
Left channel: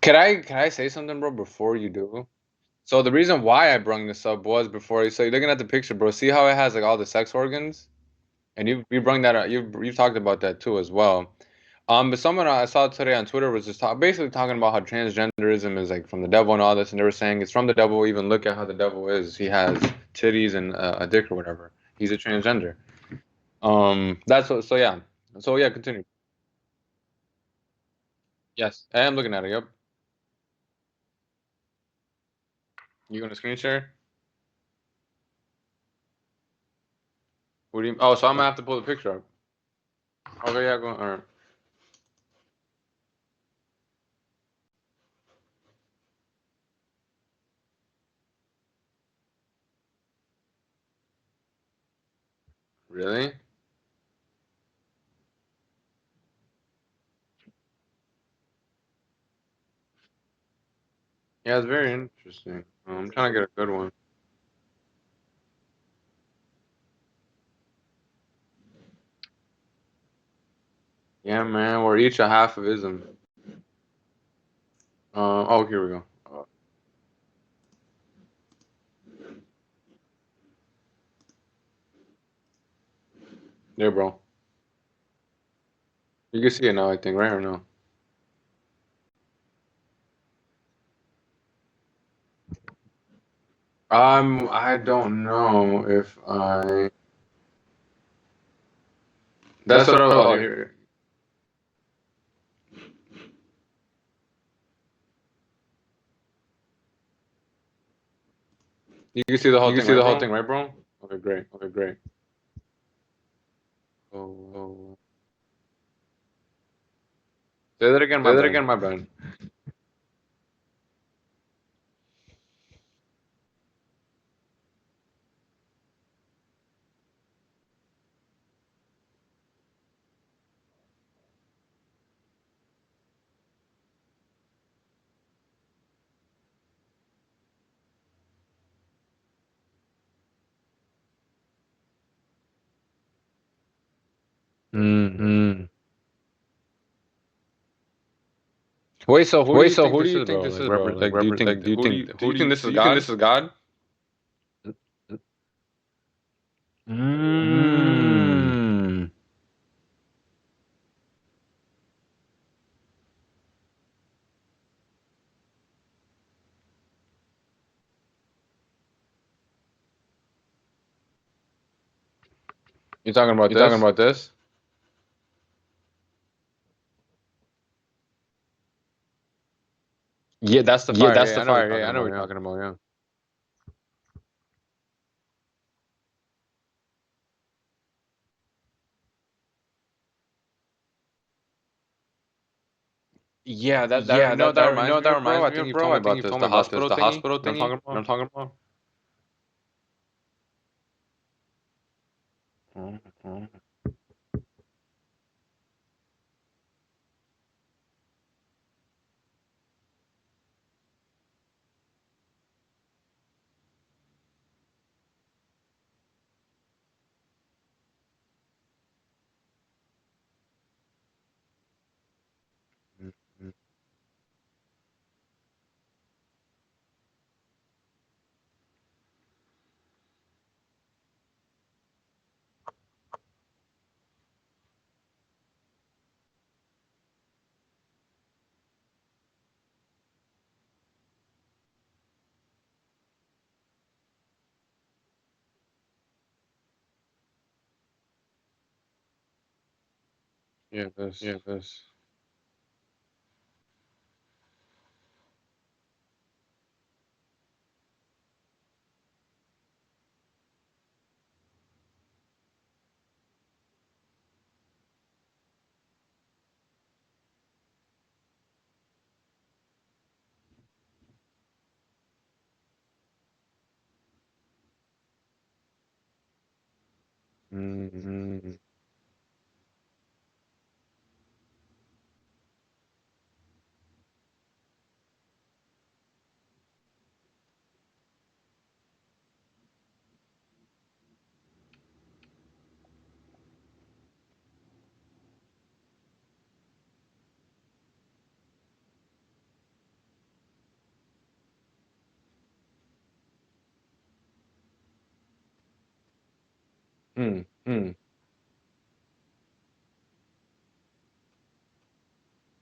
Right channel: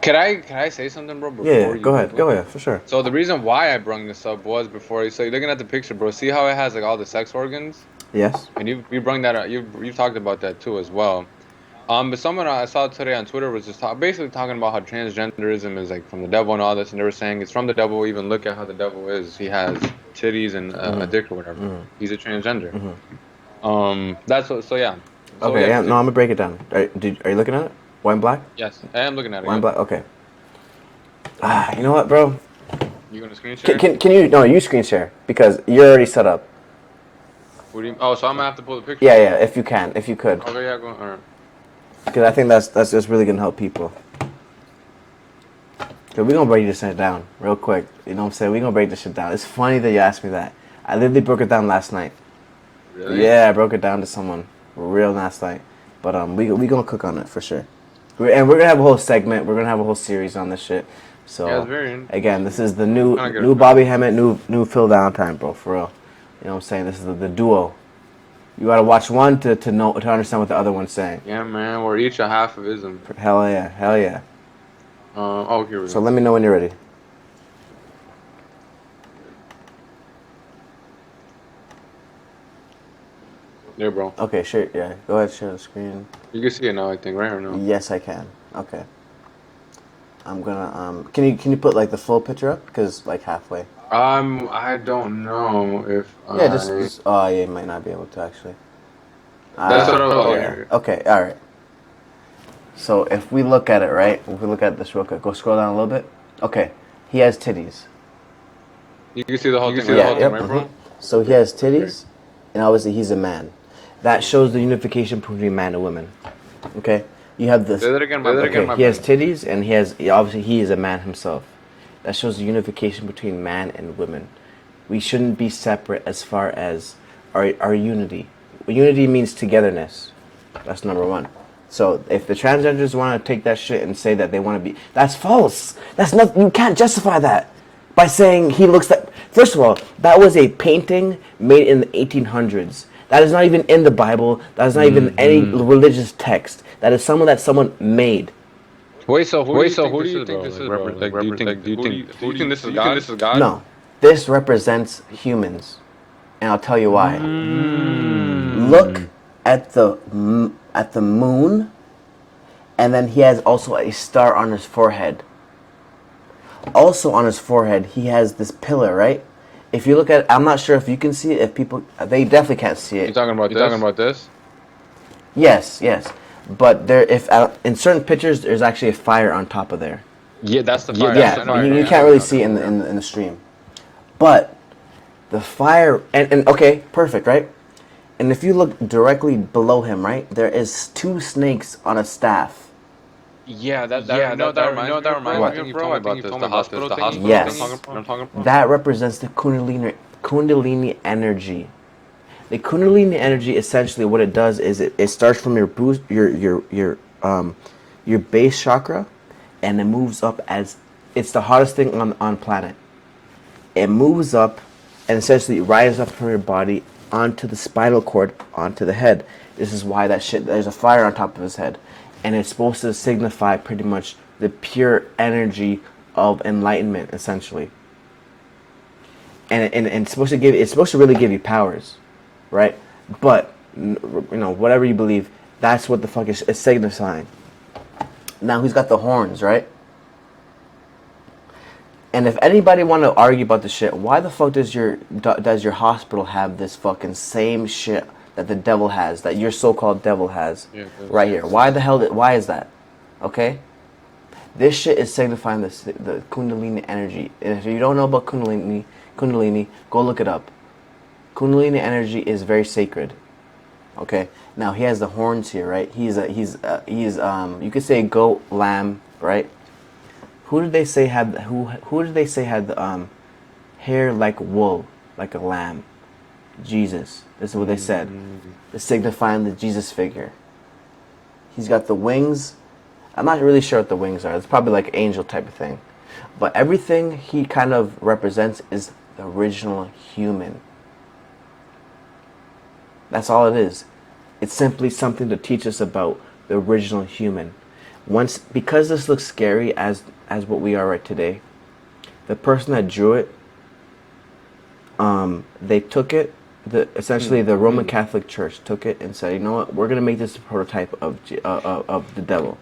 Can I say something, bro, Yeah, before you go ahead, Google? go ahead, for sure. So the reason why I brung this up was before you. So you're looking at the picture, bro. See how it has like all the sex organs, Yes. and you brung that up. You talked about that too as well. But someone I saw today on Twitter was just basically talking about how transgenderism is like from the devil and all this, and they were saying it's from the devil. Even look at how the devil is. He has titties and a dick or whatever. He's a transgender. That's what. So yeah. So Okay, yeah. yeah, no, I'm Continue. gonna break it down. Are you looking at it? White and black? Yes, I am looking at it. White and Yep. black. Okay. You know what, bro? You gonna screen Can, share? can, can you no you screen share because you're already set up. What do you? Oh, so I'm gonna have to pull the picture Yeah, up. yeah, if you could, Okay, yeah, go. All right. because I think that's just really gonna help people. So we're gonna break this shit down real quick. You know what I'm saying? We're gonna break this shit down. It's funny that you asked me that. I literally broke it down last night. Really? Yeah, I broke it down to someone real last night. But we gonna cook on it for sure. And we're gonna have a whole segment. We're gonna have a whole series on this shit. Yeah, it's So very again, this interesting. is the I'm new trying to get a new feel Bobby on it. Hemmett, new Phil Valentine, bro, for real. You know what I'm saying? This is the duo. You gotta watch one to know to understand what the other one's saying. Yeah, man, we're each a half of ism. Hell yeah, hell yeah. Oh, here we So go. let me know when you're ready. There, bro. Okay, sure. Yeah, go ahead, share the screen. You can see it now, I think, right or no? Yes, I can. Okay. I'm gonna Can you put like the full picture up? Cause like halfway. I don't know if Yeah, I. oh yeah, you might not be able to actually. That's what I was. Oh, Yeah. here. Okay, all right. So if we look at it, right? If we look at this real quick, go scroll down a little bit. Okay, he has titties. You can see the whole You can thing, see right? the whole Yep, thing, right, bro? So Okay, he great. has Okay, great. titties, and obviously he's a man. That shows the unification between man and woman. Okay, you have this. Say that again, my bad. Okay, he has titties, and obviously he is a man himself. that shows the unification between man and women. We shouldn't be separate as far as our unity. Unity means togetherness. That's number one. So if the transgenders want to take that shit and say that they want to be, that's false. That's not. You can't justify that by saying he looks like. First of all, that was a painting made in the 1800s. That is not even in the Bible. That is not even any religious text. That is someone that someone made. Wait, so who do you think this is, bro? Like, do you think this is God? No, this represents humans, and I'll tell you why. Look at the moon, and then he has also a star on his forehead. Also on his forehead, he has this pillar, right? If you look at it, I'm not sure if you can see it. If people, they definitely can't see it. You talking about this? Yes. But there, if in certain pictures, there's actually a fire on top of there. Yeah, that's the fire. Yeah, you can't really see it in the stream. But the fire, and okay, perfect, right? And if you look directly below him, right, there is 2 snakes on a staff. Yeah, that reminds me, bro. I think you told me about this. The hospital Yes. thing. I'm talking about. That represents the Kundalini energy. The Kundalini energy, essentially, what it does is it starts from your base chakra, and it moves up as it's the hottest thing on planet. It moves up, and essentially rises up from your body onto the spinal cord, onto the head. This is why there's a fire on top of his head, and it's supposed to signify pretty much the pure energy of enlightenment, essentially. And it's supposed to really give you powers, right? But whatever you believe, that's what the fuck is signifying. Now he's got the horns, right? And if anybody want to argue about the shit, why the fuck does your hospital have this fucking same shit that the devil has, that your so-called devil has, right here? Why the hell? Why is that? Okay, this shit is signifying the Kundalini energy. And if you don't know about Kundalini, go look it up. Kundalini energy is very sacred. Okay, now he has the horns here, right? He's you could say goat, lamb, right? Who did they say had the hair like wool, like a lamb? Jesus. This is what they said. It's signifying the Jesus figure. He's got the wings. I'm not really sure what the wings are. It's probably like angel type of thing. But everything he kind of represents is the original human. That's all it is. It's simply something to teach us about the original human. Because this looks scary as what we are right today, the person that drew it, they took it. Essentially, the Roman Catholic Church took it and said, "You know what? We're gonna make this a prototype of the devil."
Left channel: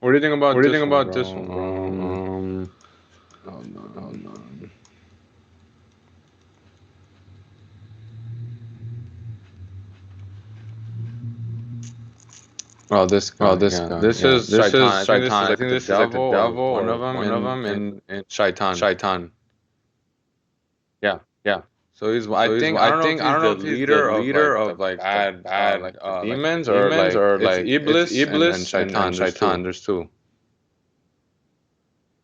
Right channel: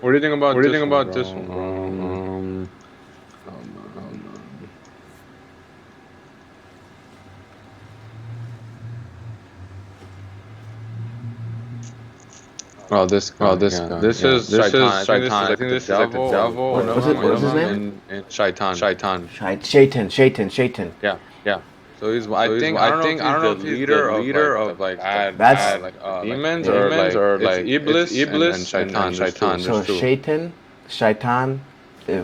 What do you think about this one, bro? Hold on. This guy. This is Shaitan. I think this is like the devil, one of them, and Shaitan. Shaitan. Yeah. So he's. I don't know if he's the leader of bad demons or like Iblis and Shaitan. There's two. So Shaitan,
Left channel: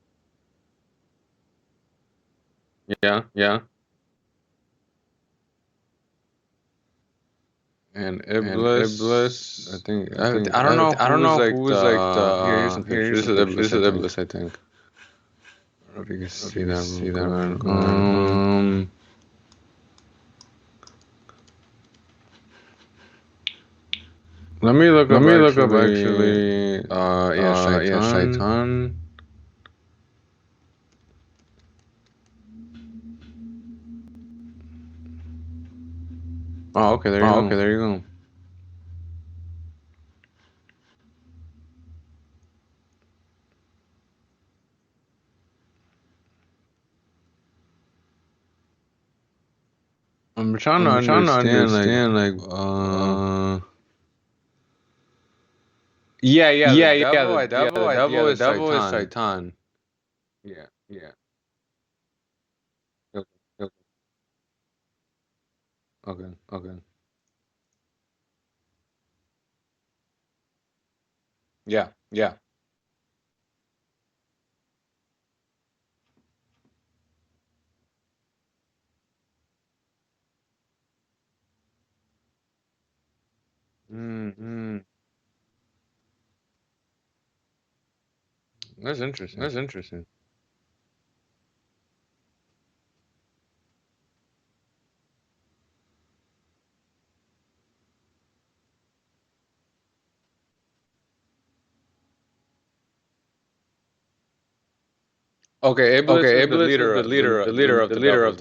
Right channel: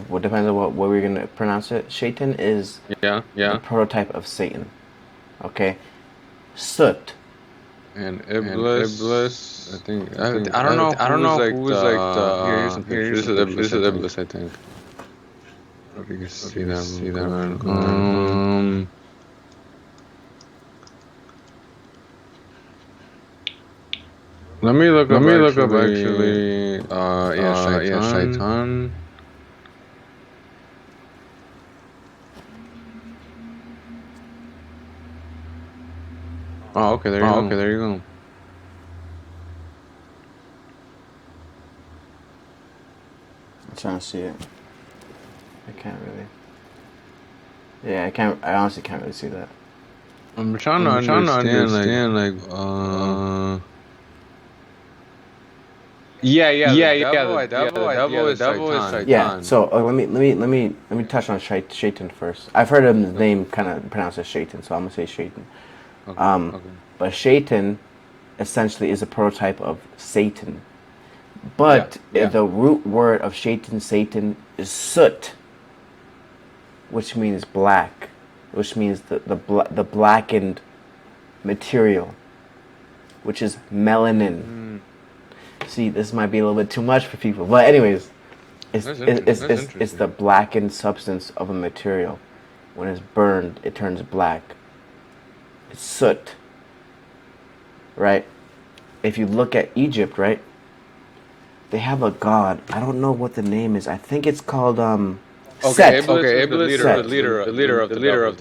what depends on what we're gonna pronounce it. Shaitan is the prototype of Satan. Okay, Soot. And Iblis, I think I don't know who is like the here's some pictures. This is Iblis, I think. I don't know if you can see that. Let me look up actually. Shaitan. Oh, okay, there you go. I'm trying to see it. I can't really. Yeah, I can't. I honestly can't really see that. I'm trying to understand like the devil is Shaitan. Yeah. So let me touch on Shaitan first. I've heard his name kind of pronounced as Shaitan, so I'm gonna say Shaitan. Okay. But Shaitan essentially is a prototype of Satan. But the root word of Satan is soot. which means black, which means the blackened material, which is melanin. Mm-hmm. See, this might be a little bit too much for people, but anyways, That's interesting. it's the blackened substance of a material. When it's burned, it turns black. It's soot, right? If you look at Egypt, right, they have a god. I don't know what the name is. I think it's called Okay, Set. Iblis is the Set. leader of the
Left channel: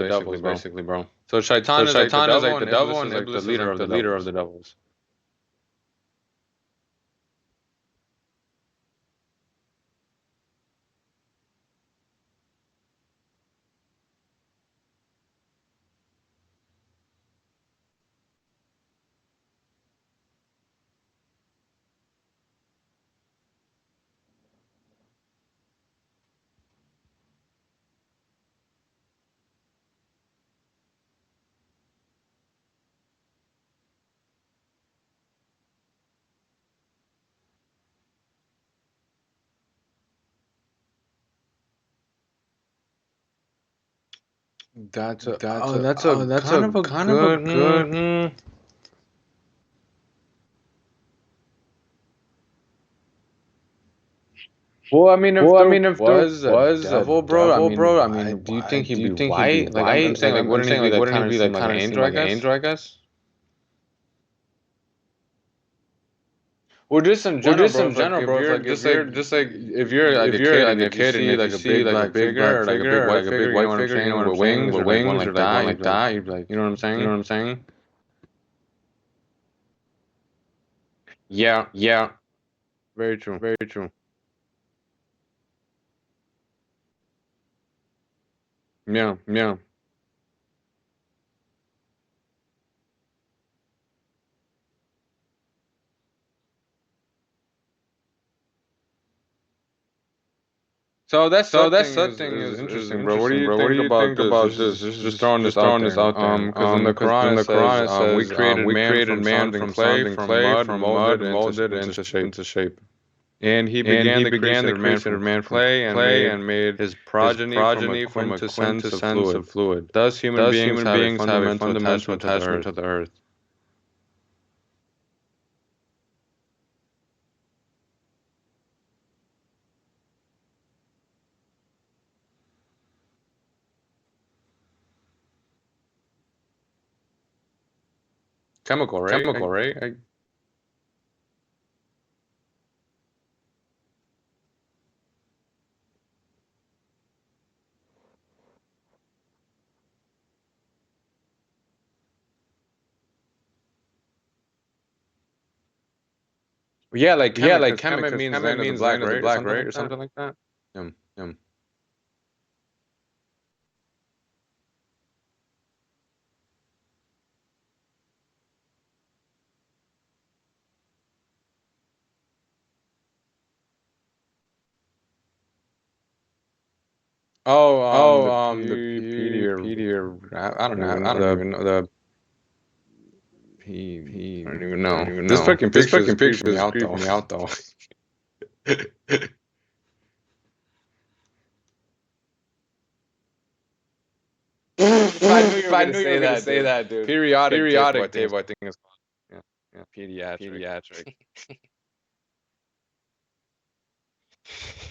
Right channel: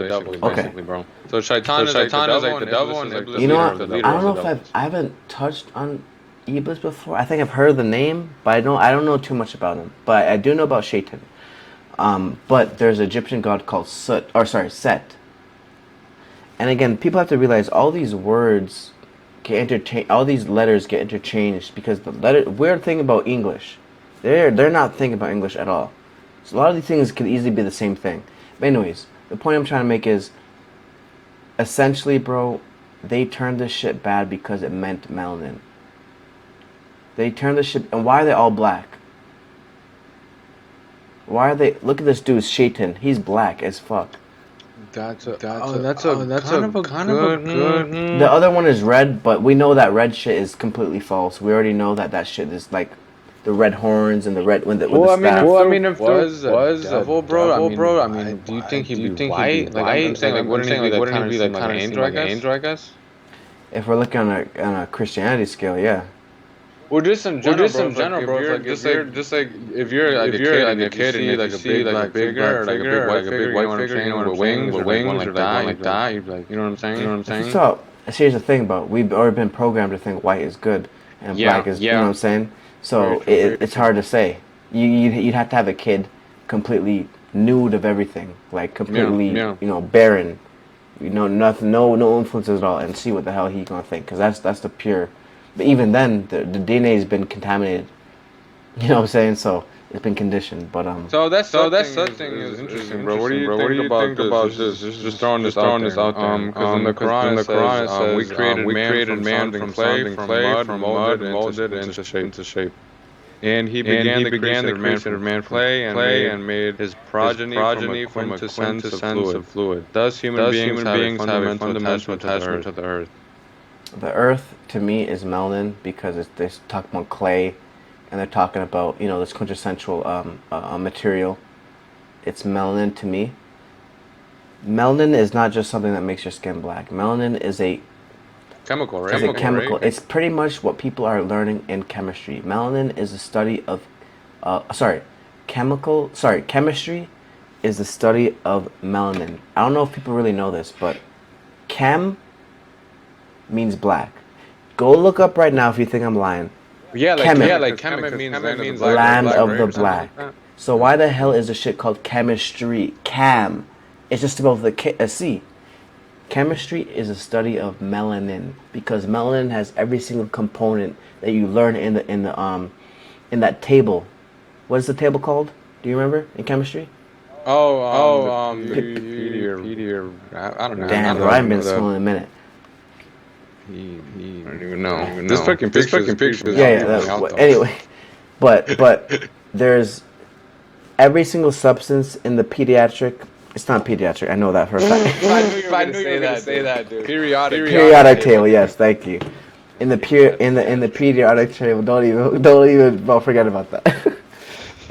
devils, basically, bro. So Shaitan is like the devil, and Iblis You is know, the leader I of don't the know if devils. I haven't touched on Iblis before. I think I've heard the name, but I don't know too much about him. But I do know about Shaitan. But there's an Egyptian god called Set. And again, people have to realize all these words all these letters get interchanged because the weird thing about English, they're not thinking about English at all. So a lot of these things could easily be the same thing. But anyways, the point I'm trying to make is, essentially, bro, they turned this shit bad because it meant melanin. They turned this shit, and why are they all black? Why are they? Look at this dude, Shaitan. He's black as fuck. That's a kind of a good. The other one is red, but we know that red shit is completely false. We already know that shit is like the red horns and the red when the Well, I mean, staff. if there was a devil, bro, I mean, do you think he'd be white? Like, I'm saying, like, wouldn't he be like kind of seem like an angel? I guess. If we're looking on a Christianity scale, yeah. Well, just in general, bro. Just like if you're like a kid and if you see like a big black figure or like a big white figure, you know what I'm saying, with wings or like one like that, you'd be like, you know what I'm saying? So here's the thing, bro. We've already been programmed to think white is good and black is, you know what I'm saying. So it's hard to say. You'd have to have a kid completely nude of everything, like completely, barren, nothing, no influences at all, and see what the hell he's gonna think, because that's the pure. But even then, the DNA has been contaminated. You know what I'm saying? So it's been conditioned. But So that thing is interesting, bro. What do you think about this? Just throwing this out there. Because in the Quran it says, we created man from clay, from mud, molded into shape. And he began the creation of man from clay and made his progeny from a quintessence of fluid. Thus, human beings have a fundamental attachment to the earth. The earth, to me, is melanin because they're talking about clay, and they're talking about this quintessential material. It's melanin to me. Melanin is not just something that makes your skin black. Melanin is a chemical, right? Chemical. It's pretty much what people are learning in chemistry. Melanin is a study of, chemistry is the study of melanin. I don't know if people really know this, but chem means black. Go look up right now if you think I'm lying. Chem means land of the black. So why the hell is the shit called chemistry? Chem. It's just about the C. Chemistry is a study of melanin because melanin has every single component that you learn in that table. What is the table called? Do you remember in chemistry? The I don't know. Damn, I haven't been to school in a minute. I don't even know. This fucking picture is out though. Anyway, but there's every single substance in the pediatric. It's not pediatric. I know that for a fact. I knew you were gonna say that, dude. Periodic table. Yes, thank you. In the periodic table. Don't even forget about that.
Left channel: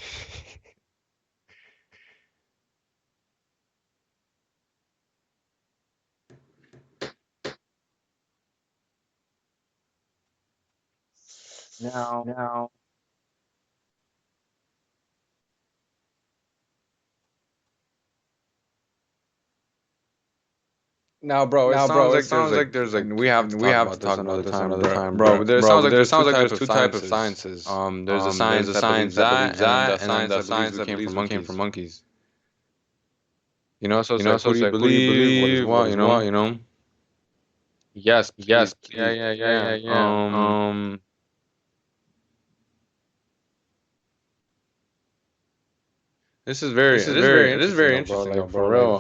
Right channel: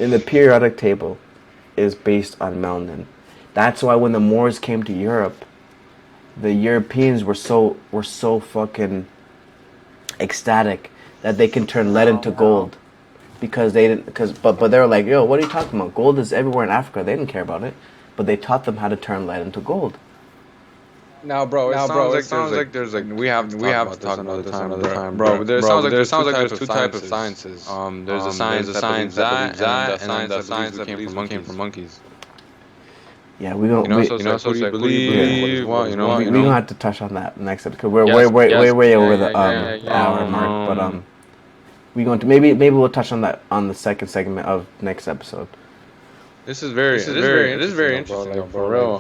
In the periodic table, is based on melanin. That's why when the Moors came to Europe, the Europeans were so fucking ecstatic that they can turn lead into gold, because they didn't. But they were like, yo, what are you talking about? Gold is everywhere in Africa. They didn't care about it, but they taught them how to turn lead into gold. Now, bro, it sounds like there's we have to talk about this another time, bro. But it sounds like there's two types of sciences. There's a science that believes that, and the science that believes we came from monkeys. Yeah, we don't. So who do you believe? What we don't have to touch on that next episode because we're way over the hour mark. But we going to maybe we'll touch on that on the second segment of next episode. This is very interesting, for real.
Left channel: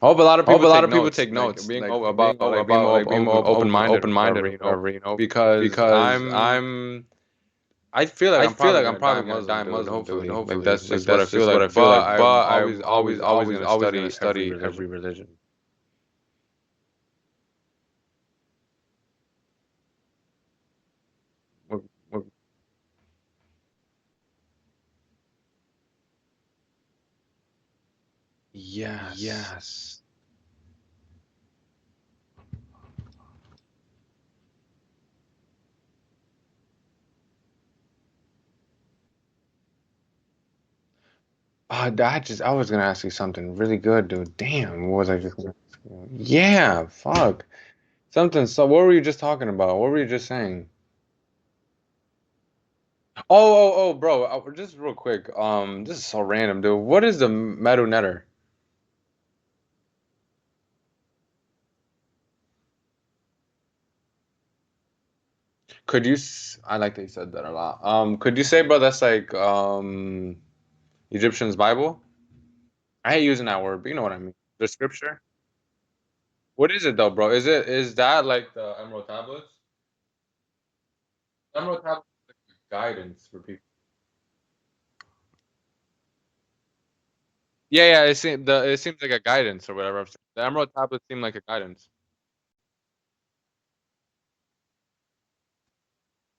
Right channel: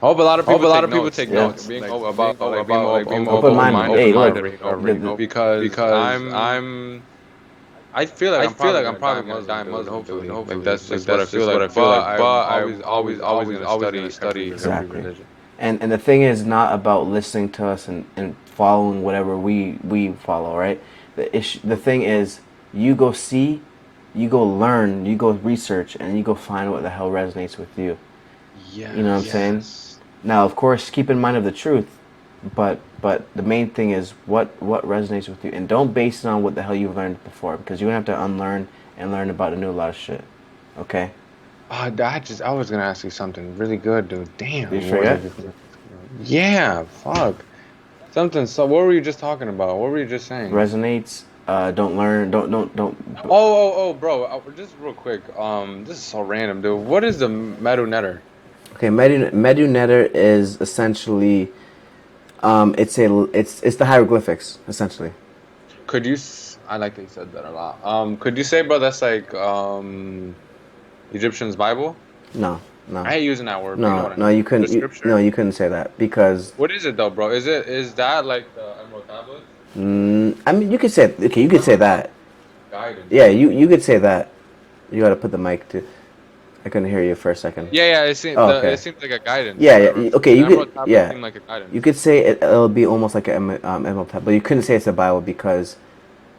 I hope a lot of people take notes, being open-minded, because I'm I I'm feel probably like I'm gonna die probably gonna die Muslim, dude. Muslim, dude. Hopefully, like Hopefully, that's like just what I that's feel just what like. I feel like. But But I'm always always gonna gonna study every study every religion. Exactly. religion. And the thing is not about listening to us and following whatever we follow, right? The thing is, you go see, you go learn, you go research, and you go find what the hell resonates with you. You know what I'm saying? Yes. Now, of course, keep in mind of the truth, but the main thing is what resonates with you, and don't base it on what the hell you've learned before, because you're gonna have to unlearn and learn about a new lot of shit. Okay? I was gonna ask you something really good, dude. Did you Damn, what was I forget? just gonna ask you? Yeah, fuck. Something. So, what were you just talking about? What were you just saying? Resonates. Don't learn. Don't. Bro. Just real quick. This is so random, dude. What is the Medu Netter? Okay, Medu Netter is essentially it's the hieroglyphics essentially. I like that you said that a lot. Could you say, bro, that's like Egyptian's Bible? No, no, I hate using that word, but you know no, what I no. mean. You The couldn't. No, scripture. you couldn't say that because What is it though, bro? Is that like the Emerald Tablets? I mean you could say okay. You could say Emerald that. Tablets guidance, Yeah, bro. you could say that. You got to put the mic to. I couldn't hear you for a second. Yeah. Oh, It okay. seems like a guidance or Yeah, whatever. yeah. Okay, The you could. Emerald Tablets Yeah, seem like a you guidance. could say it'll be almost like an emerald tab, but you couldn't say it's a Bible because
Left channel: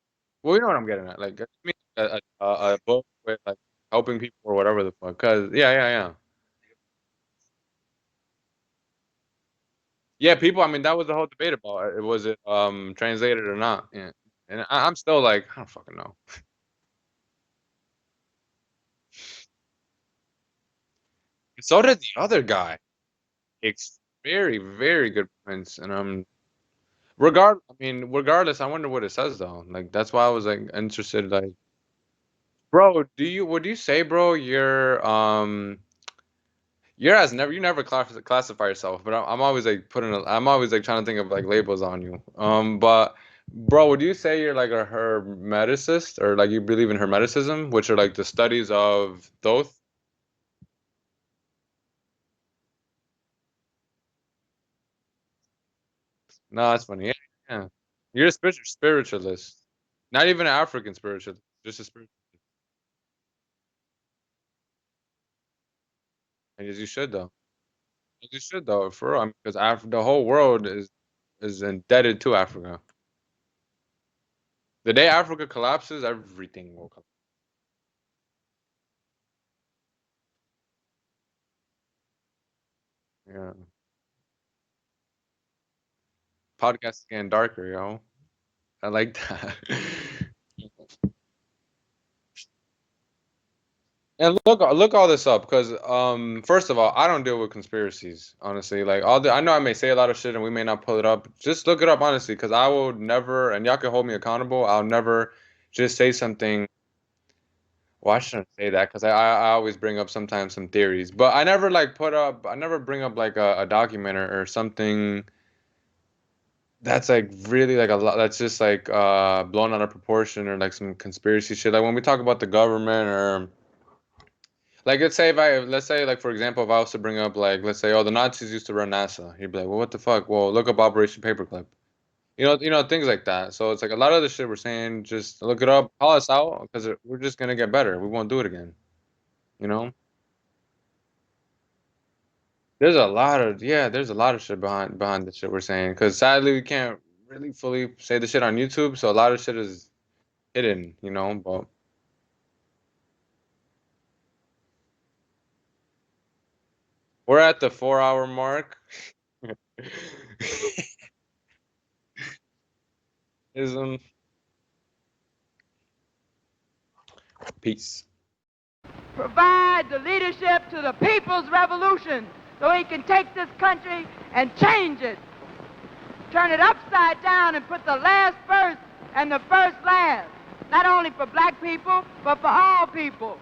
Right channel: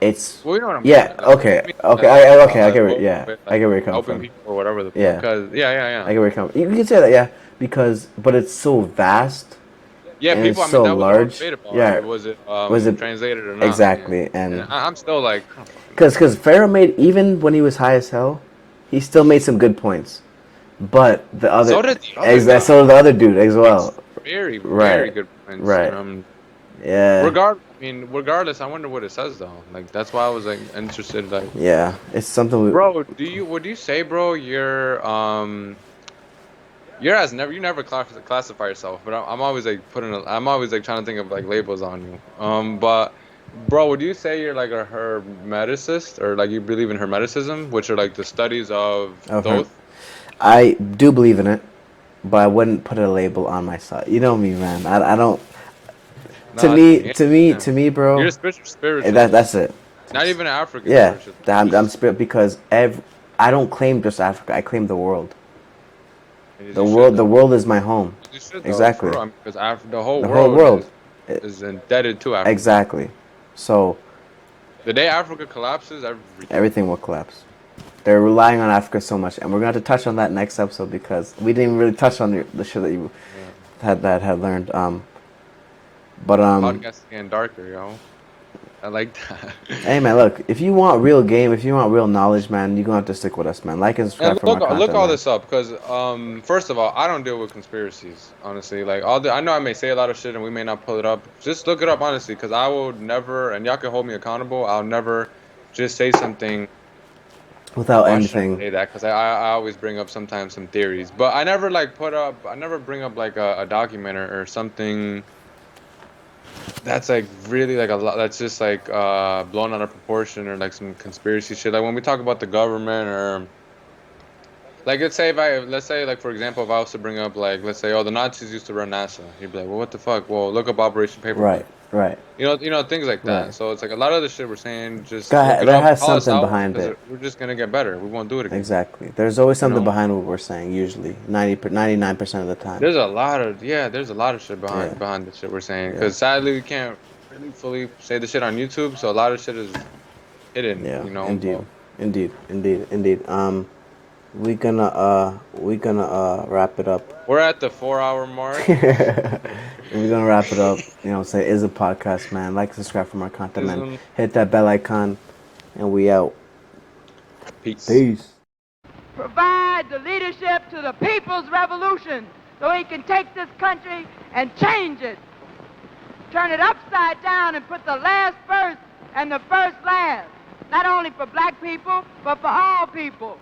it's. Well, you know what I mean. Yeah. Like Okay. I mean, Okay. Okay. I a get where. book Yeah. with I like get where you're coming helping from. people or whatever the fuck. Yeah. Cause I get where you're coming. You can say that. Yeah. Because, but it's so vast yeah, and it's people. I mean, so that was the whole large. debate about Yeah. it. Was it Was it translated or not? Yeah. exactly? And And I'm still like, I don't fucking know, because man. Pharaoh made even when he was high as hell, he still made some good points. But the other, So did the other guy. so the other dude as Makes well. very Right. good points. And Right. Yeah. regardless, I wonder what it says though. Like that's why I was like interested. Like, Yeah. It's something we. bro, would you say, bro, you never classify yourself, but I'm always like I'm always like trying to think of like labels on you. But bro, would you say you're like a hermeticist or like you believe in hermeticism, which are like the studies of Of her. Thoth? I do believe in it, but I wouldn't put a label on myself. You know me, man. I don't. No, that's funny. Yeah, To me, you're bro. a That's spiritualist, it. not even an African Yeah, spiritualist. I'm Just spirit because I don't claim just Africa. I claim the world. as you should The though. world is my home. As you should though, for Exactly. real. I mean, because the whole The whole world world. It, is indebted to Africa. exactly. So The day Africa collapses, everything. everything will collapse. They're relying on Africa so much, and we're gonna have to touch on that next episode because we didn't even really touch on the shit that you Yeah. had learned. But Podcast is getting darker, yo. I like that. hey man, look, if you want real game, if you want real knowledge, man, you're gonna have to stick with us, man. Like and subscribe And for more look content, all man. this up because first of all, I don't deal with conspiracies honestly. Like I know I may say a lot of shit and we may not pull it up. Just look it up honestly because I will never, and y'all can hold me accountable. I'll never just say something. Without Why should I anything, say that? Because I always bring up sometimes some theories, but I never like I never bring up like a document or something that's like really like a lot. That's just like blown out of proportion or like some conspiracy shit. Like when we talk about the government or like let's say like for example if I was to bring up like let's say oh the Nazis used to run NASA, you'd be like well what the fuck? Well look up Operation Paperclip. right, right, Things like right. that. So it's like a lot of the shit we're saying, just look it That up, has call us something out, behind because it. we're just gonna get better. We won't do it again. Exactly. There's always You something know, behind what we're saying. Usually, 99% of the time. there's a lot of shit Yeah, behind the shit we're saying. yeah, Because sadly we can't really fully say the shit on YouTube, so a lot of shit is hidden. yeah. You know, Indeed, but indeed. We gonna wrap it up. we're at the 4 hour mark. We're gonna wrap it up. You know, say is a podcast, man. Like, subscribe for more content, man. Ism. Hit that bell icon, and we out. Peace. Peace. Provide the leadership to the people's revolution so he can take this country and change it. Turn it upside down and put the last first and the first last. Not only for black people, but for all people.